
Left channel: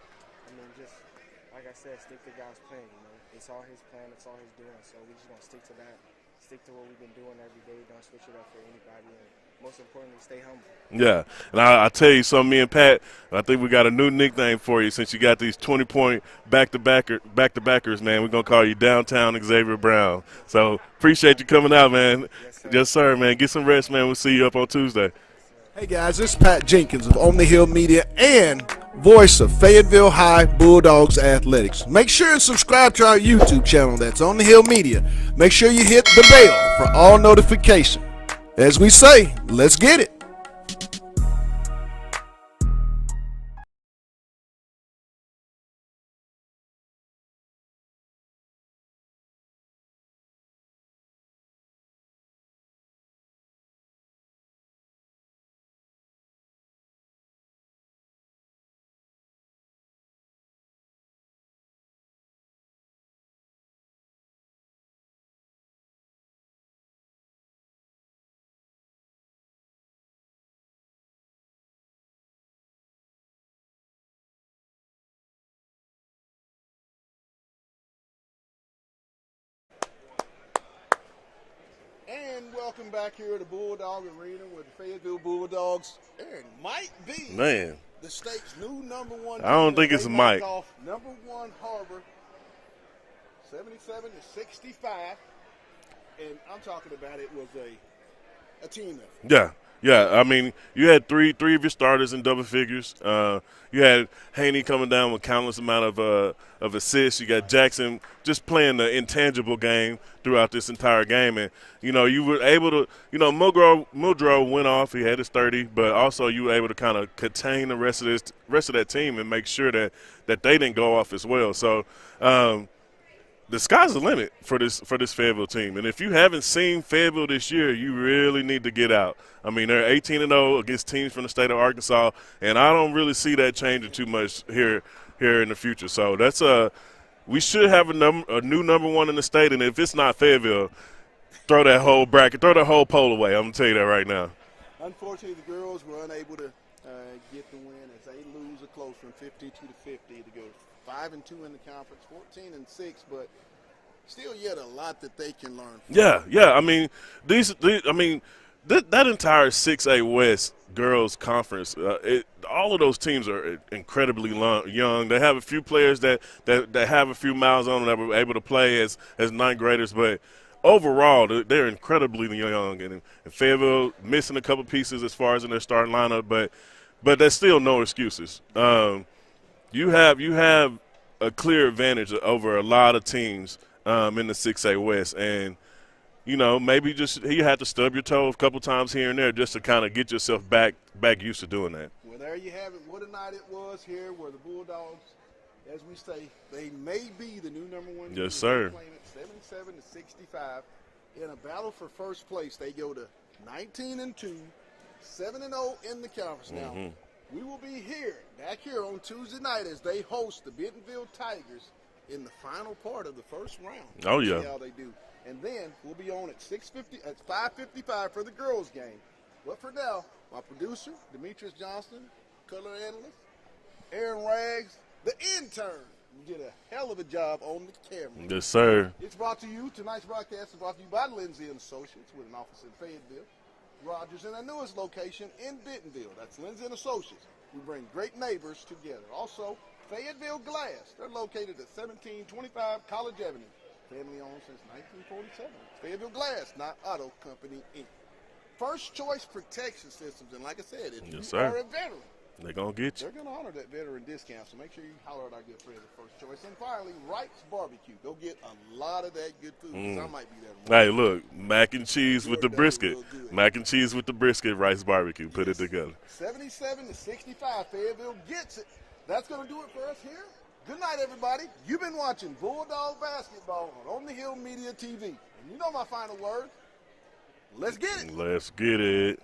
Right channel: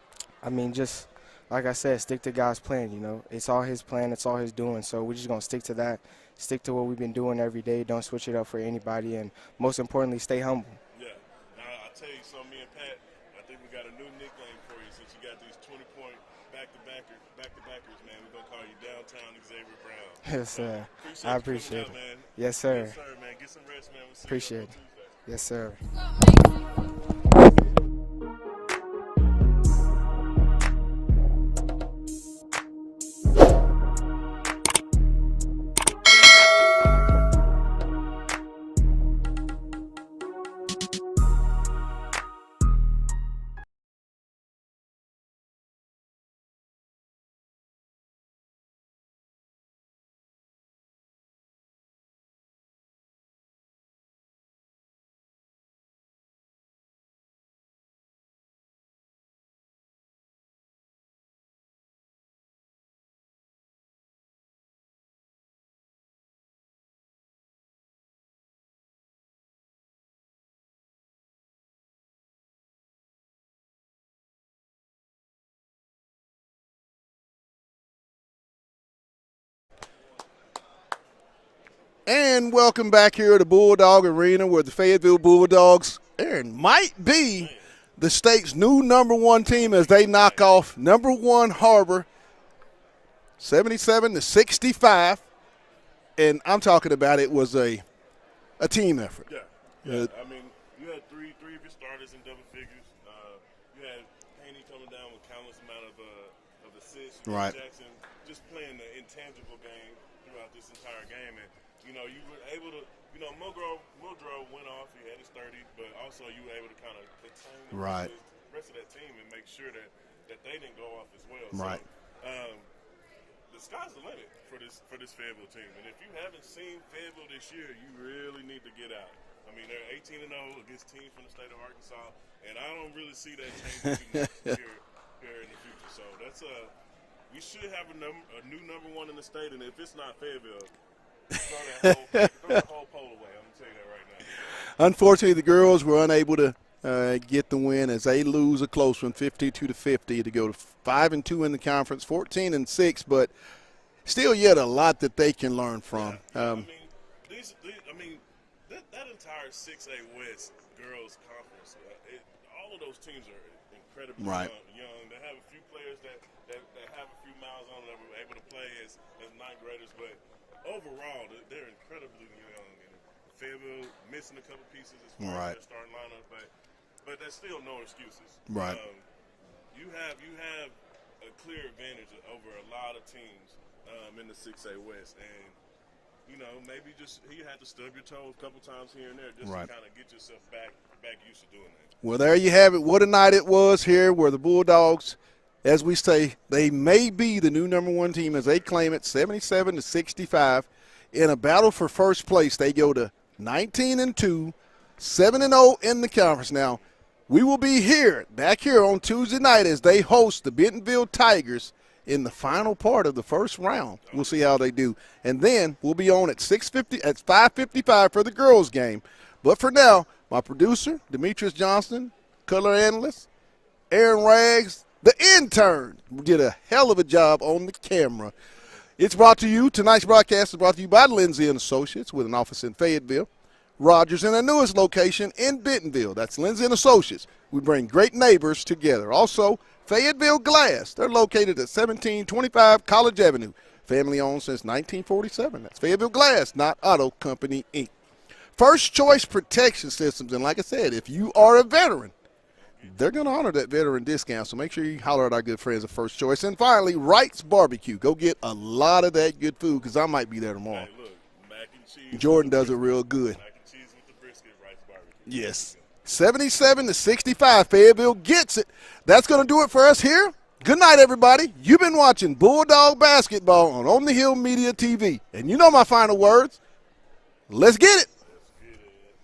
I mean, just like I said, stick to God's plan. You know, it's all His plan, it's all His doing. So we're just gonna stick to that. Stick to what we've been doing every day. Don't switch it up for anybody, and most importantly, stay humble. Yeah, and I tell you something, me and Pat, I think we got a new nickname for you since you got these 20-point back-to-backers, man. We're going to call you Downtown Xavier Brown. Yes, so sir. appreciate you coming out, man. Yes, sir. Yes, sir, man. Get some rest, man. We'll see you up on Tuesday. Yes, sir. Hey guys, this is Pat Jenkins of On the Hill Media and voice of Fayetteville High Bulldogs Athletics. Make sure and subscribe to our YouTube channel. That's On the Hill Media. Make sure you hit the bell for all notifications. As we say, let's get it. And welcome back here at the Bulldog Arena where the Fayetteville Bulldogs might be the state's new number one team as they knock off number one Har-ber 77-65. And I'm talking about it was a team effort. Yeah. I mean, you had three of your starters in double figures. You had Haney coming down with countless amount of assists. You got Jackson just playing the intangible game throughout this entire game. And, you were able to – Muldrow went off. He had his 30. But also you were able to kind of contain the rest of that team and make sure that they didn't go off as well. Right. So the sky's the limit for this Fayetteville team. And if you haven't seen Fayetteville this year, you really need to get out. I mean, they're 18-0 against teams from the state of Arkansas, and I don't really see that changing too much here in the future. So that's we should have a new number one in the state, and if it's not Fayetteville, throw that whole bracket, throw that whole poll away. I'm gonna tell you that right now. Unfortunately, the girls were unable to get the win as they lose a close one, 52-50, to go to 5-2 in the conference, 14-6, but still yet a lot that they can learn from. Yeah. I mean, that entire 6A West girls conference, all of those teams are incredibly young. They have a few players that have a few miles on them that were able to play as ninth graders, but overall they're incredibly young. And Fayetteville missing a couple pieces as far as in their starting lineup, but there's still no excuses. You have a clear advantage over a lot of teams in the 6A West, and maybe just you have to stub your toe a couple times here and there just to kind of get yourself back used to doing that. Well, there you have it. What a night it was here where the Bulldogs, as we say, they may be the new number one team as they claim it, 77-65. In a battle for first place, they go to 19-2, 7-0 in the conference. Now, we will be back here on Tuesday night as they host the Bentonville Tigers in the final part of the first round. We'll see how they do. And then we'll be on at 5:55 for the girls' game. But for now, my producer, Demetrius Johnston, color analyst, Aaron Rags, the intern, did a hell of a job on the camera. Yes, sir. It's brought to you, tonight's broadcast is brought to you by Lindsay & Associates with an office in Fayetteville, Rogers in our newest location in Bentonville. That's Lindsay & Associates. We bring great neighbors together. Also, Fayetteville Glass. They're located at 1725 College Avenue. Family owned since 1947. That's Fayetteville Glass, not Auto Company, Inc. First Choice Protection Systems. And like I said, if you are a veteran, They're going to get you. they're going to honor that veteran discount. So make sure you holler at our good friends at First Choice. And finally, Wright's Barbecue. Go get a lot of that good food because I might be there tomorrow. Hey, look, mac and cheese Jordan with the does it brisket. real good. Mac and cheese with the brisket, Rice Barbecue. Put Yes. it together. 77-65, Fayetteville gets it. That's going to do it for us here. Good night, everybody. You've been watching Bulldog Basketball on the Hill Media TV. And you know my final words. Let's get it. Let's get it.